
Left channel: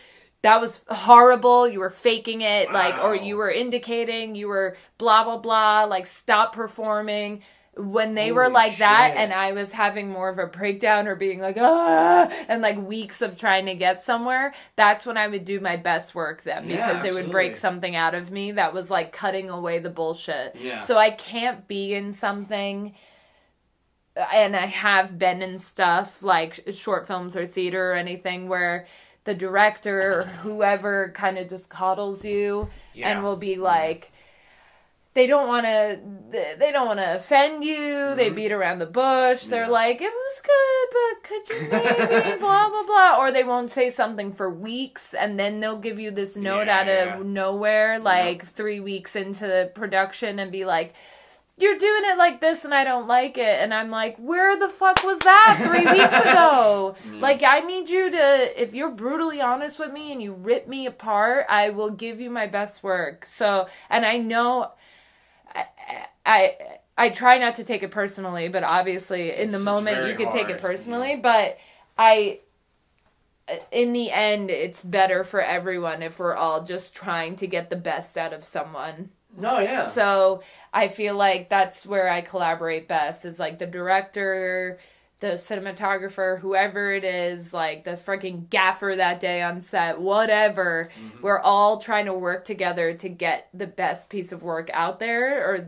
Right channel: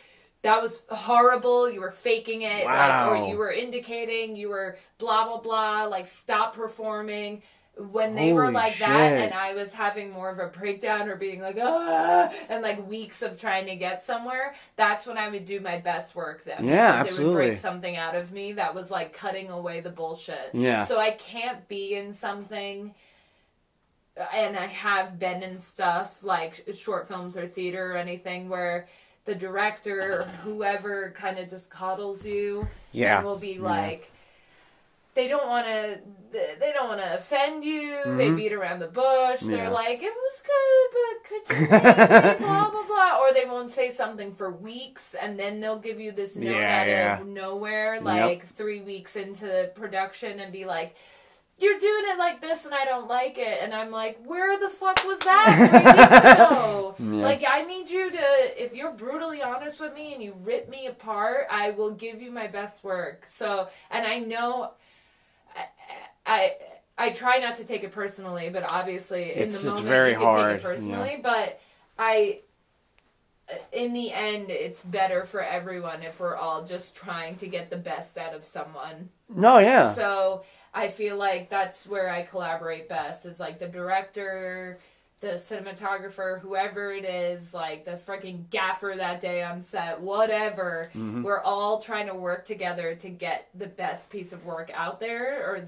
that was horrible, you were faking it, or you were indicating, you were blah, blah, blah, stop performing. When they were like that, and I was having more of a breakdown or being and weeks of trying to get somewhere, that's when I would do my best work then. Because it would break something out of me that was cutting away the bullshit. Yeah. So I can't be in something, and I have been in stuff like short films or theater or anything where the director or whoever kind of just coddles you and will be they don't want to offend you. They beat around the bush. They're like, it was good, but could you maybe blah, blah, blah. Or they won't say something for weeks, and then they'll give you this note out of nowhere, 3 weeks into the production, and be like, you're doing it like this, and I don't like it. And I'm like, where the fuck was that 3 weeks ago? I need you to, if you're brutally honest with me and you rip me apart, I will give you my best work. So, and I know... I try not to take it personally, but obviously in the moment you can take it personally. But in the end, it's better for everyone if we're all just trying to get the best out of someone. No, yeah. So I feel like that's where I collaborate best, is the director, the cinematographer, whoever it is, the freaking gaffer that day on set, whatever. We're all trying to work together to get the best piece of work out there, or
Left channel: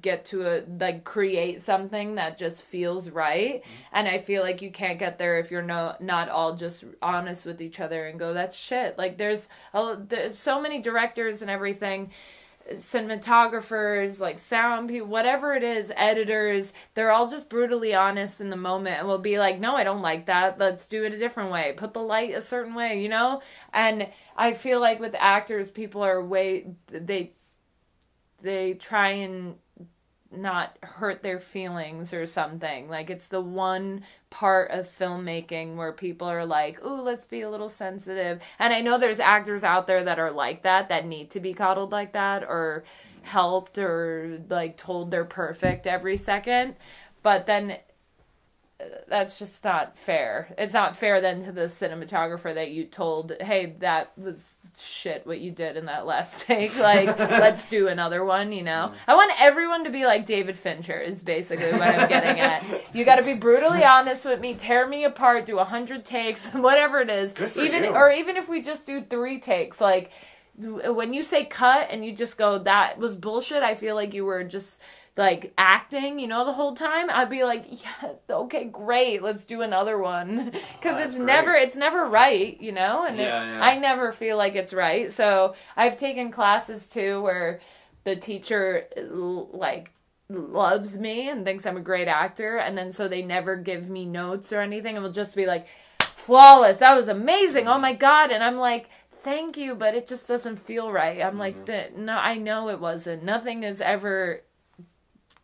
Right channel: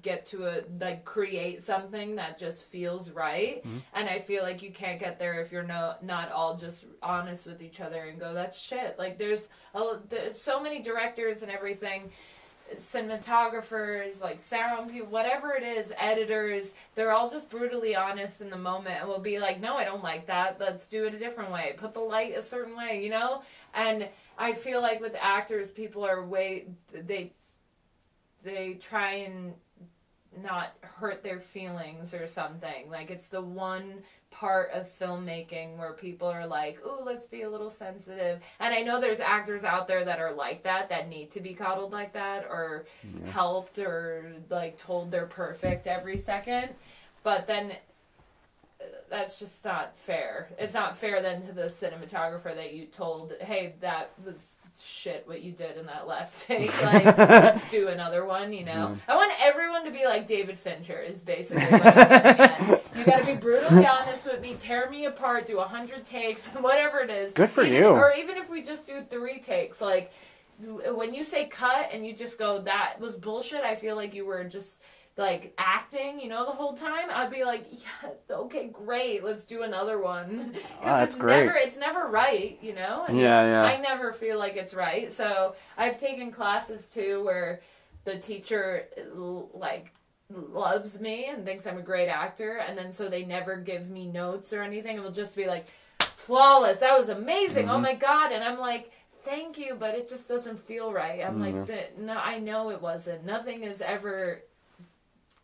get to create something that just feels right. And I feel like you can't get there if you're not all just honest with each other and go, that's shit. There's so many directors and everything, cinematographers, sound people, whatever it is, editors, they're all just brutally honest in the moment and will be like, no, I don't like that, let's do it a different way, put the light a certain way, And I feel like with actors, people are they try and not hurt their feelings or something. Like, it's the one part of filmmaking where people are like, ooh, let's be a little sensitive. And I know there's actors out there that are like that need to be coddled like that, or helped, or like told they're perfect every second. But then that's just not fair. It's not fair then to the cinematographer that you told, hey, that was shit what you did in that last take. Like, let's do another one, you know? I want everyone to be like David Fincher is basically what I'm getting at. You gotta be brutally honest with me, tear me apart, do 100 takes, whatever it is. Good for you. Or even if we just do 3 takes, like, when you say cut and you just go, that was bullshit, I feel like you were just like acting, you know, the whole time, I'd be like, yeah, okay, great, let's do another one. Because it's never right, you know? And I never feel like it's right. So I've taken classes too where the teacher like loves me and thinks I'm a great actor, and then so they never give me notes or anything, and will just be like, flawless, that was amazing, oh my god, and I'm like, thank you, but it just doesn't feel right. I'm like, no, I know it wasn't. Nothing is ever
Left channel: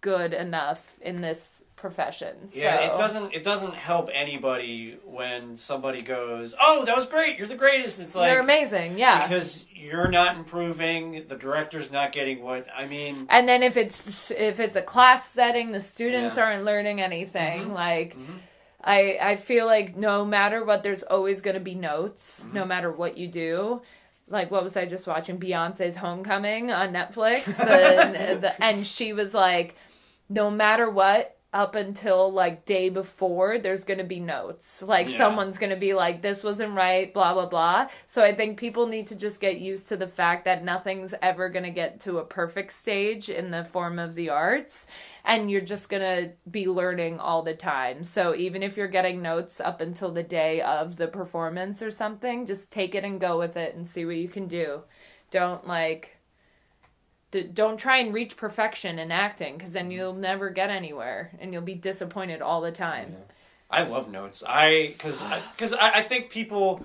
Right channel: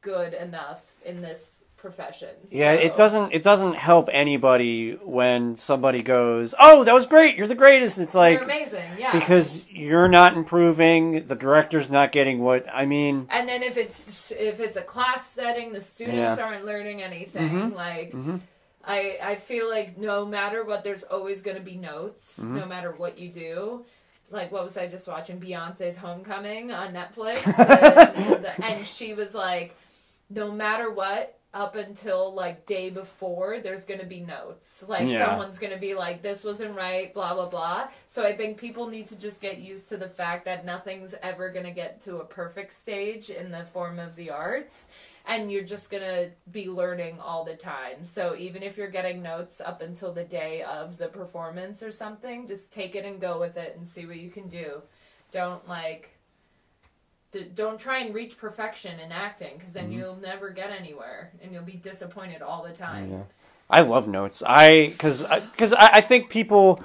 good enough in this profession. So. Yeah, it doesn't help anybody when somebody goes, oh, that was great, you're the greatest. It's like, you're amazing, yeah. Because you're not improving, the director's not getting what, I mean. And then if it's a class setting, the students aren't learning anything. Like, I feel like no matter what, there's always going to be notes, no matter what you do. Like, what was I just watching? Beyonce's Homecoming on Netflix. And she was like, no matter what, up until, like, day before, there's going to be notes. Like, someone's going to be like, this wasn't right, blah, blah, blah. So I think people need to just get used to the fact that nothing's ever going to get to a perfect stage in the form of the arts. And you're just going to be learning all the time. So even if you're getting notes up until the day of the performance or something, just take it and go with it and see what you can do. Don't try and reach perfection in acting, because then you'll never get anywhere and you'll be disappointed all the time. Yeah. I love notes. Because I think people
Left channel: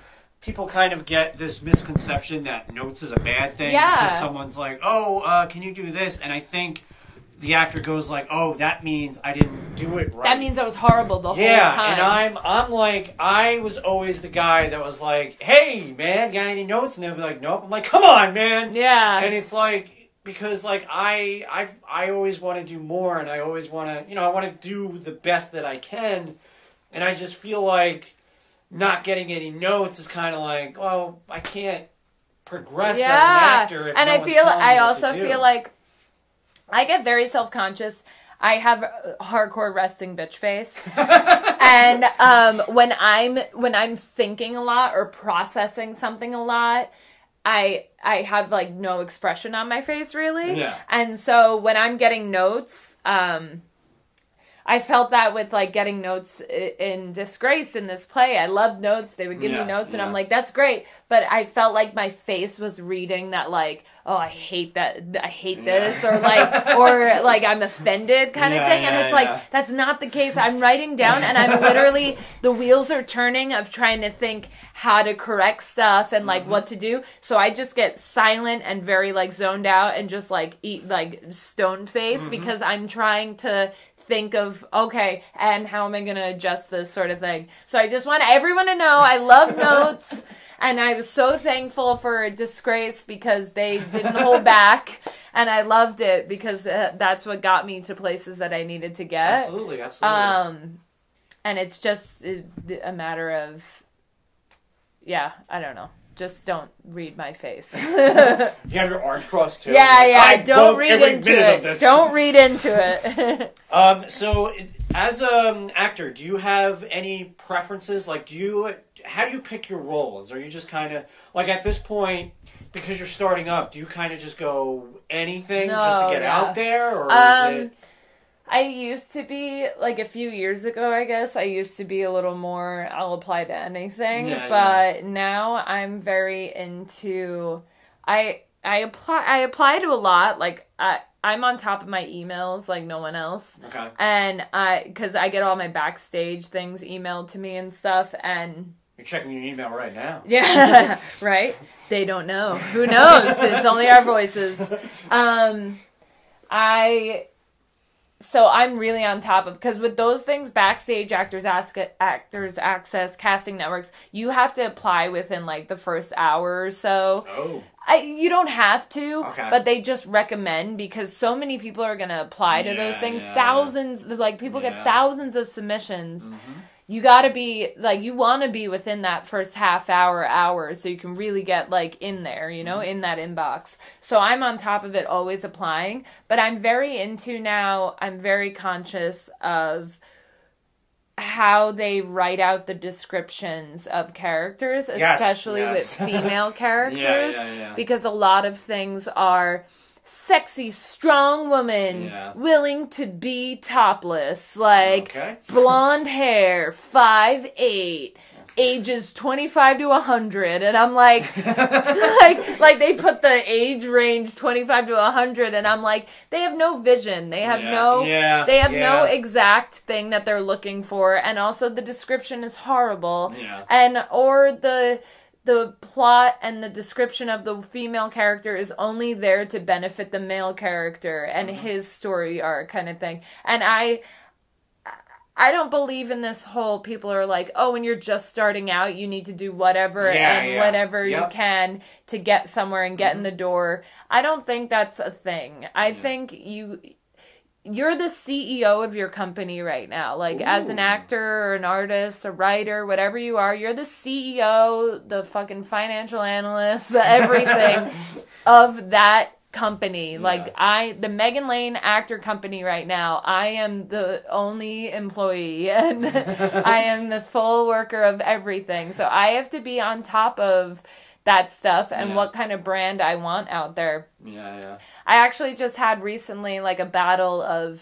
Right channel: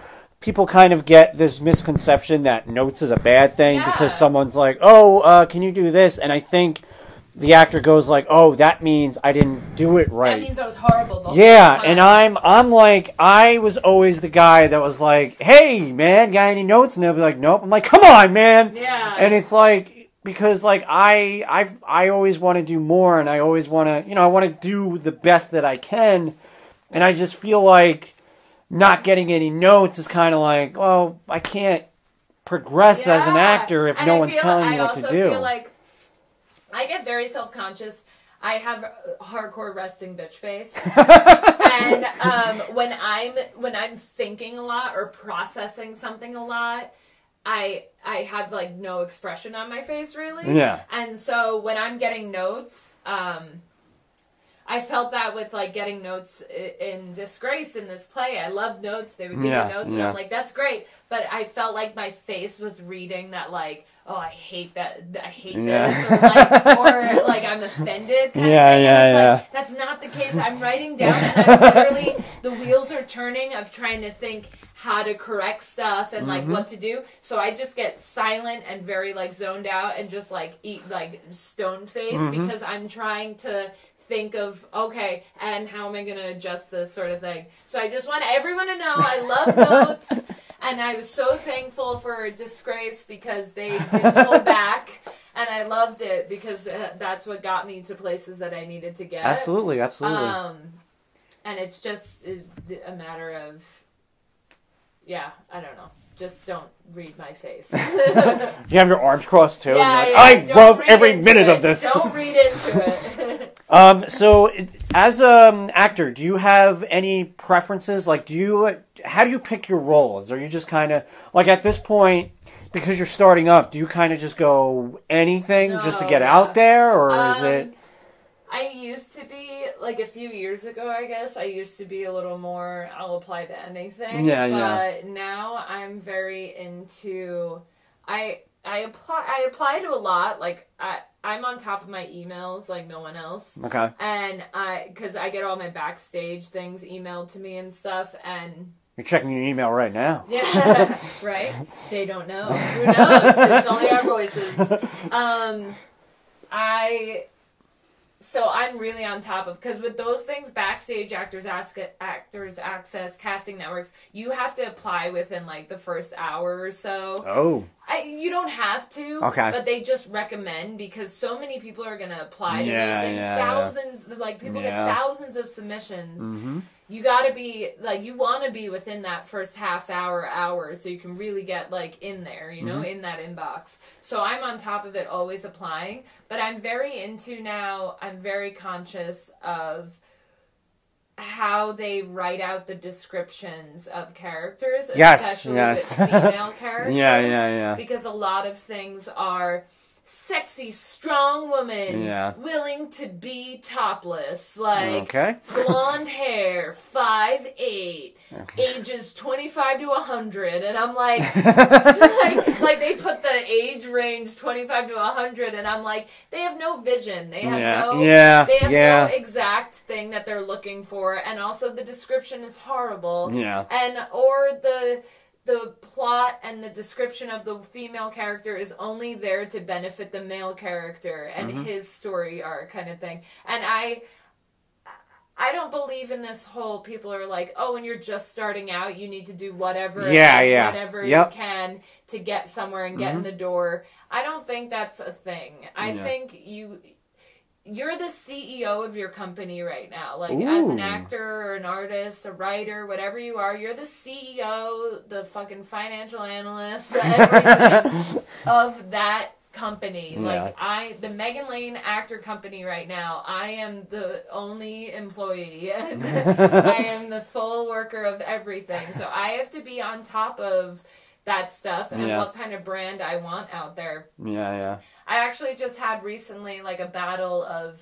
kind of get this misconception that notes is a bad thing because someone's like, oh, can you do this? And I think the actor goes like, oh, that means I didn't do it right. That means I was horrible the whole time. And I'm like, I was always the guy that was like, hey, man, got any notes? And they'll be like, nope. I'm like, come on, man. Yeah. And it's like, because like I always want to do more, and I always want to, I want to do the best that I can, and I just feel like not getting any notes is kind of like, well, I can't progress as an actor if no one's telling me what to do. I also feel like I get very self-conscious. I have a hardcore resting bitch face. And when I'm thinking a lot or processing something a lot, I have like no expression on my face really. Yeah. And so when I'm getting notes, I felt that with like getting notes in Disgrace in this play. I loved notes. They would give me notes and I'm like, that's great. But I felt like my face was reading that like, oh, I hate that. I hate this. Or like I'm offended kind of thing. And it's like, that's not the case. I'm writing down and I'm literally, the wheels are turning of trying to think how to correct stuff and like what to do. So I just get silent and very like zoned out and just like eat like stone face because I'm trying to think of, okay, and how am I going to adjust this sort of thing. So I just want everyone to know I love notes, and I was so thankful for Disgrace because they didn't hold back, and I loved it because that's what got me to places that I needed to get. Absolutely. And it's just a matter of, I don't know. Just don't read my face. You have your arms crossed too. Yeah. I don't love read every into minute it. of this. Don't read into it. So as an actor, do you have any preferences? Like, how do you pick your roles? Are you just kind of like at this point, because you're starting up, do you kind of just go anything just to get out there, or is it? I used to be, like a few years ago, I guess, I used to be a little more, I'll apply to anything. But now I'm very into, I apply to a lot. Like, I'm on top of my emails like no one else. Okay. And because I get all my backstage things emailed to me and stuff, and... You're checking your email right now. Yeah, right? They don't know. Who knows? It's only our voices. So I'm really on top of, because with those things, Backstage, Actors Access, casting networks, you have to apply within like the first hour or so. Oh. You don't have to, okay, but they just recommend, because so many people are going to apply to those things. Thousands, like people get thousands of submissions. Mm-hmm. You gotta be, like, you want to be within that first half hour, so you can really get, like, in there, you know, in that inbox. So I'm on top of it, always applying. But I'm very conscious of how they write out the descriptions of characters, especially with female characters. Because a lot of things are sexy, strong woman, willing to be topless, like blonde hair, 5'8", ages 25 to 100, and I'm like, like they put the age range 25 to 100, and I'm like, they have no vision, they have no exact thing that they're looking for, and also the description is horrible, or the plot and the description of the female character is only there to benefit the male character and his story arc kind of thing. And I don't believe in this whole, people are like, oh, when you're just starting out, you need to do whatever whatever you can to get somewhere and get in the door. I don't think that's a thing. I think you're the CEO of your company right now. Like, as an actor or an artist, a writer, whatever you are, you're the CEO, the fucking financial analyst, the everything of that company. Like, the Meghan Lane actor company right now, I am the only employee, and I am the full worker of everything. So I have to be on top of that stuff and what kind of brand I want out there. I actually just had recently like a battle of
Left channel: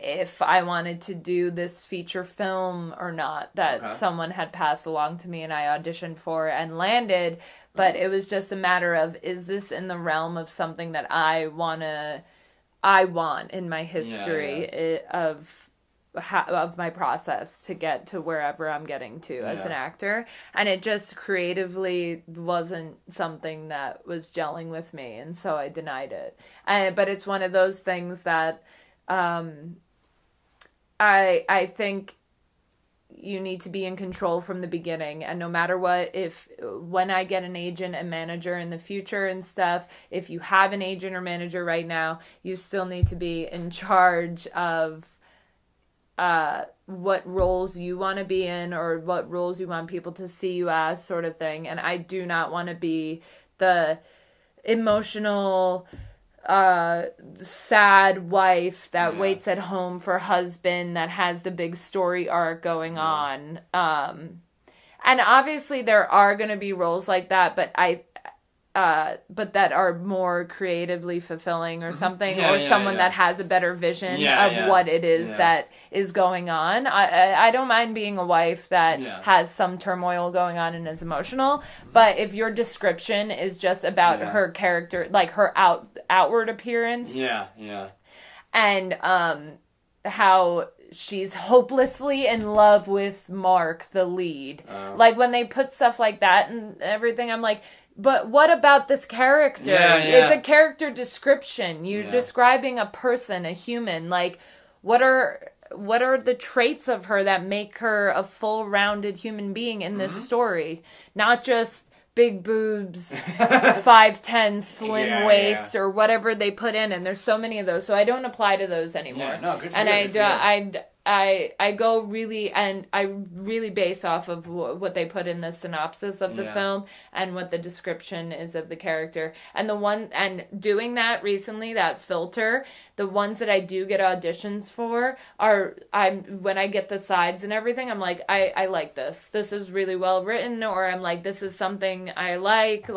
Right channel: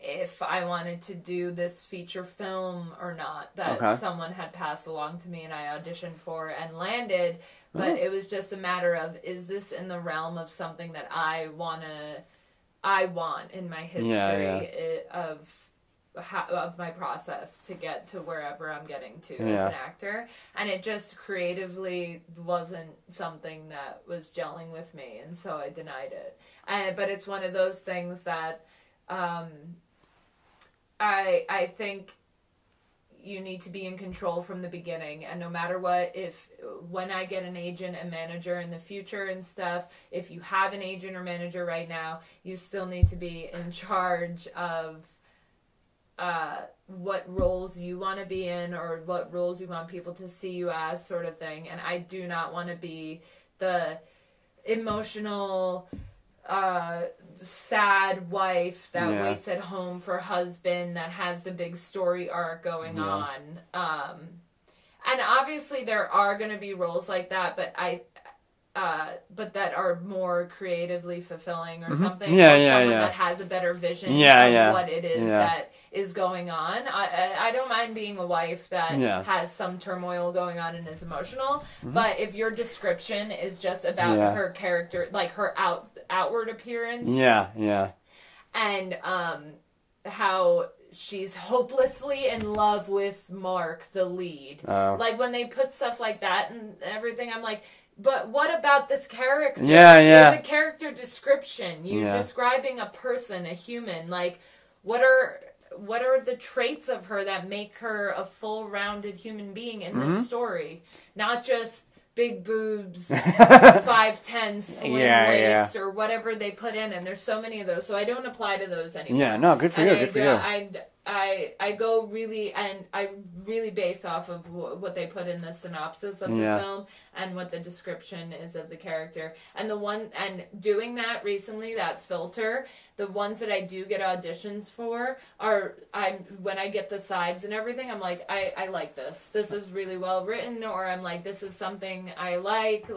if I wanted to do this feature film or not that someone had passed along to me and I auditioned for and landed, but it was just a matter of, is this in the realm of something that I want in my history of my process to get to wherever I'm getting to as an actor. And it just creatively wasn't something that was gelling with me, and so I denied it. But it's one of those things that I think you need to be in control from the beginning, and no matter what, when I get an agent and manager in the future and stuff, if you have an agent or manager right now, you still need to be in charge of what roles you want to be in or what roles you want people to see you as, sort of thing. And I do not want to be the emotional, sad wife that waits at home for husband that has the big story arc going on. And obviously there are going to be roles like that, but but that are more creatively fulfilling or something, or someone that has a better vision of what it is that is going on. I don't mind being a wife that has some turmoil going on and is emotional, but if your description is just about her character, like her outward appearance, and how she's hopelessly in love with Mark, the lead, like when they put stuff like that and everything, I'm like, but what about this character? It's a character description. You're describing a person, a human. Like, what are the traits of her that make her a full-rounded human being in this story? Not just big boobs, 5'10", slim waist, or whatever they put in. And there's so many of those. So I don't apply to those anymore. Yeah, no, good for you. I go really, and I really base off of what they put in the synopsis of the film and what the description is of the character. And doing that recently, that filter, the ones that I do get auditions for are, when I get the sides and everything, I'm like, I like this. This is really well written, or I'm like, this is something I like,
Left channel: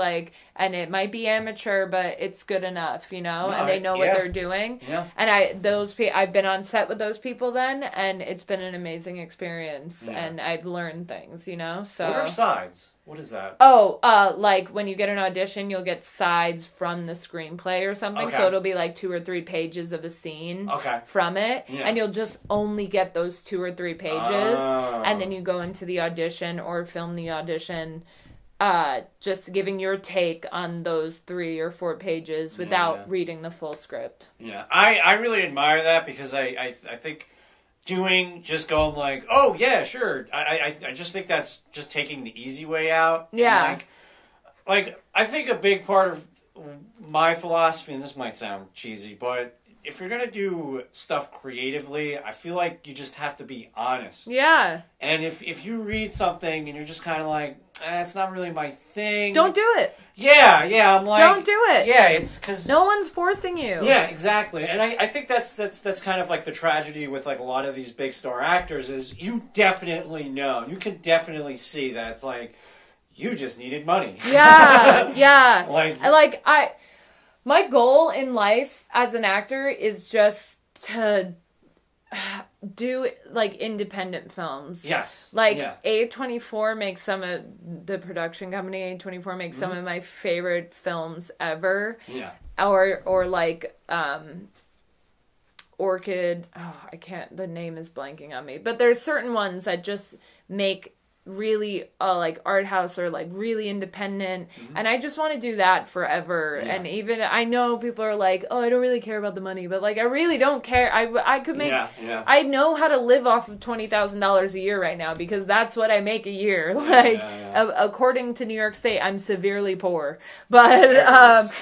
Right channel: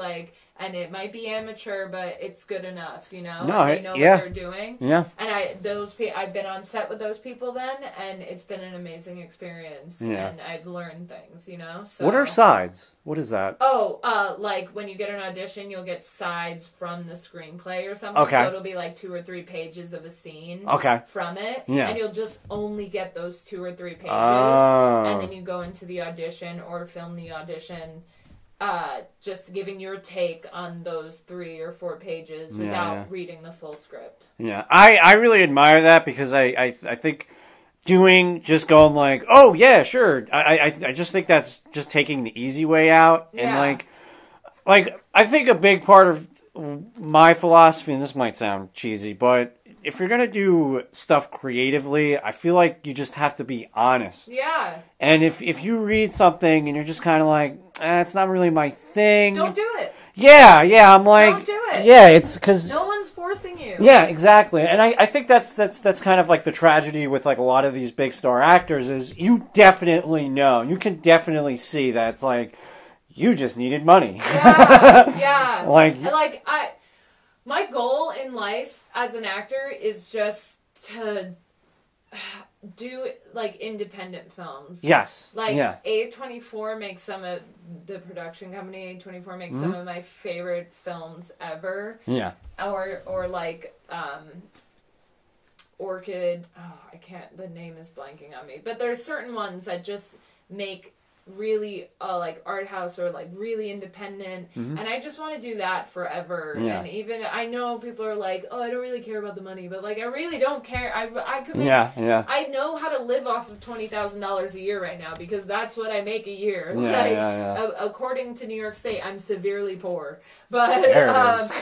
and it might be amateur, but it's good enough, and they know what they're doing. And I've been on set with those people then, and it's been an amazing experience, and I've learned things, So what are sides? What is that? Oh, like when you get an audition, you'll get sides from the screenplay or something. So it'll be like 2 or 3 pages of a scene from it, and you'll just only get those 2 or 3 pages, and then you go into the audition or film the audition just giving your take on those 3 or 4 pages without reading the full script. Yeah, I really admire that because I think just going like, oh yeah, sure. I just think that's just taking the easy way out. Yeah. And like I think a big part of my philosophy, and this might sound cheesy, but if you're gonna do stuff creatively, I feel like you just have to be honest. Yeah. And if you read something and you're just kind of like, it's not really my thing. Don't do it. Yeah, I'm like... Don't do it. Yeah, it's because... No one's forcing you. Yeah, exactly. And I think that's kind of like the tragedy with like a lot of these big star actors is you definitely know. You can definitely see that it's like, you just needed money. Yeah. Like my goal in life as an actor is just to do like independent films. Yes. Like A24 makes some of the production company. A24 makes some of my favorite films ever. Yeah. Or like Orchid. Oh, I can't. The name is blanking on me. But there's certain ones that just make really like art house or like really independent, and I just want to do that forever. And even I know people are like, oh, I don't really care about the money, but like I really don't care. I could make I know how to live off of $20,000 a year right now because that's what I make a year. According to New York State, I'm severely poor, but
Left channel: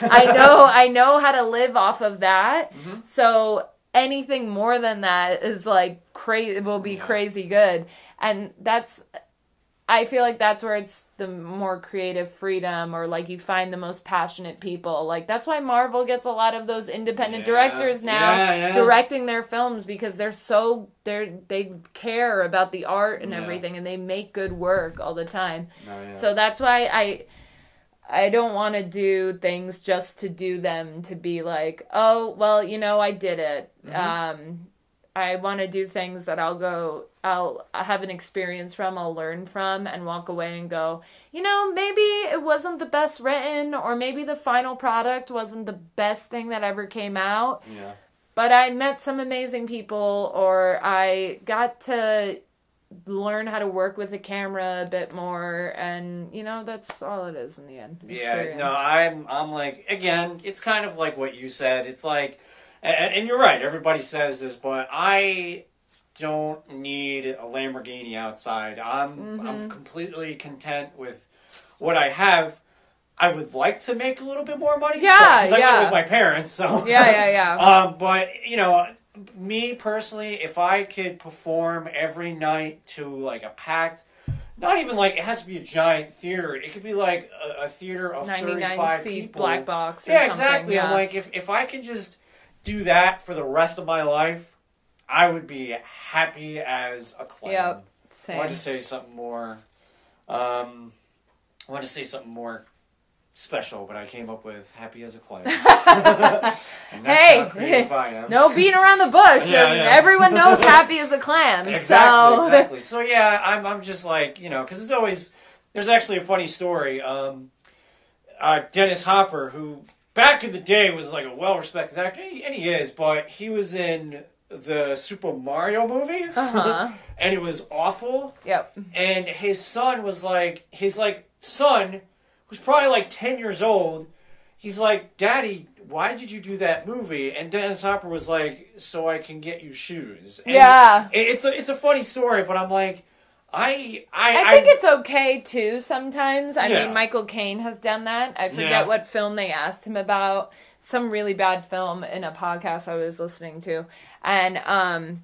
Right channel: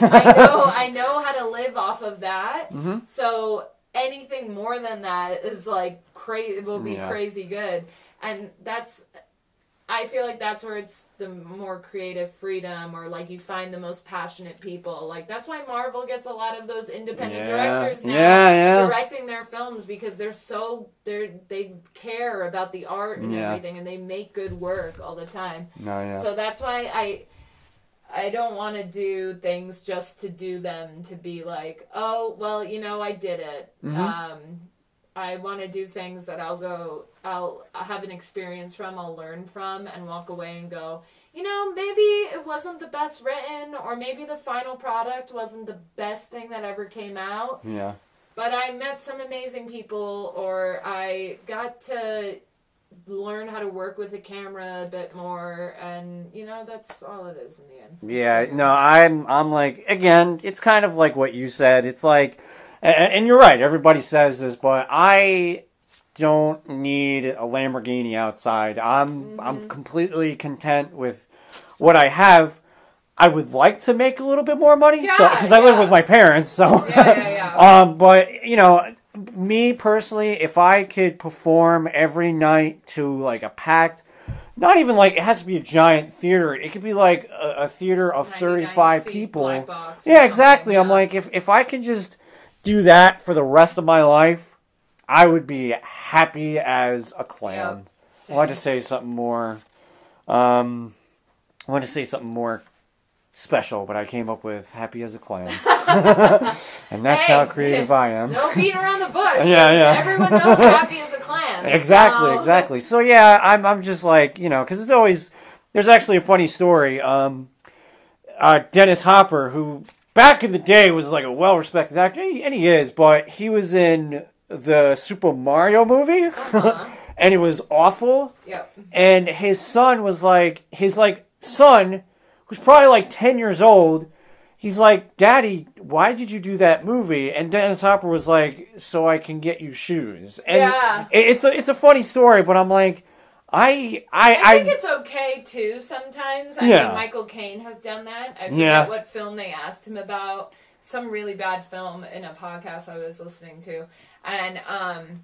I know how to live off of that. So anything more than that is like crazy. Will be crazy good, and I feel like that's where it's the more creative freedom, or like you find the most passionate people. Like that's why Marvel gets a lot of those independent directors now directing their films, because they care about the art and everything, and they make good work all the time. So that's why I don't want to do things just to do them, to be like, oh, well, I did it. I want to do things that I'll have an experience from, I'll learn from, and walk away and go, maybe it wasn't the best written, or maybe the final product wasn't the best thing that ever came out. Yeah. But I met some amazing people, or I got to learn how to work with the camera a bit more, and that's all it is in the end. I'm like, again, it's kind of like what you said. It's like, and you're right, everybody says this, but I don't need a Lamborghini outside. I'm completely content with what I have. I would like to make a little bit more money, because I live with my parents, so but me personally, if I could perform every night to like a packed, not even like it has to be a giant theater. It could be like a theater of 35 people. Black box. Exactly. I'm like, if I can just do that for the rest of my life, I would be happy as a clam. Yep, I want to say something more. I want to say something more special, but I came up with happy as a clam. And that's how creative I am. No beating around the bush. Everyone knows happy as a clam. Exactly. So I'm just like, because it's always, there's actually a funny story. Dennis Hopper, who back in the day was like a well-respected actor, and he is, but he was in the Super Mario movie, and it was awful. Yep. And his son was like, son, who's probably like 10 years old, he's like, Daddy, why did you do that movie? And Dennis Hopper was like, so I can get you shoes. And it's a funny story, but I'm like, I think it's okay too sometimes. I mean, Michael Caine has done that. I forget what film they asked him about. Some really bad film in a podcast I was listening to. And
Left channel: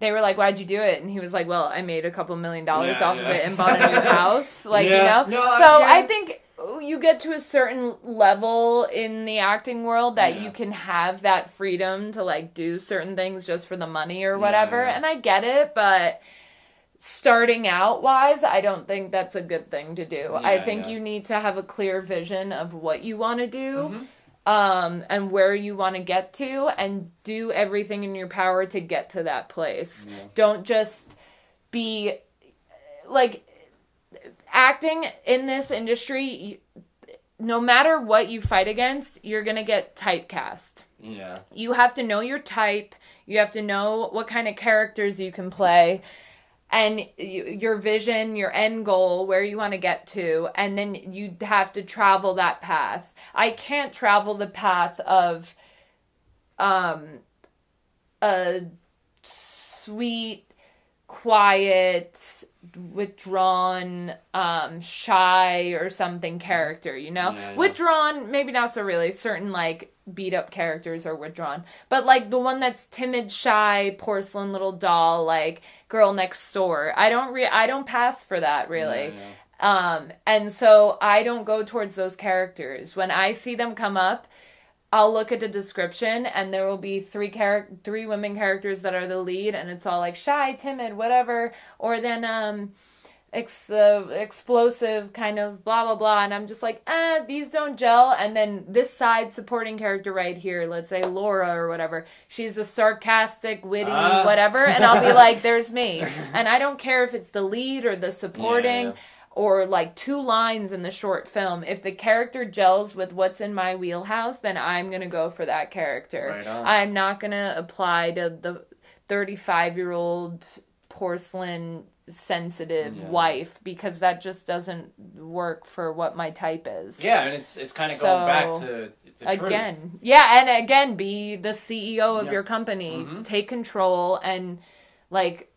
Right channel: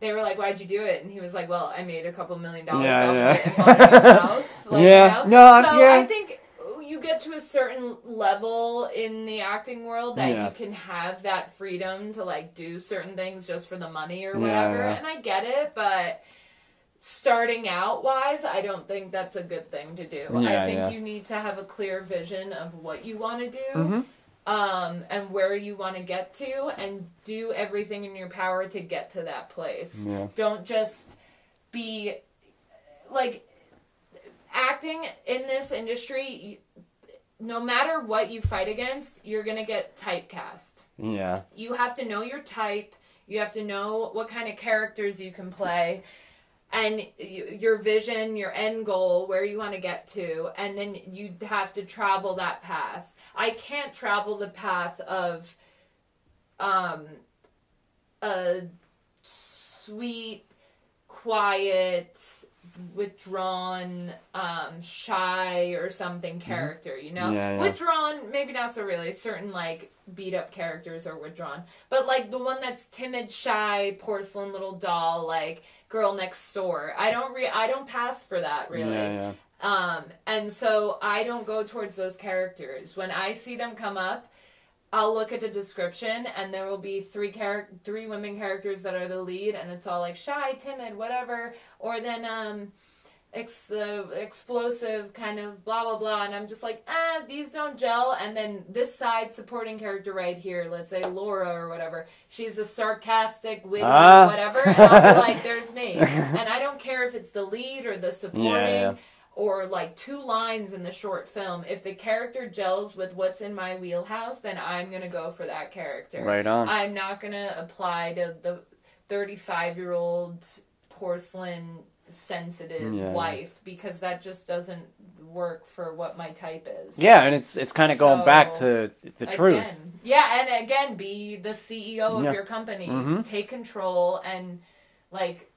they were like, why'd you do it? And he was like, well, I made a couple $1 million off of it and bought a new house. I think you get to a certain level in the acting world that you can have that freedom to like do certain things just for the money or whatever. And I get it, but starting out wise, I don't think that's a good thing to do. I think you need to have a clear vision of what you want to do. And where you want to get to, and do everything in your power to get to that place. Don't just be like, acting in this industry, no matter what you fight against, you're gonna get typecast. You have to know your type. You have to know what kind of characters you can play. and your vision, your end goal, where you want to get to, and then you have to travel that path. I can't travel the path of a sweet, quiet, withdrawn, shy or something character, you know? Yeah. Withdrawn, maybe not so really. Certain, like, beat up characters are withdrawn. But, like, the one that's timid, shy, porcelain little doll, like, girl next door. I don't pass for that, really. Yeah. And so I don't go towards those characters. When I see them come up, I'll look at the description, and there will be three women characters that are the lead, and it's all like shy, timid, whatever, or then explosive, kind of blah blah blah, and I'm just like, these don't gel. And then this side supporting character right here, let's say Laura or whatever, she's a sarcastic, witty, whatever, and I'll be like, there's me, and I don't care if it's the lead or the supporting. Yeah. Or like 2 lines in the short film. If the character gels with what's in my wheelhouse, then I'm going to go for that character. Right on. I'm not going to apply to the 35-year-old porcelain sensitive wife, because that just doesn't work for what my type is. Yeah, and it's kind of going back to the truth. Yeah, and again, be the CEO of your company. Mm-hmm. Take control and like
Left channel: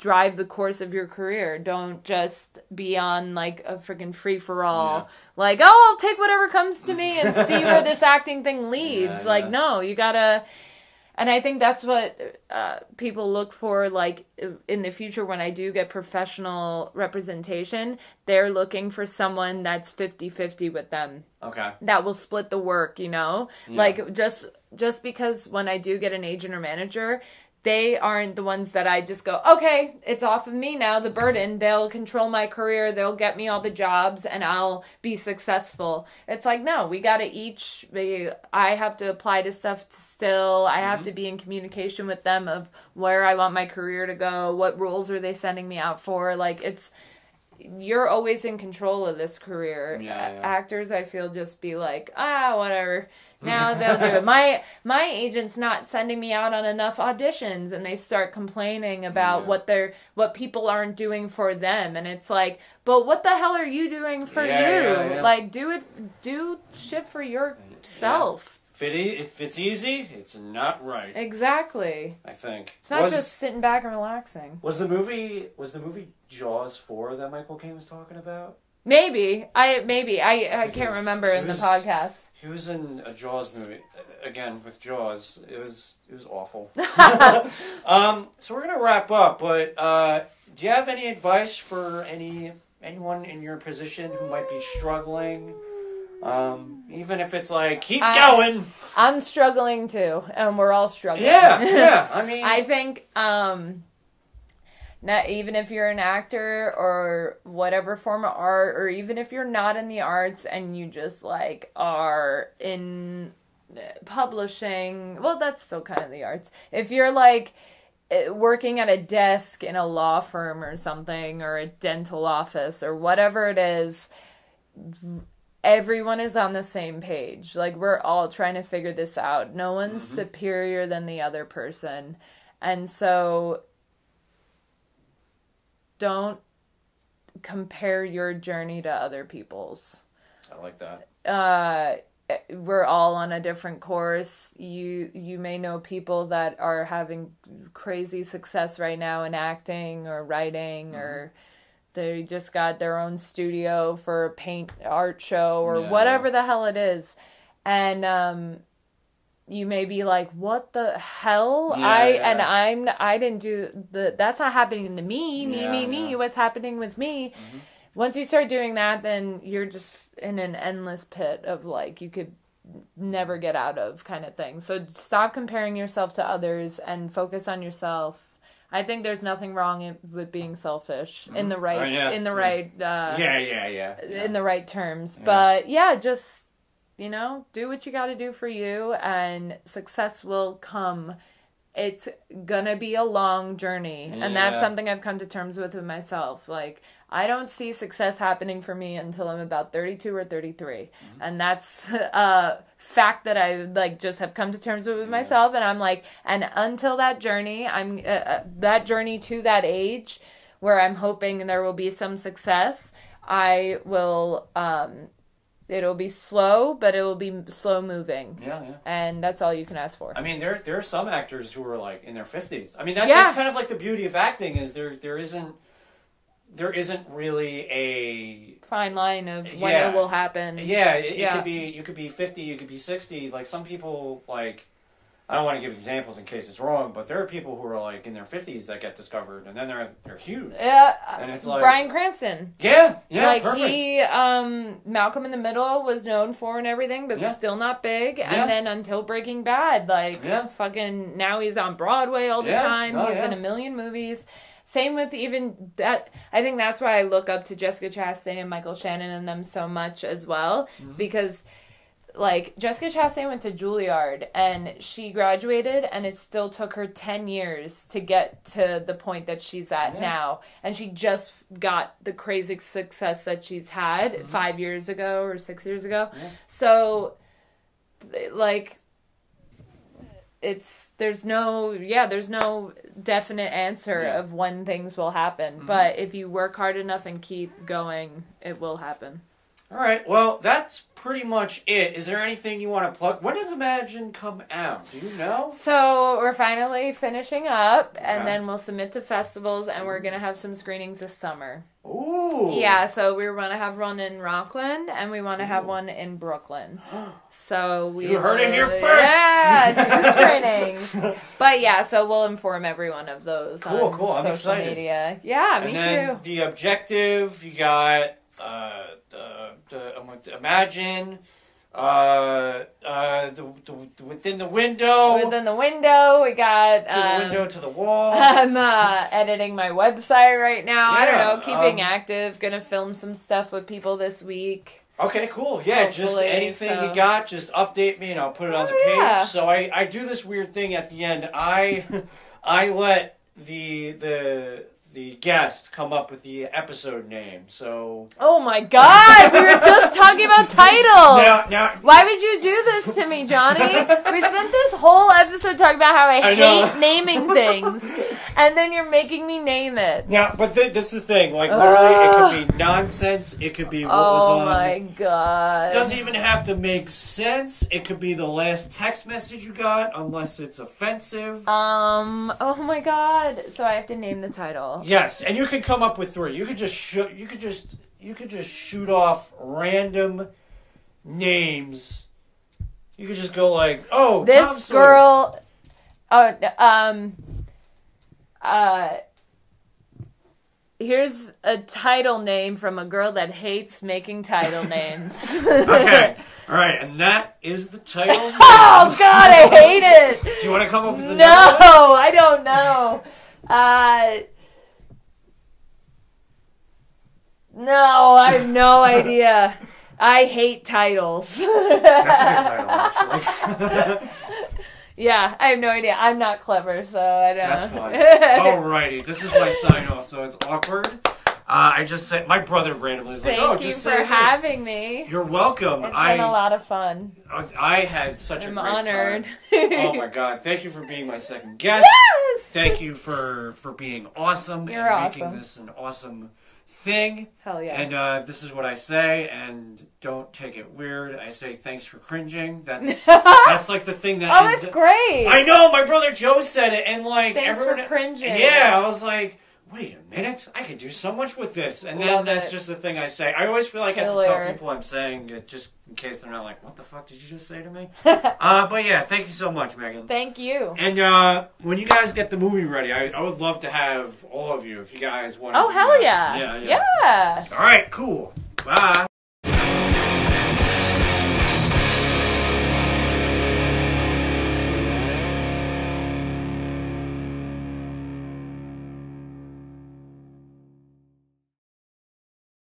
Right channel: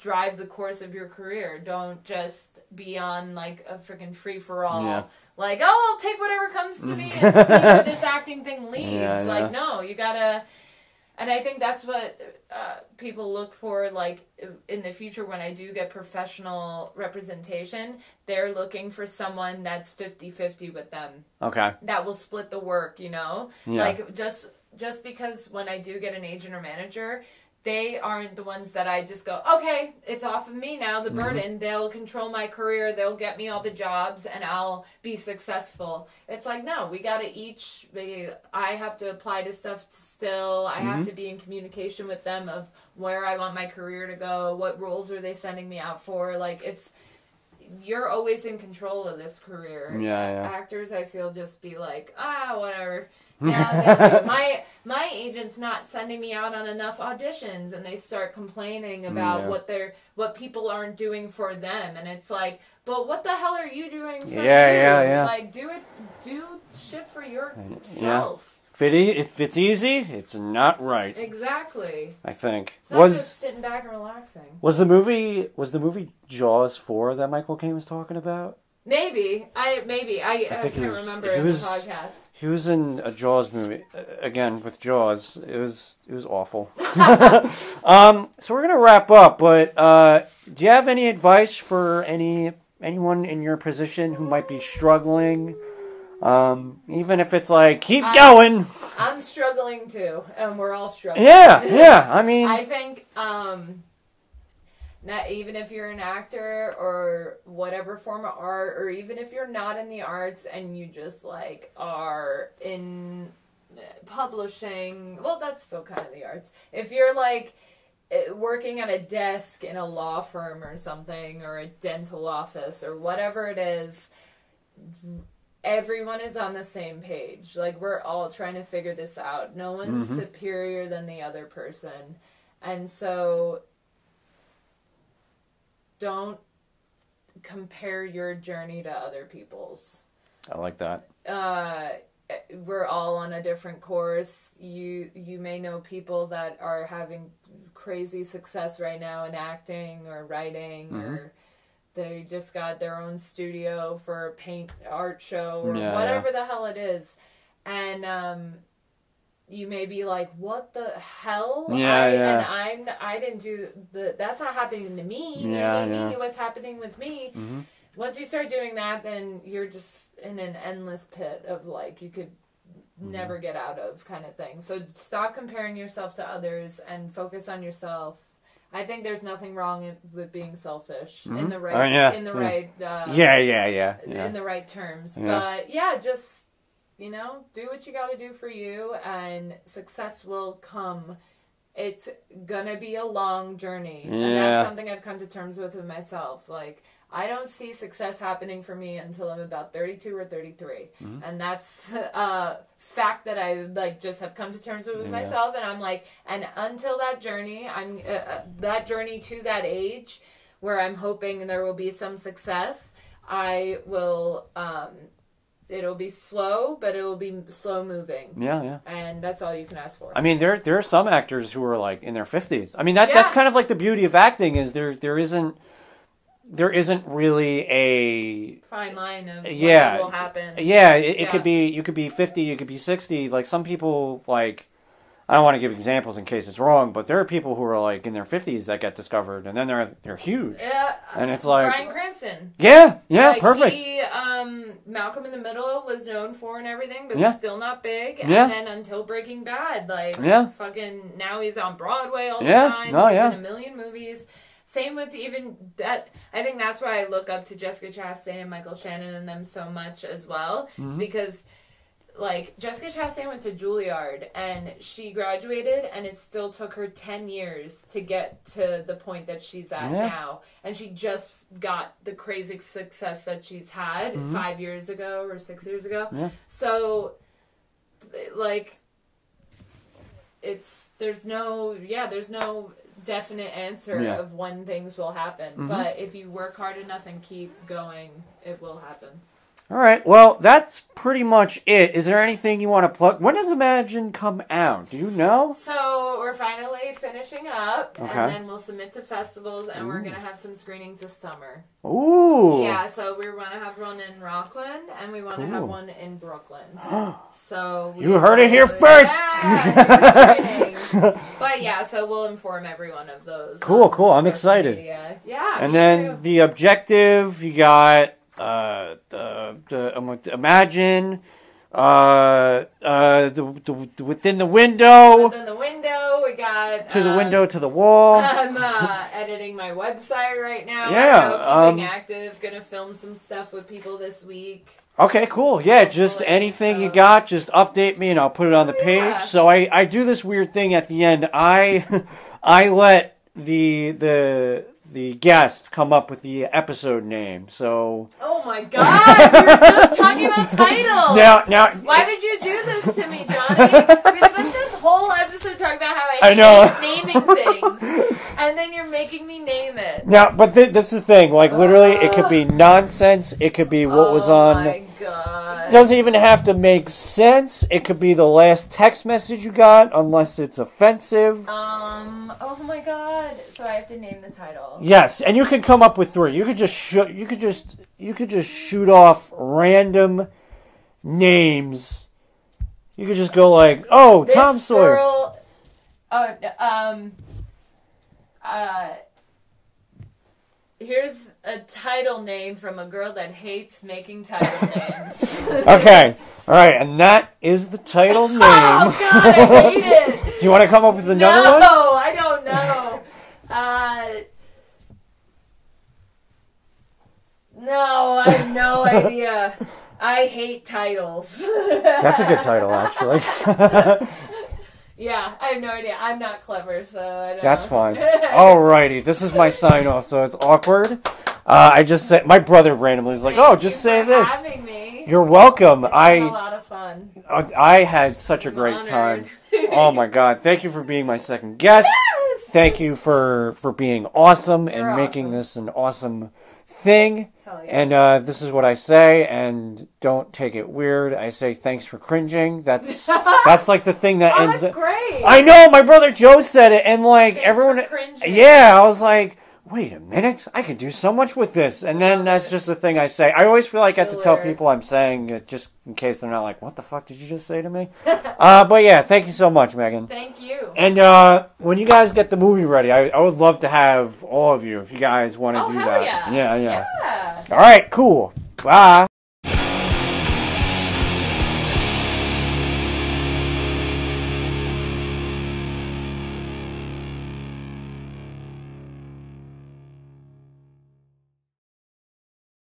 drive the course of your career. Don't just be on like a freaking free-for-all. Yeah. Like, I'll take whatever comes to me and see where this acting thing leads. Like, no, you gotta... And I think that's what people look for, like, in the future when I do get professional representation. They're looking for someone that's 50-50 with them. Okay. That will split the work, you know? Yeah. Like, just because when I do get an agent or manager... They aren't the ones that I just go, okay, it's off of me now, the burden. Mm-hmm. They'll control my career. They'll get me all the jobs and I'll be successful. It's like, no, we got to I have to apply to stuff still. I have to be in communication with them of where I want my career to go. What roles are they sending me out for? Like, you're always in control of this career. Yeah. Actors, I feel, just be like, whatever. Now they'll do it. My agent's not sending me out on enough auditions, and they start complaining about what people aren't doing for them, and it's like, but what the hell are you doing for you? Yeah. Like, do shit for yourself. Yeah. If it's easy, it's not right. Exactly. I think it's not just sitting back and relaxing. Was the movie Jaws 4 that Michael Caine was talking about? Maybe I can't remember in the podcast. He was in a Jaws movie again with Jaws. It was awful. So we're gonna wrap up. But do you have any advice for anyone in your position who might be struggling? Even if it's like, keep going. I'm struggling too, and we're all struggling. Yeah. I mean, I think not even if you're an actor or whatever form of art, or even if you're not in the arts and you just like are in publishing, well, that's still kind of the arts. If you're like working at a desk in a law firm or something, or a dental office or whatever it is, everyone is on the same page. Like, we're all trying to figure this out. No one's superior than the other person. And so don't compare your journey to other people's. I like that. We're all on a different course. You may know people that are having crazy success right now in acting or writing, or they just got their own studio for a paint art show or whatever the hell it is. And you may be like, what the hell? I didn't do that's not happening to me. Me. What's happening with me? Mm-hmm. Once you start doing that, then you're just in an endless pit of like, you could never get out of kind of thing. So stop comparing yourself to others and focus on yourself. I think there's nothing wrong with being selfish in the right, in the right terms. Yeah. But just, do what you got to do for you, and success will come. It's gonna be a long journey, and that's something I've come to terms with myself. Like, I don't see success happening for me until I'm about 32 or 33. And that's a fact that I like just have come to terms with myself. And I'm like, and until that journey, I'm that journey to that age where I'm hoping there will be some success, I will, it'll be slow, but it will be slow moving. Yeah. And that's all you can ask for. I mean, there are some actors who are like in their 50s. I mean, that's kind of like the beauty of acting is there isn't really a fine line of what will happen. Yeah, it could be, you could be 50, you could be 60. Like some people, like, I don't want to give examples in case it's wrong, but there are people who are like in their 50s that get discovered, and then they're huge. Yeah, and it's like Bryan Cranston. Yeah, like perfect. He, Malcolm in the Middle was known for and everything, but still not big. And then until Breaking Bad, fucking now he's on Broadway all the time. He's in a million movies. Same with even that. I think that's why I look up to Jessica Chastain and Michael Shannon and them so much as well. It's because, like, Jessica Chastain went to Juilliard and she graduated, and it still took her 10 years to get to the point that she's at now. And she just got the crazy success that she's had 5 years ago or 6 years ago. So, like, there's no definite answer of when things will happen. But if you work hard enough and keep going, it will happen. All right. Well, that's pretty much it. Is there anything you want to plug? When does Imagine come out? Do you know? So we're finally finishing up, and then we'll submit to festivals, and we're going to have some screenings this summer. Ooh. Yeah, so we want to have one in Rockland, and we want to have one in Brooklyn. So you heard it here first! Yeah, screenings. But yeah, so we'll inform everyone of those. Cool. I'm excited. Media. Yeah, and then too. The objective, you got... Imagine within the window. Within the window, we got to the window to the wall. I'm editing my website right now. I don't know, keeping active. Gonna film some stuff with people this week. Okay, cool. Yeah, hopefully, just anything you got, just update me and I'll put it on the page. So I do this weird thing at the end. I let the guest come up with the episode name. So. Oh my God! We were just talking about titles. Now, why would you do this to me, Johnny? We spent this whole episode talking about how I hate naming things, and then you're making me name it. Now, but this is the thing. Like literally, it could be nonsense. It could be what was on. Oh my God! Doesn't even have to make sense. It could be the last text message you got, unless it's offensive. Oh my God! So I have to name the title. Yes, and you can come up with 3. You could just shoot off random names. You could just go like, "Oh, this Tom Sawyer." Here's a title name from a girl that hates making title names. Okay. All right, and that is the title name. Oh God, I hate it. Do you want to come up with another one? No, I don't know. No, I have no idea. I hate titles. That's a good title, actually. Yeah, I have no idea. I'm not clever, so I don't That's fine. Alrighty, this is my sign-off, so it's awkward. I just said, my brother randomly was like, just say this. Thank you for having me. You're welcome. It's been a lot of fun. I had such a great honored. time. Oh my God. Thank you for being my second guest. Yes! Thank you for being awesome You're and making this an awesome thing. Hell yeah. And this is what I say, and don't take it weird. I say thanks for cringing. That's like the thing that ends. That's great. I know, my brother Joe said it, and like thanks everyone for cringing. Yeah, I was like, wait a minute, I could do so much with this. And then that's just the thing I say. I always feel like I have to tell people I'm saying it just in case they're not like, what the fuck did you just say to me? But yeah, thank you so much, Megan. Thank you. And when you guys get the movie ready, I would love to have all of you if you guys want to do that. Oh, hell yeah. Yeah. All right, cool. Bye.